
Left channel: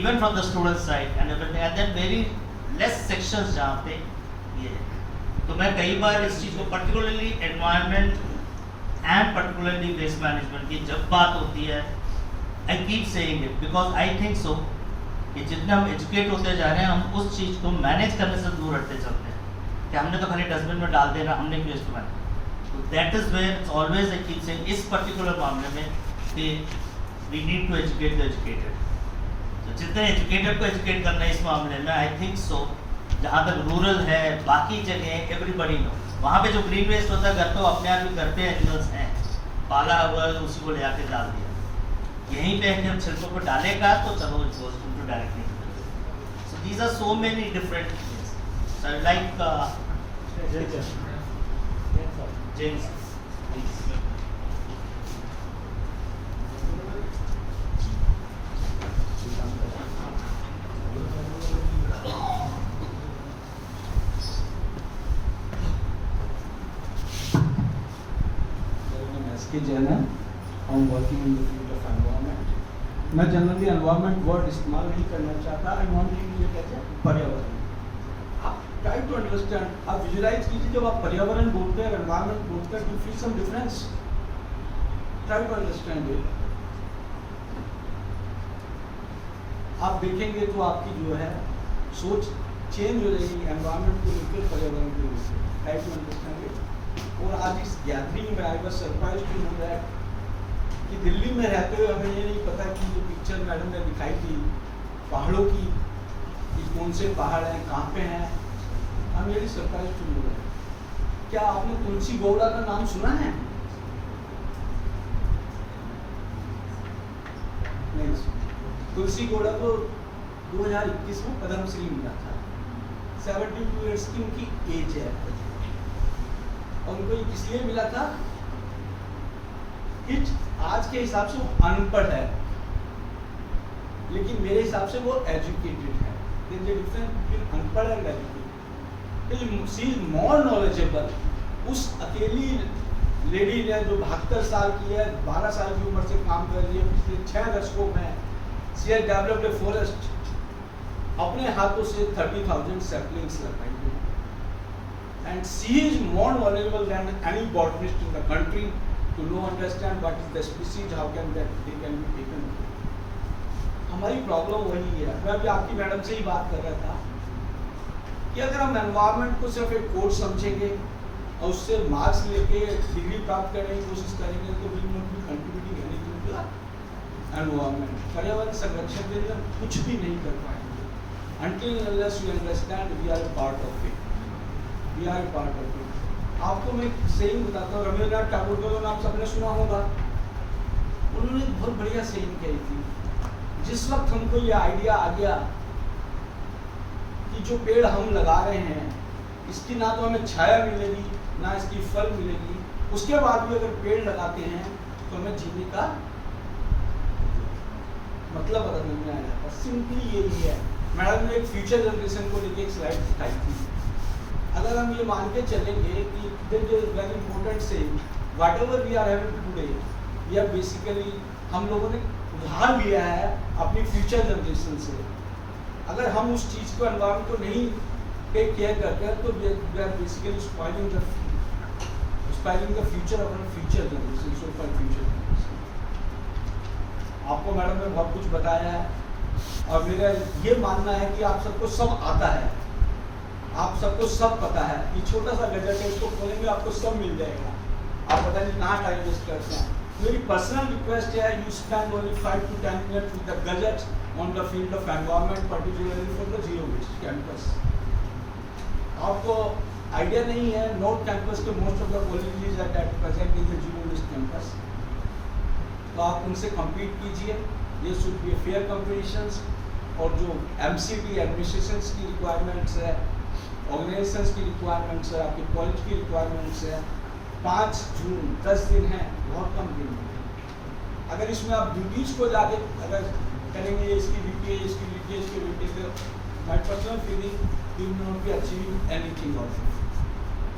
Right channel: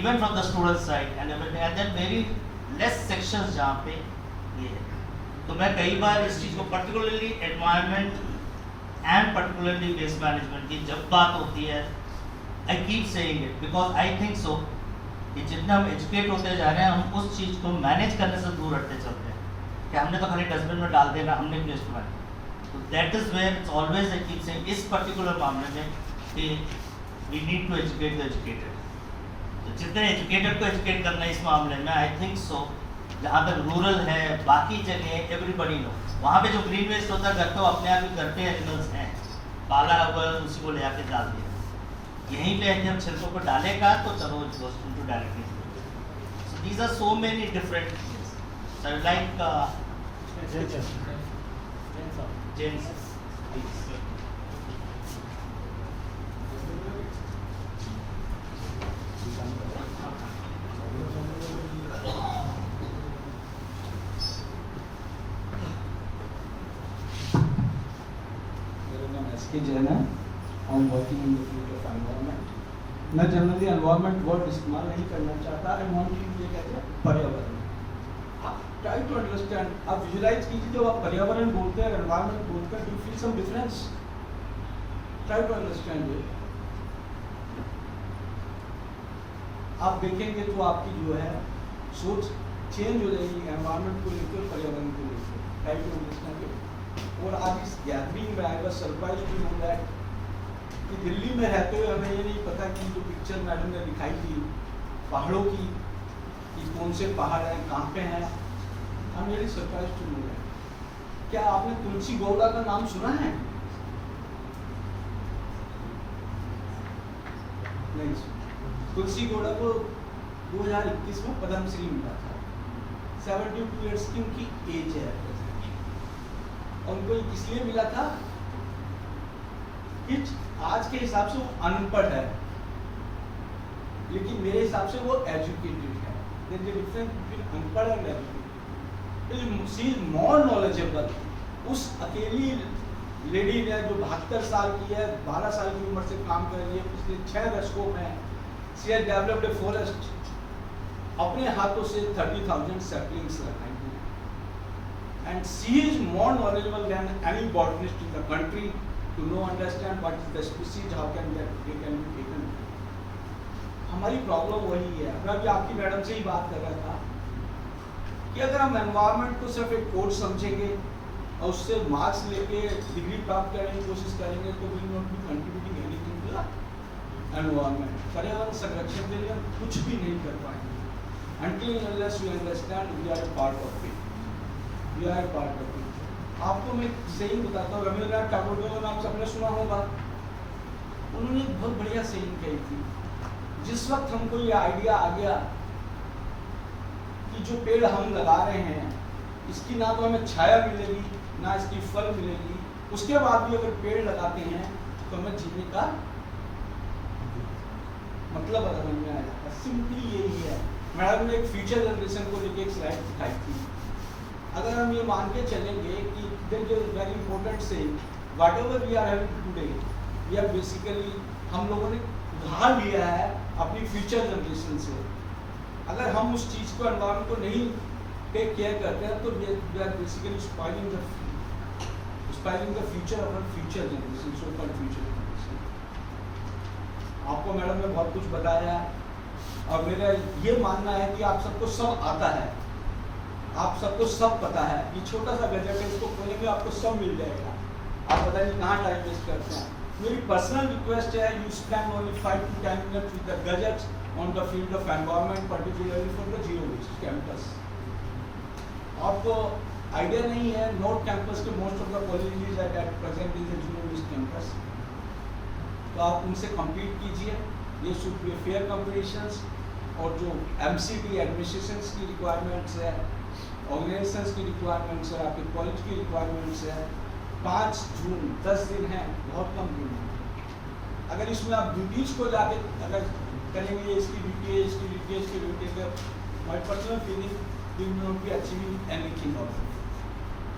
even from the student side and then very less sections जहाँ पे ये है। तो मैं कई बार इस चीज़ को particularly environment and particularly waste management की जब बात होती है, I keep saying it because I think so कि जितना हम एजुकेट होते जा रहे हैं हम उस चीज़ को मैनेज करने से दूर हटते चलते हैं कि हमने तो खाली डस्टबिन में डाल देना, हमने क्यों इस्तेमाल। तो that is where it's always I keep saying इस पर्टिकुलर मामले में कि we need to educate the educated. तो जितने एजुकेटेड को एजुकेट करना है इस मामले में, आई थिंक सो जहाँ तक रूरल है, बाकी जगह एवरीबडी नो, वहाँ पे जो ग्रीन वेस्ट होता है घर पे अपने आप ही घर पे एनिमल्स हैं पाला हुआ, उसी को ले आके डाल दिया। यहीं पे हम छिलकों को डालेगा तो चलो it goes to directly. So these are so many different things. So I like James Jain है, I am working in the field of environment. मैं जनरली एनवायरनमेंट वर्ड इस्तेमाल नहीं करना चाहता, आई वांट टू ये कहते हैं पर्यावरण। आप ट्राई टू अंडरस्टैंड, आप विजुलाइज कीजिए जब आप पर्यावरण बोलते हैं, एनवायरनमेंट बोलते हैं, do feel some difference? Try to understand it. आप देखेंगे तो आपकी जो है सोच चेंज हो जाएगी एनवायरनमेंट को लेकर, पर्यावरण को लेकर। Try to understand it. और आज इस गैदरिंग में I was surprise to know that कि दिल्ली में रहते हुए हमें ये नहीं पता कि जो पिक्चर मैडम ने दिखाई थी पहाड़ों की, कि कौन से पहाड़ हैं, कहाँ पे हैं, I am very surprise to know that. क्या आपने तुलसी गौड़ा का नाम सुना है? नहीं। तुलसी गौड़ा को 2021 में पद्मश्री मिला था। 72 ईयर्स की उनकी एज है और उनको इसलिए मिला था कि आज के हिसाब से वो अनपढ़ है, लेकिन मेरे हिसाब से वो एजुकेटेड है। डिफरेंस बिटवीन अनपढ़ and educated. She is more knowledgeable. उस अकेली लेडी ने जो 72 साल की है, 12 साल की उम्र से काम कर रही है, पिछले 6 दशकों में she has developed a forest, अपने हाथों से 30,000 सैपलिंग्स लगाएंगे। And she is more knowledgeable than any botanist in the country to know understand what is the species, how can that they can be taken. हमारी प्रॉब्लम वही है। मैं अभी आपकी मैडम से ही बात कर रहा था कि अगर हम एनवायरनमेंट को सिर्फ एक कोर्स समझेंगे और उससे मार्क्स लेके डिग्री प्राप्त करने की कोशिश करेंगे तो we not be contributing anything to the environment. पर्यावरण संरक्षण के लिए हम कुछ भी नहीं कर पाएंगे until and unless you understand we are a part of it. We are a part of it. आपको मैं सेइंग बताता हूँ, रविंद्रनाथ टैगोर का नाम सबने सुना होगा। उन्होंने एक बहुत बढ़िया सेइंग कही थी। जिस वक्त हमको ये आइडिया आ गया कि जो पेड़ हम लगा रहे हैं इसकी ना तो हमें छाया मिलेगी ना इसकी फल मिलेगी, उसके बाद भी अगर पेड़ लगाते हैं तो हमें जीने का मतलब बदल में आ जाता है। सिंपली यही है। मैडम ने एक फ्यूचर जनरेशन को लेकर एक स्लाइड दिखाई थी। अगर हम ये मान के चलेंगे कि there is very important say whatever we are having today, we are basically हम लोगों ने उधार लिया है अपनी फ्यूचर जनरेशन से। अगर हम उस चीज़ को एनवायरनमेंट को नहीं टेक केयर करते हैं तो we are basically spoiling the future of our future generation, so called future generation. आपको मैडम ने बहुत कुछ बताया है और मेरा ये मानना है कि आप सबको सब आता है, आप सबको सब पता है। ये छोटा सा गैजेट है, इसको खोलेंगे आपको सब मिल जाएगा। आप पता नहीं कहाँ टाइम वेस्ट करते हैं। मेरी पर्सनल रिक्वेस्ट है you spend only 5 to 10 minutes with the gadget on the field of environment, particularly for the zero waste campus. आपको आइडिया नहीं है, नॉर्थ कैंपस के most of the colleges at present is zero waste campus. तो आप उनसे compete कीजिए। ये शुड बी फेयर कॉम्पिटिशन्स और जो MCT एडमिनिस्ट्रेशंस की रिक्वायरमेंट्स है, ऑर्गेनाइजेशंस की रिक्वायरमेंट्स है, आपके कॉलेज की रिक्वायरमेंट्स है। 5 जून 10 दिन है, बहुत कम दिन है। अगर इसमें आप ड्यूटीज को जाके अगर करेंगे इसकी ड्यूटी है, इसकी ड्यूटी है, इसकी ड्यूटी है, my personal feeling you will not be achieving anything out of it.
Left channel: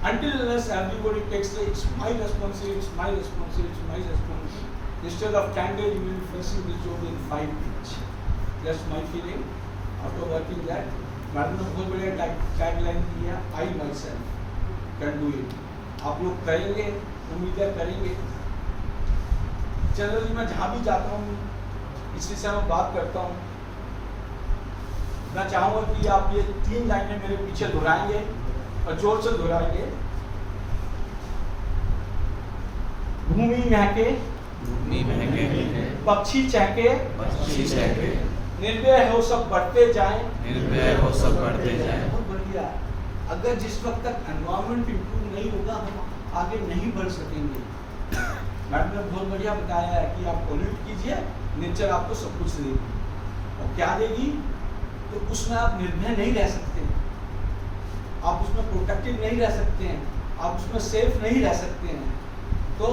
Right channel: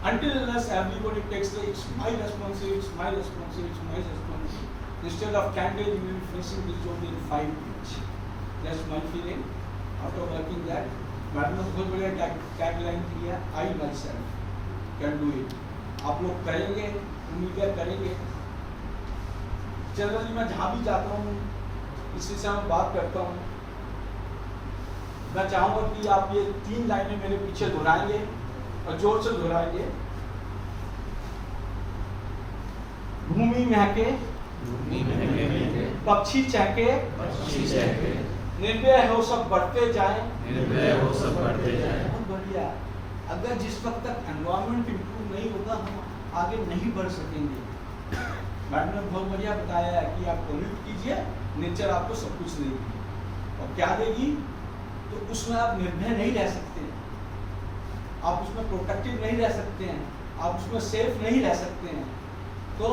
Until unless everybody takes the it's my responsibility, it's my responsibility, it's my responsibility. Instead of 10 days, you will be finishing this job in 5 days. That's my feeling. After working that, madam ने बहुत बढ़िया टैगलाइन दी है, I myself can do it. आप लोग करेंगे, उम्मीद है करेंगे। जनरली मैं जहाँ भी जाता हूँ इस विषय में बात करता हूँ। मैं चाहूँगा कि आप ये 3 लाइनें मेरे पीछे दोहराएंगे और जोर से दोहराएंगे। भूमि महके, पक्षी चहके, निर्भय हो सब बढ़ते जाएं। बहुत बढ़िया। अगर जिस वक्त तक एनवायरनमेंट इंप्रूव नहीं होगा हम आगे नहीं बढ़ सकेंगे। मैडम ने बहुत बढ़िया बताया है कि आप पोल्यूट कीजिए, नेचर आपको सब कुछ देगी। और क्या देगी? तो उसमें आप निर्भय नहीं रह सकते, आप उसमें प्रोटेक्टिव नहीं रह सकते हैं, आप उसमें सेफ नहीं रह सकते हैं। तो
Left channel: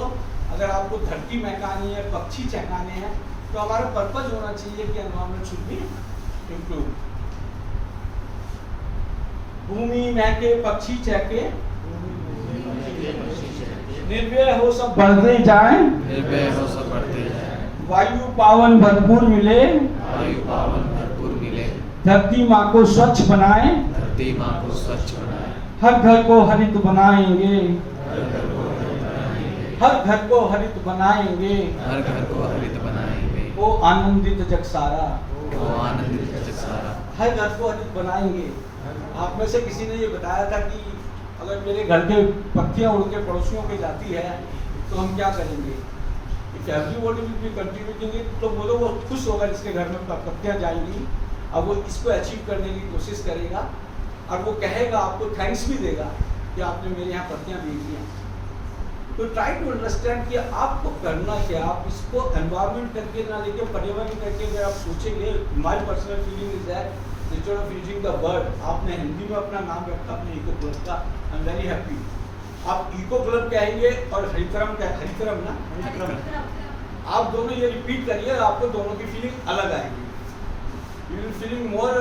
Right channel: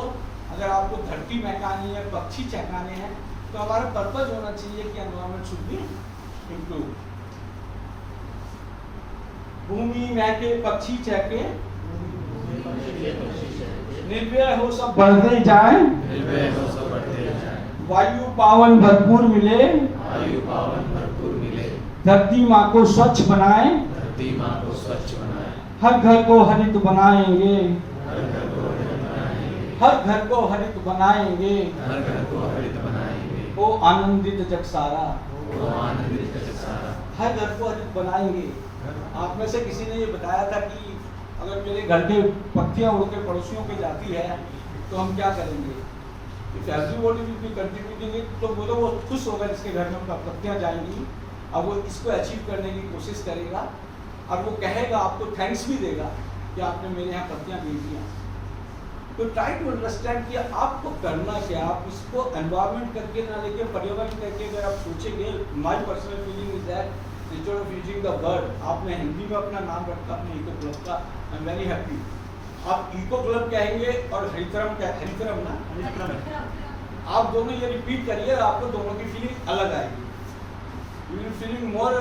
अगर आपको धरती महकानी है, पक्षी चहकाने हैं, तो हमारा पर्पज होना चाहिए कि एनवायरनमेंट शुड बी इम्प्रूव। भूमि महके, पक्षी चहके, निर्भय हो सब बढ़ते जाए, वायु पावन भरपूर मिले, धरती माँ को स्वच्छ बनाए, हर घर को हरित बनाएंगे, हर घर को हरित बनाएंगे, ओ आनंदित जग सारा, हर घर को हरित बनाएंगे। आप में से किसी ने ये बताया था कि अगर मेरे घर के पत्तियां उड़ के पड़ोसियों पे जाती है तो हम क्या करेंगे? If everybody will be contributing तो बोलो वो खुश होगा जिसके घर में पत्तियां जाएंगी। अब वो इसको अचीव करने की कोशिश करेगा और वो कहेगा, आपको थैंक्स भी देगा कि आपने मेरे यहाँ पत्तियाँ भेज दिया। तो ट्राई टू अंडरस्टैंड कि आपको करना क्या, आप इसको एनवायरनमेंट करके ना लेके पर्यावरण करके अगर आप सोचेंगे, my personal feeling is that instead of using the word, आपने हिंदी में अपना नाम रखा अपने इको क्लब का, आई एम वेरी हैप्पी। आप इको क्लब कहेंगे और हरिक्रम ना आप दोनों ये रिपीट करिए, आपको दोनों की फीलिंग अलग आएगी। You will feeling more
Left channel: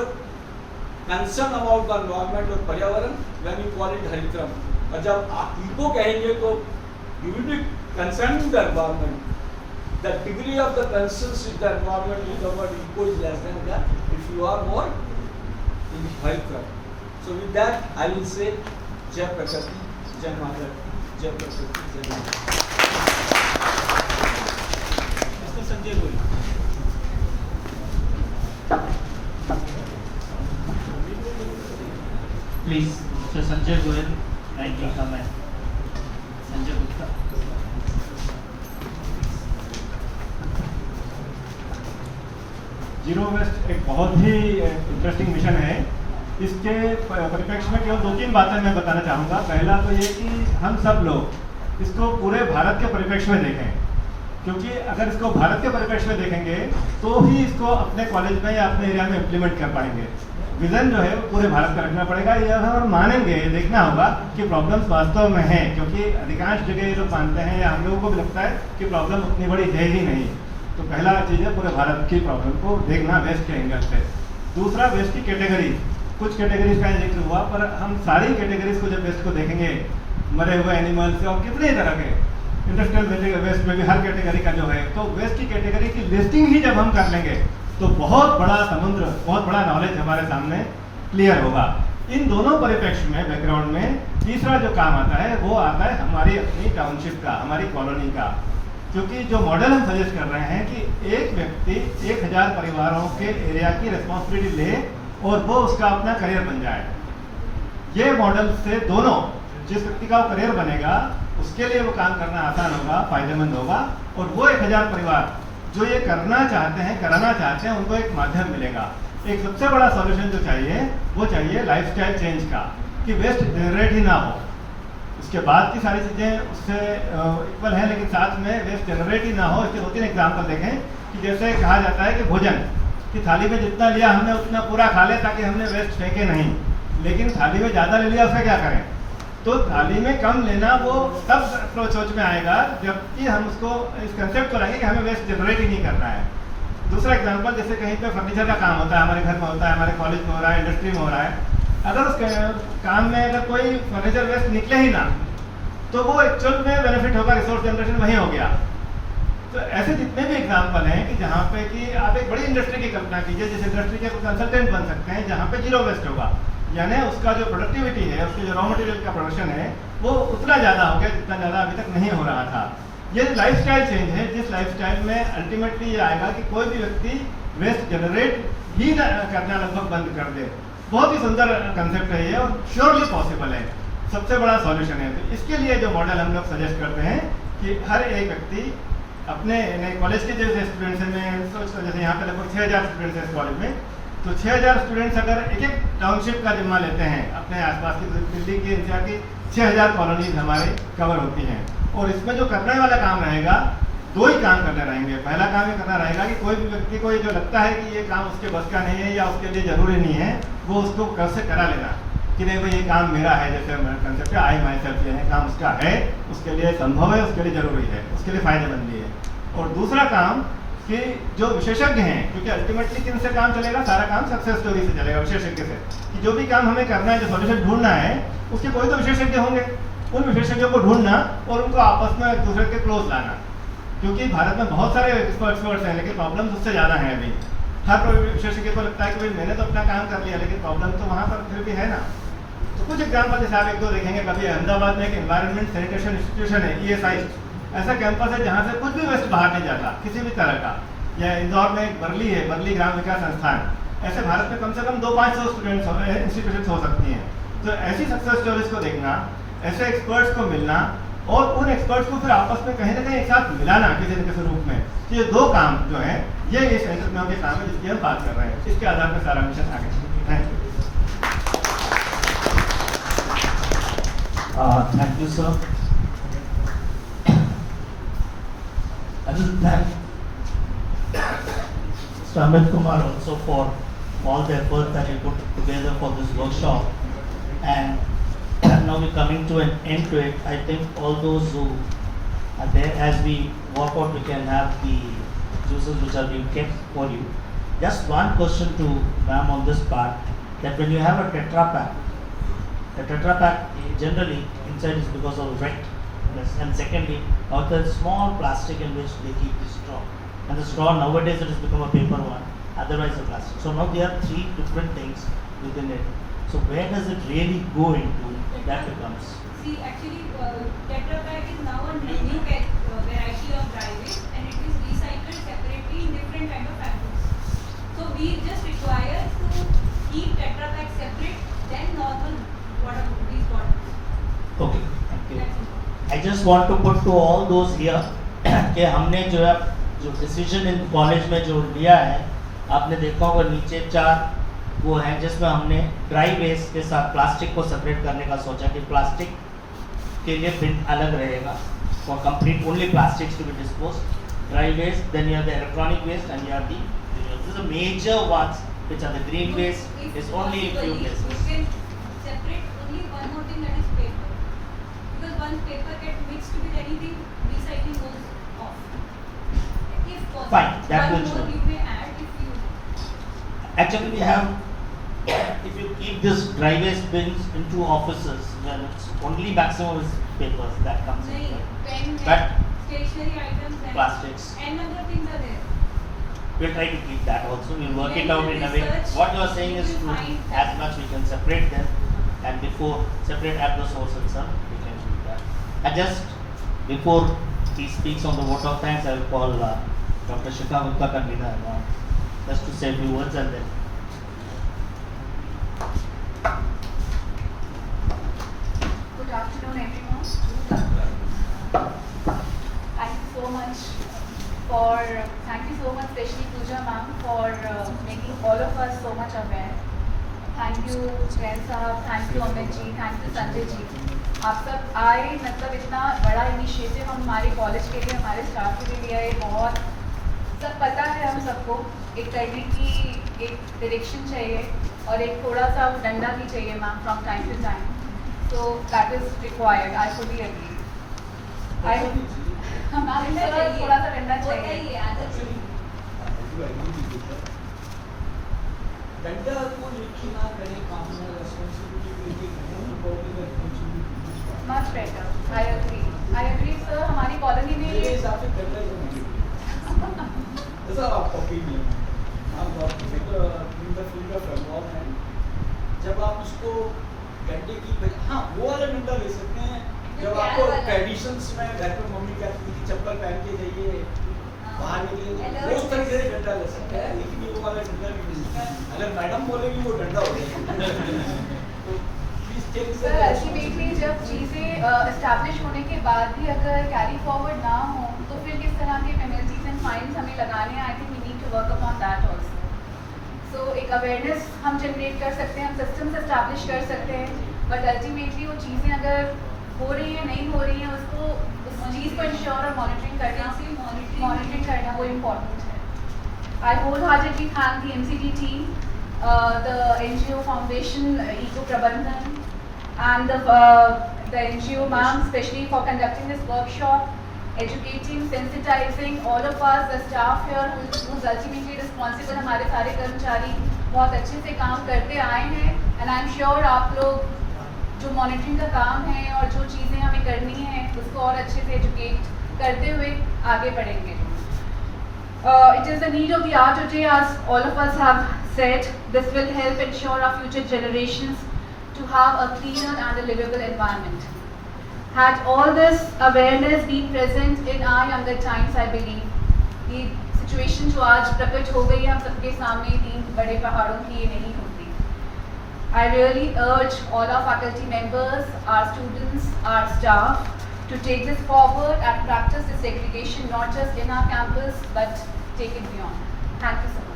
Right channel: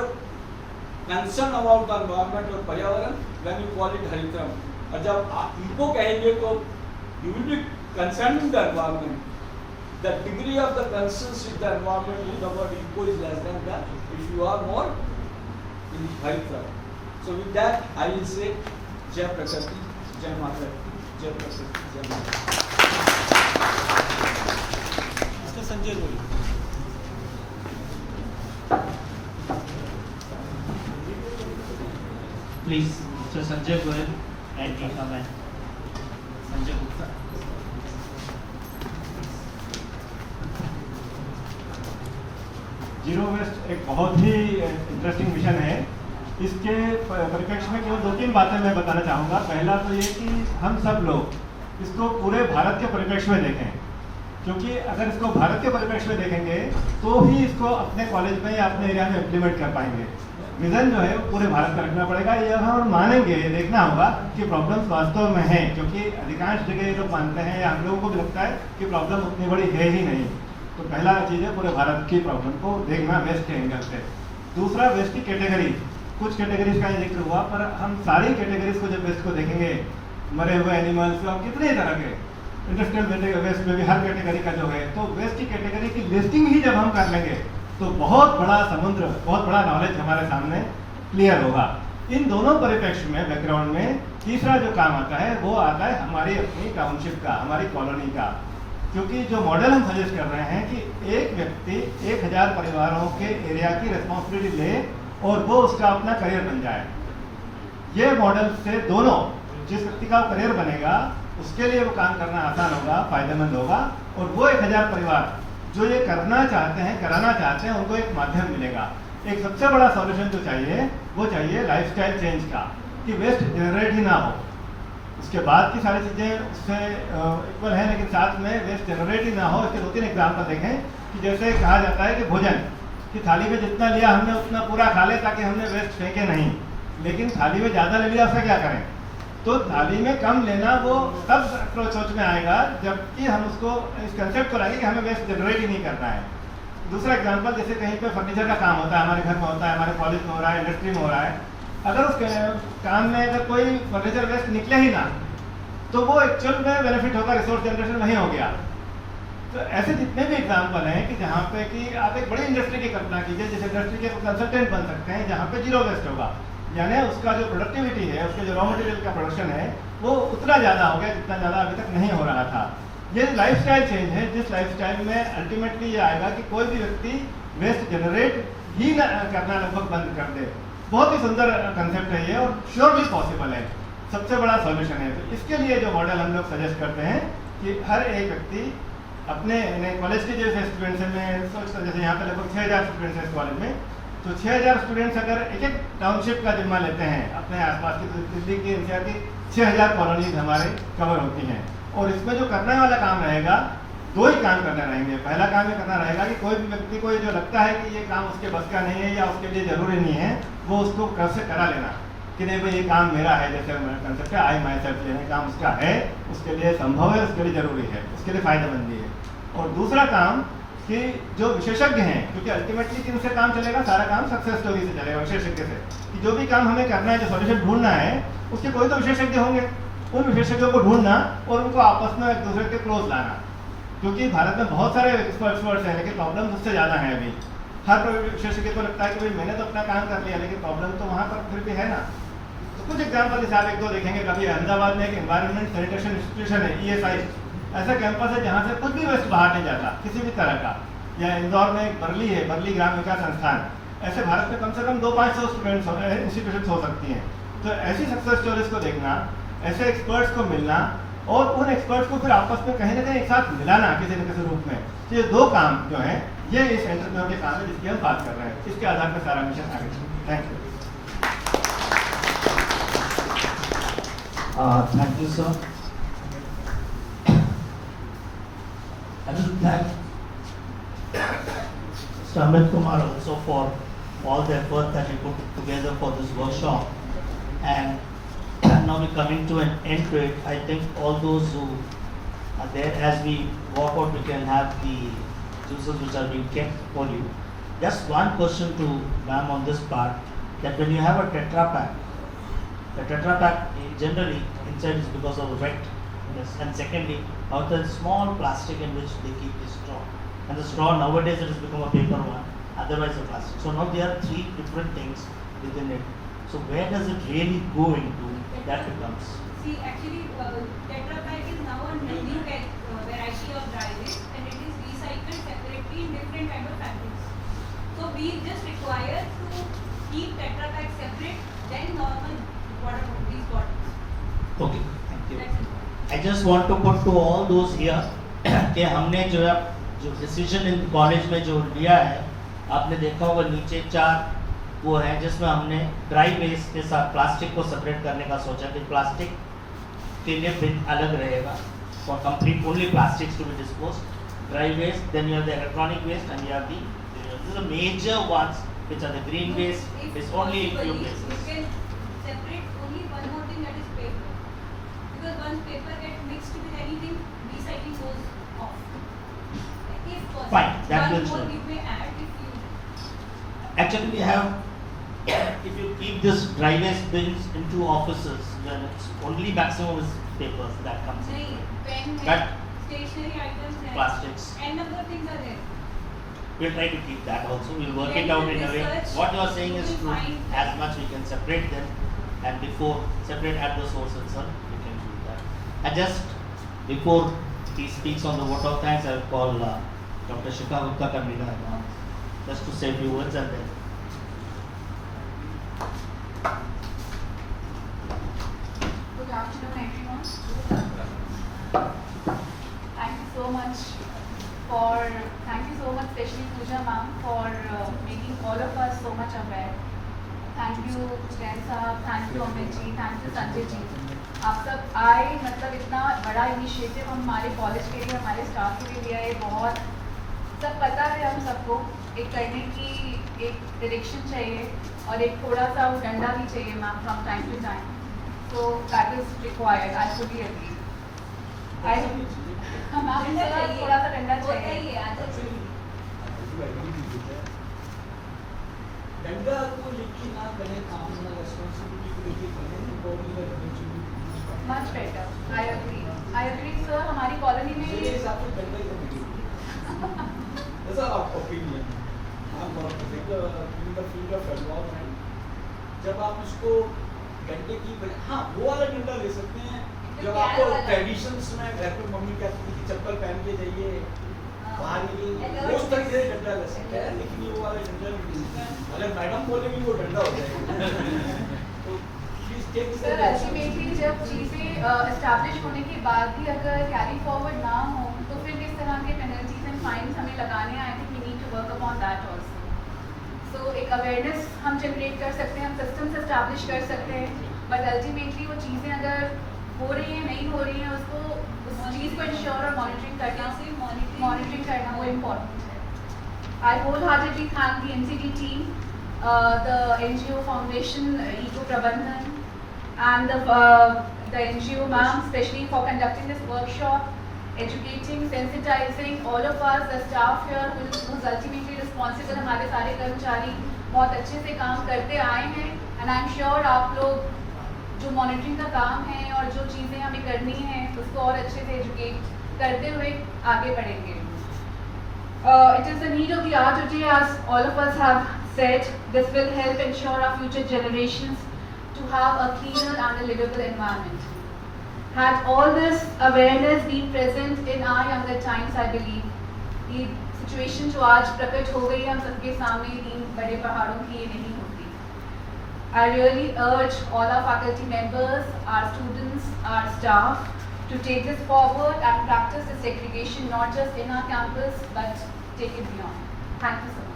concern about the environment और पर्यावरण व्हेन यू कॉल इट हरिक्रम, और जब आप इको कहेंगे तो you will be concerned with the environment. The degree of the concern with the environment with the word eco is less than that. If you are more in Haritra. So with that, I will say Jai Prakriti, Jai Mata, Jai Prakriti, Jai Mata. Mr. Sanjay Gori. Please, Mr. Sanjay Goyal, kindly come and Sanjay Gupta. Zero waste एक बहुत ही इंटरेस्टिंग मिशन है। इसके परिप्रेक्ष्य में केवल 2-3 बातें मैं बताना चाहूँगा। पहला तो ये कि हम सब लोग इसको पूरे भारत के परिप्रेक्ष्य में देखें, क्योंकि अगर इसको भारत के परिप्रेक्ष्य में देखेंगे तो ही इसको अपने कॉलेज में या अपने एरिया में इम्प्लीमेंट कर पाएंगे। विजन जो है वो पूरे भारत का रखना पड़ेगा। ये हम मानेंगे, देखना होगा कि प्रॉब्लम्स वास्तव में हैं, क्योंकि अधिकांश जगह ये लोग मानते हैं या हम लोगों को भी लगता है कि प्रॉब्लम उतनी बड़ी है ही नहीं। तो पहला चीज़ है पूरे भारत की प्रॉब्लम को देखना वेस्ट के एंगल से। दूसरा, वेस्ट की कैटेगरी, कुछ कैटेगरीज का जिक्र हुआ, पर हम सारी कैटेगरीज को जब वेस्ट को देखेंगे, मरे हुए एनिमल्स और कितने तरह के इंडस्ट्रियल वेस्ट में भी हर कैटेगरी का जो है, तो वेस्ट की कैटेगरी की लिस्टिंग ही जब हम कर लेंगे तो बहुत बड़ा समुद्र, बहुत बड़ा नॉलेज हमारे सामने क्लियर होगा। इन दोनों परिप्रेक्ष्य में, बैकग्राउंड में तीसरा जो काम आता है वो आता है हमारी अपनी टाउनशिप का, हमारी कॉलोनी का। क्योंकि जो मॉडल हम सजेस्ट कर रहे हैं कि एक व्यक्ति 1000 परिवारों के एरिया की रिस्पॉन्सिबिलिटी ले और वो उसका अपना करियर बन जाए, ये मॉडल से दोनों, जिस व्यक्ति का वो करियर बनेगा उसके लिए वो काम करना आसान होगा, फायदेमंद होगा, और वो 1000 परिवार जो ये करना चाहते हैं, कराना चाहते हैं, उनको एक माध्यम मिलेगा। एक सबसे बड़ा सॉल्यूशन जो चाहिए वो चाहिए लाइफस्टाइल चेंज का, कि वेस्ट जनरेट ही ना हो। उसके बाद की सारी चीज़ें उससे इक्वल है, लेकिन साथ में वेस्ट जनरेट ही ना हो। इसके 2-3 एग्जाम्पल देखें कि जैसे कहा जाता है कि भोजन की थाली में जितना लिया हमने उतना पूरा खा ले ताकि हमने वेस्ट फेंके नहीं, लेकिन थाली में ज़्यादा ले लिया उससे क्या करें? तो थाली में कम लेना वो तब सोच में आएगा जबकि हम उसको इस कंसेप्ट को लाएंगे कि हमें वेस्ट जनरेट ही नहीं करना है। दूसरा एग्जांपल, जैसे कहीं पे फर्नीचर का काम होता है, हमारे घर में होता है, हमारे कॉलेज में हो रहा है, इंडस्ट्री में हो रहा है, अगर उस काम में अगर कोई फर्नीचर वेस्ट निकले ही ना तो वो एक्चुअल में बेनिफिट होगा, रिसोर्स जनरेशन वहीं हो गया। तो ऐसे जितने भी एग्जाम्पल हैं कि जहाँ पे कि आप एक बड़ी इंडस्ट्री की कल्पना कीजिए, जिस इंडस्ट्री के कंसल्टेंट बन सकते हैं जहाँ पे जीरो वेस्ट होगा, यानी उसका जो प्रोडक्टिविटी है, उसके जो रॉ मटेरियल का प्रोडक्शन है वो उतना ज़्यादा हो गया जितना ज़्यादा अभी तक नहीं हो रहा था। ये लाइफस्टाइल चेंज है, जिस लाइफस्टाइल में अल्टीमेटली ये आएगा कि कोई भी व्यक्ति वेस्ट जनरेट ही करना लगभग बंद कर दे। बहुत ही सुंदर कंसेप्ट है ये और श्योरली पॉसिबल है, सबसे बड़ा सॉल्यूशन है। तो इसके लिए जो मॉडल हम लोग सजेस्ट करते हैं कि हर एक व्यक्ति अपने कॉलेज के जैसे स्टूडेंट्स हैं, सोचते जैसे यहाँ पे लगभग 6000 स्टूडेंट्स हैं कॉलेज में, तो 6000 स्टूडेंट्स अगर एक टाउनशिप का जिम्मा लेते हैं, अपने आसपास की दिल्ली की एनसीआर की 6000 कॉलोनीज हमारे कवर होती हैं, और इसमें जो करने वाला काम रहेगा 2 ही काम करने रहेंगे। पहला काम ये करना रहेगा कि कोई भी व्यक्ति को ये जो लगता है कि ये काम उसके बस का नहीं है या उसके लिए ज़रूरी नहीं है, वो उसको घर से करा लेना कि नहीं भाई ये काम मेरा है, जैसे कंसेप्ट है आई माई सेल्फ लेने, काम उसका है, उसके लिए संभव है, उसके लिए ज़रूरी है, उसके लिए फ़ायदेमंद है। और दूसरा काम कि जो विशेषज्ञ हैं, क्योंकि अल्टीमेटली किनसे काम चलेगा, सारा काम सक्सेस स्टोरी से चलेगा, विशेषज्ञ से, कि जो भी काम हमें करना है, जो सॉल्यूशन ढूंढना है, उसके कोई तो विशेषज्ञ होंगे, उन विशेषज्ञों को ढूंढना और उनको आपस में एक दूसरे के क्लोज लाना। क्योंकि भारत में बहुत सारे एक्सपर्ट्स हैं, लेकिन प्रॉब्लम उससे ज़्यादा है। अभी हर विशेषज्ञ को लगता है कि भाई मैंने तो अपना काम कर लिया, लेकिन प्रॉब्लम तो वहाँ पर फिर भी है ना। तो कुछ एग्जाम्पल जैसे आप 1-2 देखेंगे, कभी अहमदाबाद में एक एनवायरमेंट सैनिटेशन इंस्टीट्यूशन है, ESI ऐसा कैंपस है जहाँ से कुछ भी वेस्ट बाहर नहीं जाता किसी भी तरह का। या इंदौर में एक बरली है, बरली ग्राम विकास संस्थान। ऐसे भारत में कम से कम 200-500 स्टूडेंट्स इंस्टीट्यूशन हो सकती हैं। तो ऐसी सक्सेस स्टोरीज को देखना, ऐसे एक्सपर्ट्स को मिलना और उन एक्सपर्ट्स को फिर आपस में कहीं ना कहीं एक साथ मिलाना किसी न किसी रूप में, तो ये 2 काम जो हैं ये इस एंटरप्रेन्योर के काम है जिसकी हम बात कर रहे हैं। इसके आधार पर सारा मिशन आगे। Thank you. Thank you sir. will thank Mr. Amit Kumar also for all the effort that he put together for this workshop. And now we're coming to an end to it. I think all those who are there, as we walk out, we can have the juices which are being kept for you. Just one question to ma'am on this part, that when you have a Tetra Pak, the Tetra Pak generally inside is because of the wetness, and secondly, out there is small plastic in which they keep the straw. And the straw nowadays it has become a paper one, otherwise a plastic. So now there are three different things within it. So where does it really go into? That becomes. See, actually, Tetra Pak is now a new variety of dry waste, and it is recycled separately in different kind of fabrics. So we just require to keep Tetra Pak separate than normal these bottles. Okay, thank you. That's important. I just want to put to all those here कि हमने जो डिसीजन इन कॉलेज में जो लिया है, आपने देखा होगा नीचे 4 वो हैं जिसमें हमने ड्राई वेस्ट के साथ प्लास्टिक को सेपरेट करने का सोचा कि प्लास्टिक के लिए बिन अलग रहेगा for complete only plastics to be disposed, dry waste, then you have the electronic waste, and you have the major ones which are the green waste is only in few We places. can separate only one more thing, that is paper. Because once paper gets mixed with anything, recycling goes off. If possible. Fine, that one will more show. you may add if you. Actually, we have, if you keep this dry waste bins into offices, when it's only maximum is papers that comes into Nahi, it. pen, But stationery items and plastics. and other things are there. We'll try to keep that also. We'll work When it out you in a way. research, What you are saying is you will true. find As that- much we can separate them, and before separate at the source itself, we can do that. And just before he speaks on the vote of thanks, I will call Dr. Shikha Gupta, convener, just to say a few words and then. Good afternoon, everyone. Thank you so much, especially Pooja ma'am, for making all of us so much aware. Thank you, Jain साहब, thank you Amit ji, thank you Sanjay ji. आप सब आए, मतलब इतना बड़ा इनिशिएटिव हम हमारे कॉलेज के लिए, हमारे स्टाफ के लिए लिया है. बहुत सब पता है हम सबको, एक करने की एक डायरेक्शन चाहिए और एक थोड़ा सा वो डंडा भी चाहिए ma'am from time to time. So that is required. I fully agree. थोड़ा सा डंडा चाहिए. डंडा को लेके ना करें काम में, रेस्पॉन्सिबिलिटी को लेके करें, तो बॉडी का responsibility much better. I agree sir. हमारी कॉलोनी में मेरे हिसाब से डंडा ही होना चाहिए. ऐसा आपका ओपिनियन. आप इन द फील्ड ऑफ एनवायरनमेंट, जब आप उसको डंडे की हाँ वो वाला डंडा ले सकते हैं जब आपको ट्रेडिशंस में घर पे मम्मी कहती थी चप्पल पहन के जाइए बाहर निकलिए, उस तरीके से डंडा ले सकते हैं. लेकिन ये वो वाला डंडा नहीं ले सकते. अगर मैडम बोलेगी वो डंडा हो जाएगा. तो प्लीज टेक सर अल्टीमेटली जब चीज़ें एस्टैब्लिश होने के बाद भी अगर कैरी फॉरवर्ड ना हो तो फिर किस तरह के पेनल्टीज एंड फाइन्स हमें लगाने हैं. I think we need to work upon that also. So एक अवेयरनेस हम जनरेट कर सकते हैं, हम सिस्टम्स एस्टैब्लिश कर सकते हैं, बट अल्टीमेटली वो चीज़ें अगर हो रही हैं नहीं हो रही हैं उसको उस चीज़ को इंश्योर और मॉनिटरिंग करना वो इम्पोर्टेंट है. I wholeheartedly thank the MCT team, the NGO Foundation, Eco Prabandhan, and the NGO ma'am, especially for conducting this workshop, educating, sensitizing all of us, the staff here who's ultimately responsible. हमारे सारे कर्मचारी बहुत अच्छे से काम करते आए हैं, and I'm sure आप लोग जो मॉनिटरिंग का काम है और जो चीज़ें हमें करनी है उसको और अच्छे से एजुकेट करते हुए आगे बढ़ेंगे. It is the need of the hour today, as all of us have said. This will help ensure our future generations to have a cleaner and a livable environment. Had all this awareness been present in our younger times, I believe ये situation जो आज प्रकट हो गई है हम सबके सामने 3 बड़े पहाड़ों की, ये नहीं होती. I really urge all our faculty members, our students, our staff to take this forward and practice the segregation not just in our campus but take it beyond. Thank you so much.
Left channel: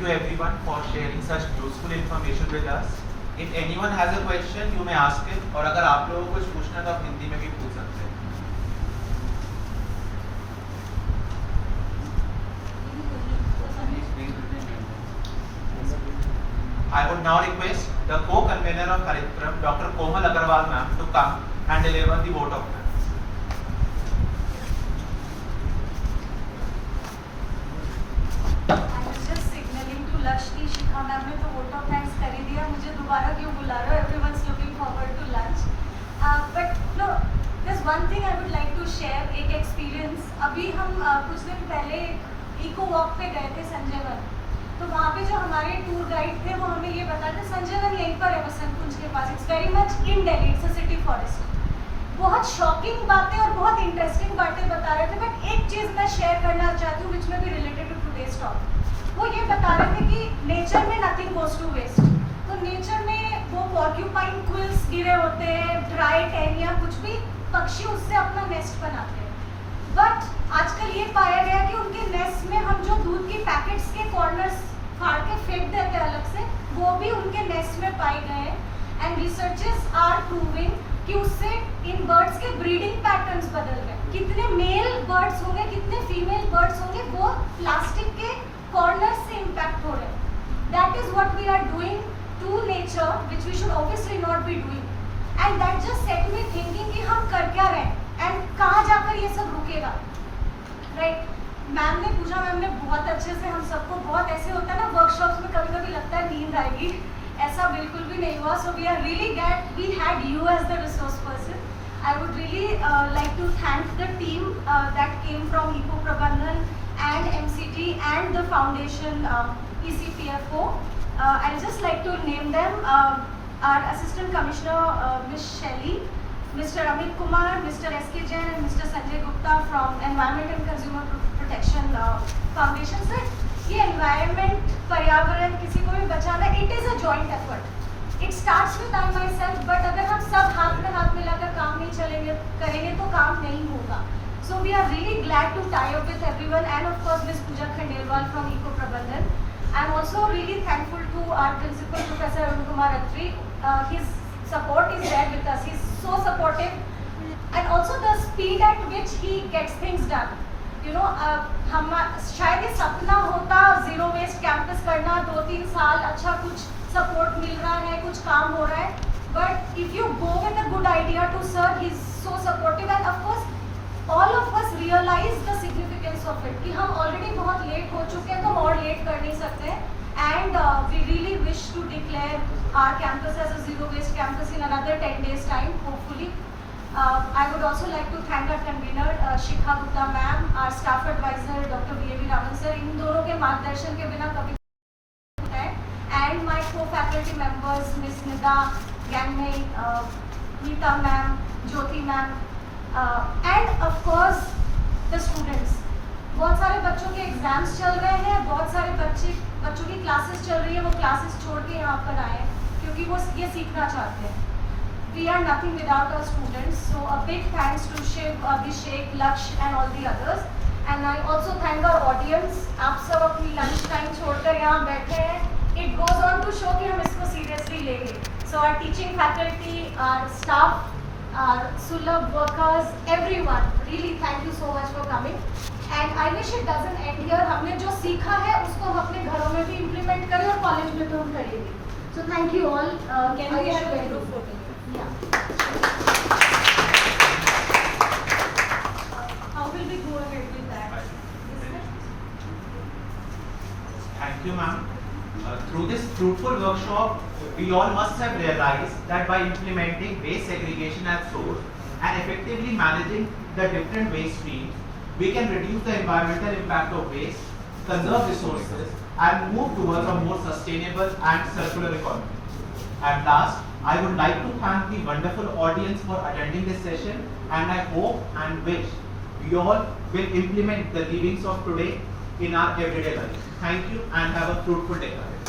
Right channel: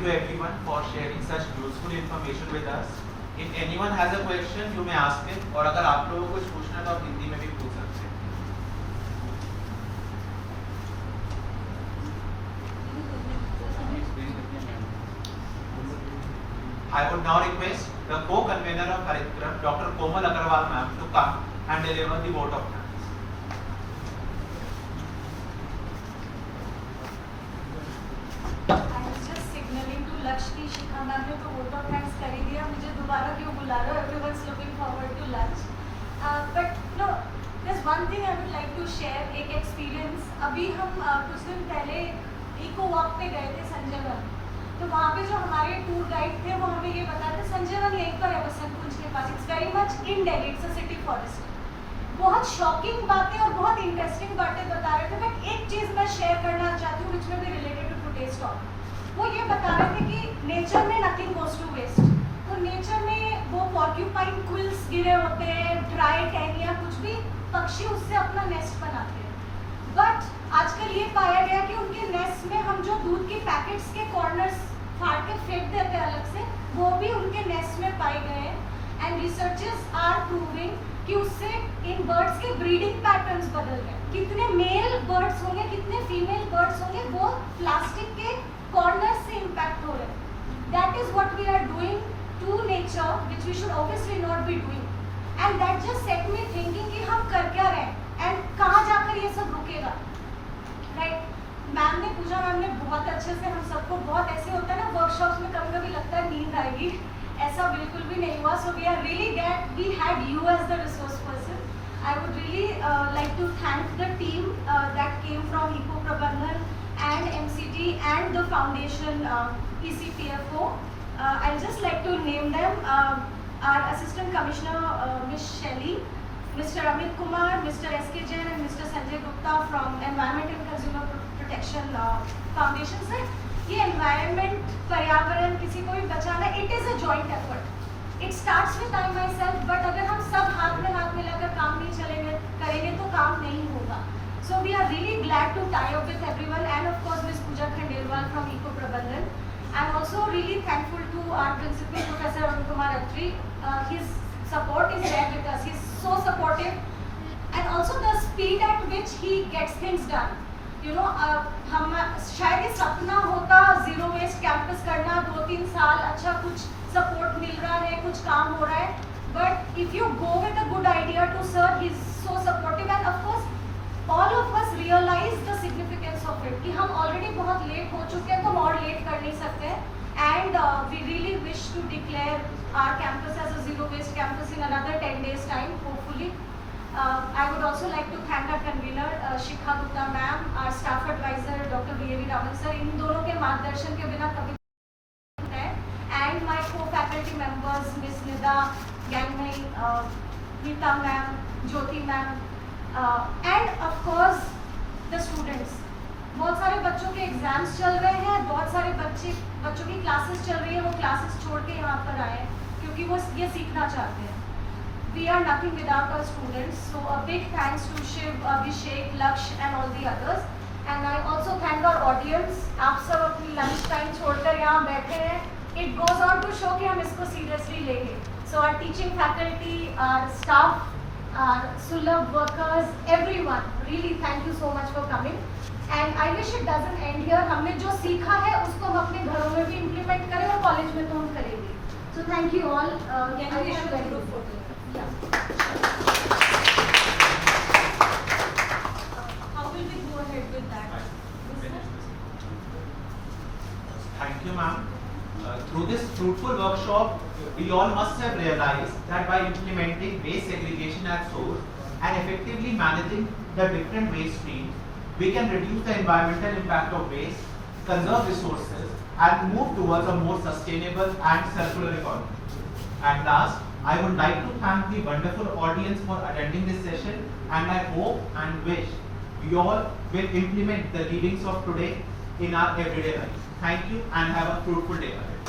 thank you everyone for sharing such useful information with us. If anyone has a question, you may ask it. और अगर आप लोगों को कुछ पूछना है तो आप हिंदी में भी पूछ सकते हैं. I would now request the co-convener of Karyakram, Dr. Komal Agarwal ma'am, to come and deliver the vote of thanks. I was just signaling to Lakshmi, Shikha ma'am ने तो vote of thanks कर ही दिया, मुझे दोबारा क्यों बुला रहे हो? Everyone's looking forward to lunch. But no, there's one thing I would like to share, एक experience. अभी हम कुछ दिन पहले इको वॉक पे गए थे संजय वन. तो वहाँ पे जो हमारे टूर गाइड थे वो हमें ये बता रहे संजय वन यहीं पर है बसंत कुंज के पास. It's very much in Delhi, it's a city forest. बहुत शॉकिंग बातें और बहुत इंटरेस्टिंग बातें बता रहे थे. बट एक चीज़ मैं शेयर करना चाहती हूँ विच में भी रिलेटेड टू टुडेज टॉक. वो ये बता रहे थे कि नेचर में नथिंग गोज टू वेस्ट. तो नेचर में वो पॉर्क्यूपाइन क्विल्स गिरे होते हैं, ड्राई टहनियाँ, कुछ भी पक्षी उससे अपना नेस्ट बनाते हैं. बट आजकल ये पाया गया कि उनके नेस्ट में हम जो दूध के पैकेट्स के कॉर्नर्स फाड़ के फेंक देते हैं अलग से, वो भी उनके नेस्ट में पाए गए हैं. एंड रिसर्चर्स आर प्रूविंग कि उससे इन बर्ड्स के ब्रीडिंग पैटर्न्स बदल गए. कितने मेल बर्ड्स होंगे, कितने फीमेल बर्ड्स होंगे, वो प्लास्टिक के कॉर्नर्स से इम्पैक्ट हो रहे हैं. That is what we are doing to nature, which we should obviously not be doing. And that just set me thinking कि हम कर क्या रहे हैं एंड कहाँ जाकर ये सब रुकेगा. राइट. मैम ने पूछा, मैम ने बहुत अच्छे से हम सबको, बहुत ऐसे होता है ना वर्कशॉप्स में कभी कभी लगता है नींद आएगी, ऐसा बिल्कुल भी नहीं हुआ. So we are really glad we had you as the resource person. I would really like to thank the team that came from eco Prabandhan and MCT and the foundation ECPFO. I'd just like to name them. Our Assistant Commissioner Ms. Shelly, Mr. Amit Kumar, Mr. S.K. Jain and Mr. Sanjay Gupta from Environment and Consumer Protection Foundation. Sir, ये environment, पर्यावरण, किसी को भी बचाना, it is a joint effort. It starts with I myself, but अगर हम सब हाथ में हाथ मिलाकर काम नहीं करेंगे तो काम नहीं होगा. So we are really glad to tie up with everyone and of course Ms. Pooja Khandelwal from Eco Prabandhan. I'm also really thankful to our principal, Professor Arun Kumar Attri. His support is there with us. He's so supportive and also the speed at which he gets things done. You know, हम शायद ये सपना होता जीरो वेस्ट कैंपस करना, 2-3 साल अच्छा कुछ सपोर्ट मिल रहा है, कुछ काम हो रहा है. But if you go with a good idea to sir, he's so supportive and of course all of us realize the significance of it कि हम already बहुत late हो चुके हैं तो और late कर नहीं सकते. And we really wish to declare our campus as a zero waste campus in another 10 days time hopefully. I would also like to thank our convener Shikha Gupta ma'am, our staff advisor Dr. B.A.V. Raman sir. इन दोनों के मार्गदर्शन के बिना कभी है. And my co-faculty members Miss Nida Gangmei, Geeta ma'am, Jyoti ma'am. And of course the students. बहुत सारे बच्चों के एग्जाम्स चल रहे हैं, बहुत सारे बच्चों की क्लासेस चल रही है, वो क्लासेस छोड़ के यहाँ पर आए हैं क्योंकि वो ये सीखना चाहते हैं. We are nothing without our students. So a big thanks to Shiv, Abhishek, Laksh and all the others. And I also thank our audience. आप सब अपनी लंच टाइम छोड़कर यहाँ बैठे हैं. It goes on to show कि हम इसको seriously लेंगे. So our teaching faculty, our staff, our Sulabh workers, everyone, really thank you so much for coming. And I wish it doesn't end here. हमने जो सीखा है उसको हम अपने घरों में भी implement करें और कॉलेज में तो हम करेंगे. So thank you all. Can we have a group photo? Yeah. How will we go ahead with that? Thank you, ma'am. Through this fruitful workshop, we all must have realized that by implementing waste segregation at source and effectively managing the different waste streams, we can reduce the environmental impact of waste, conserve resources, and move towards a more sustainable and circular economy. And last, I would like to thank the wonderful audience for attending this session, and I hope and wish we all will implement the readings of today in our everyday life. Thank you and have a fruitful day ahead.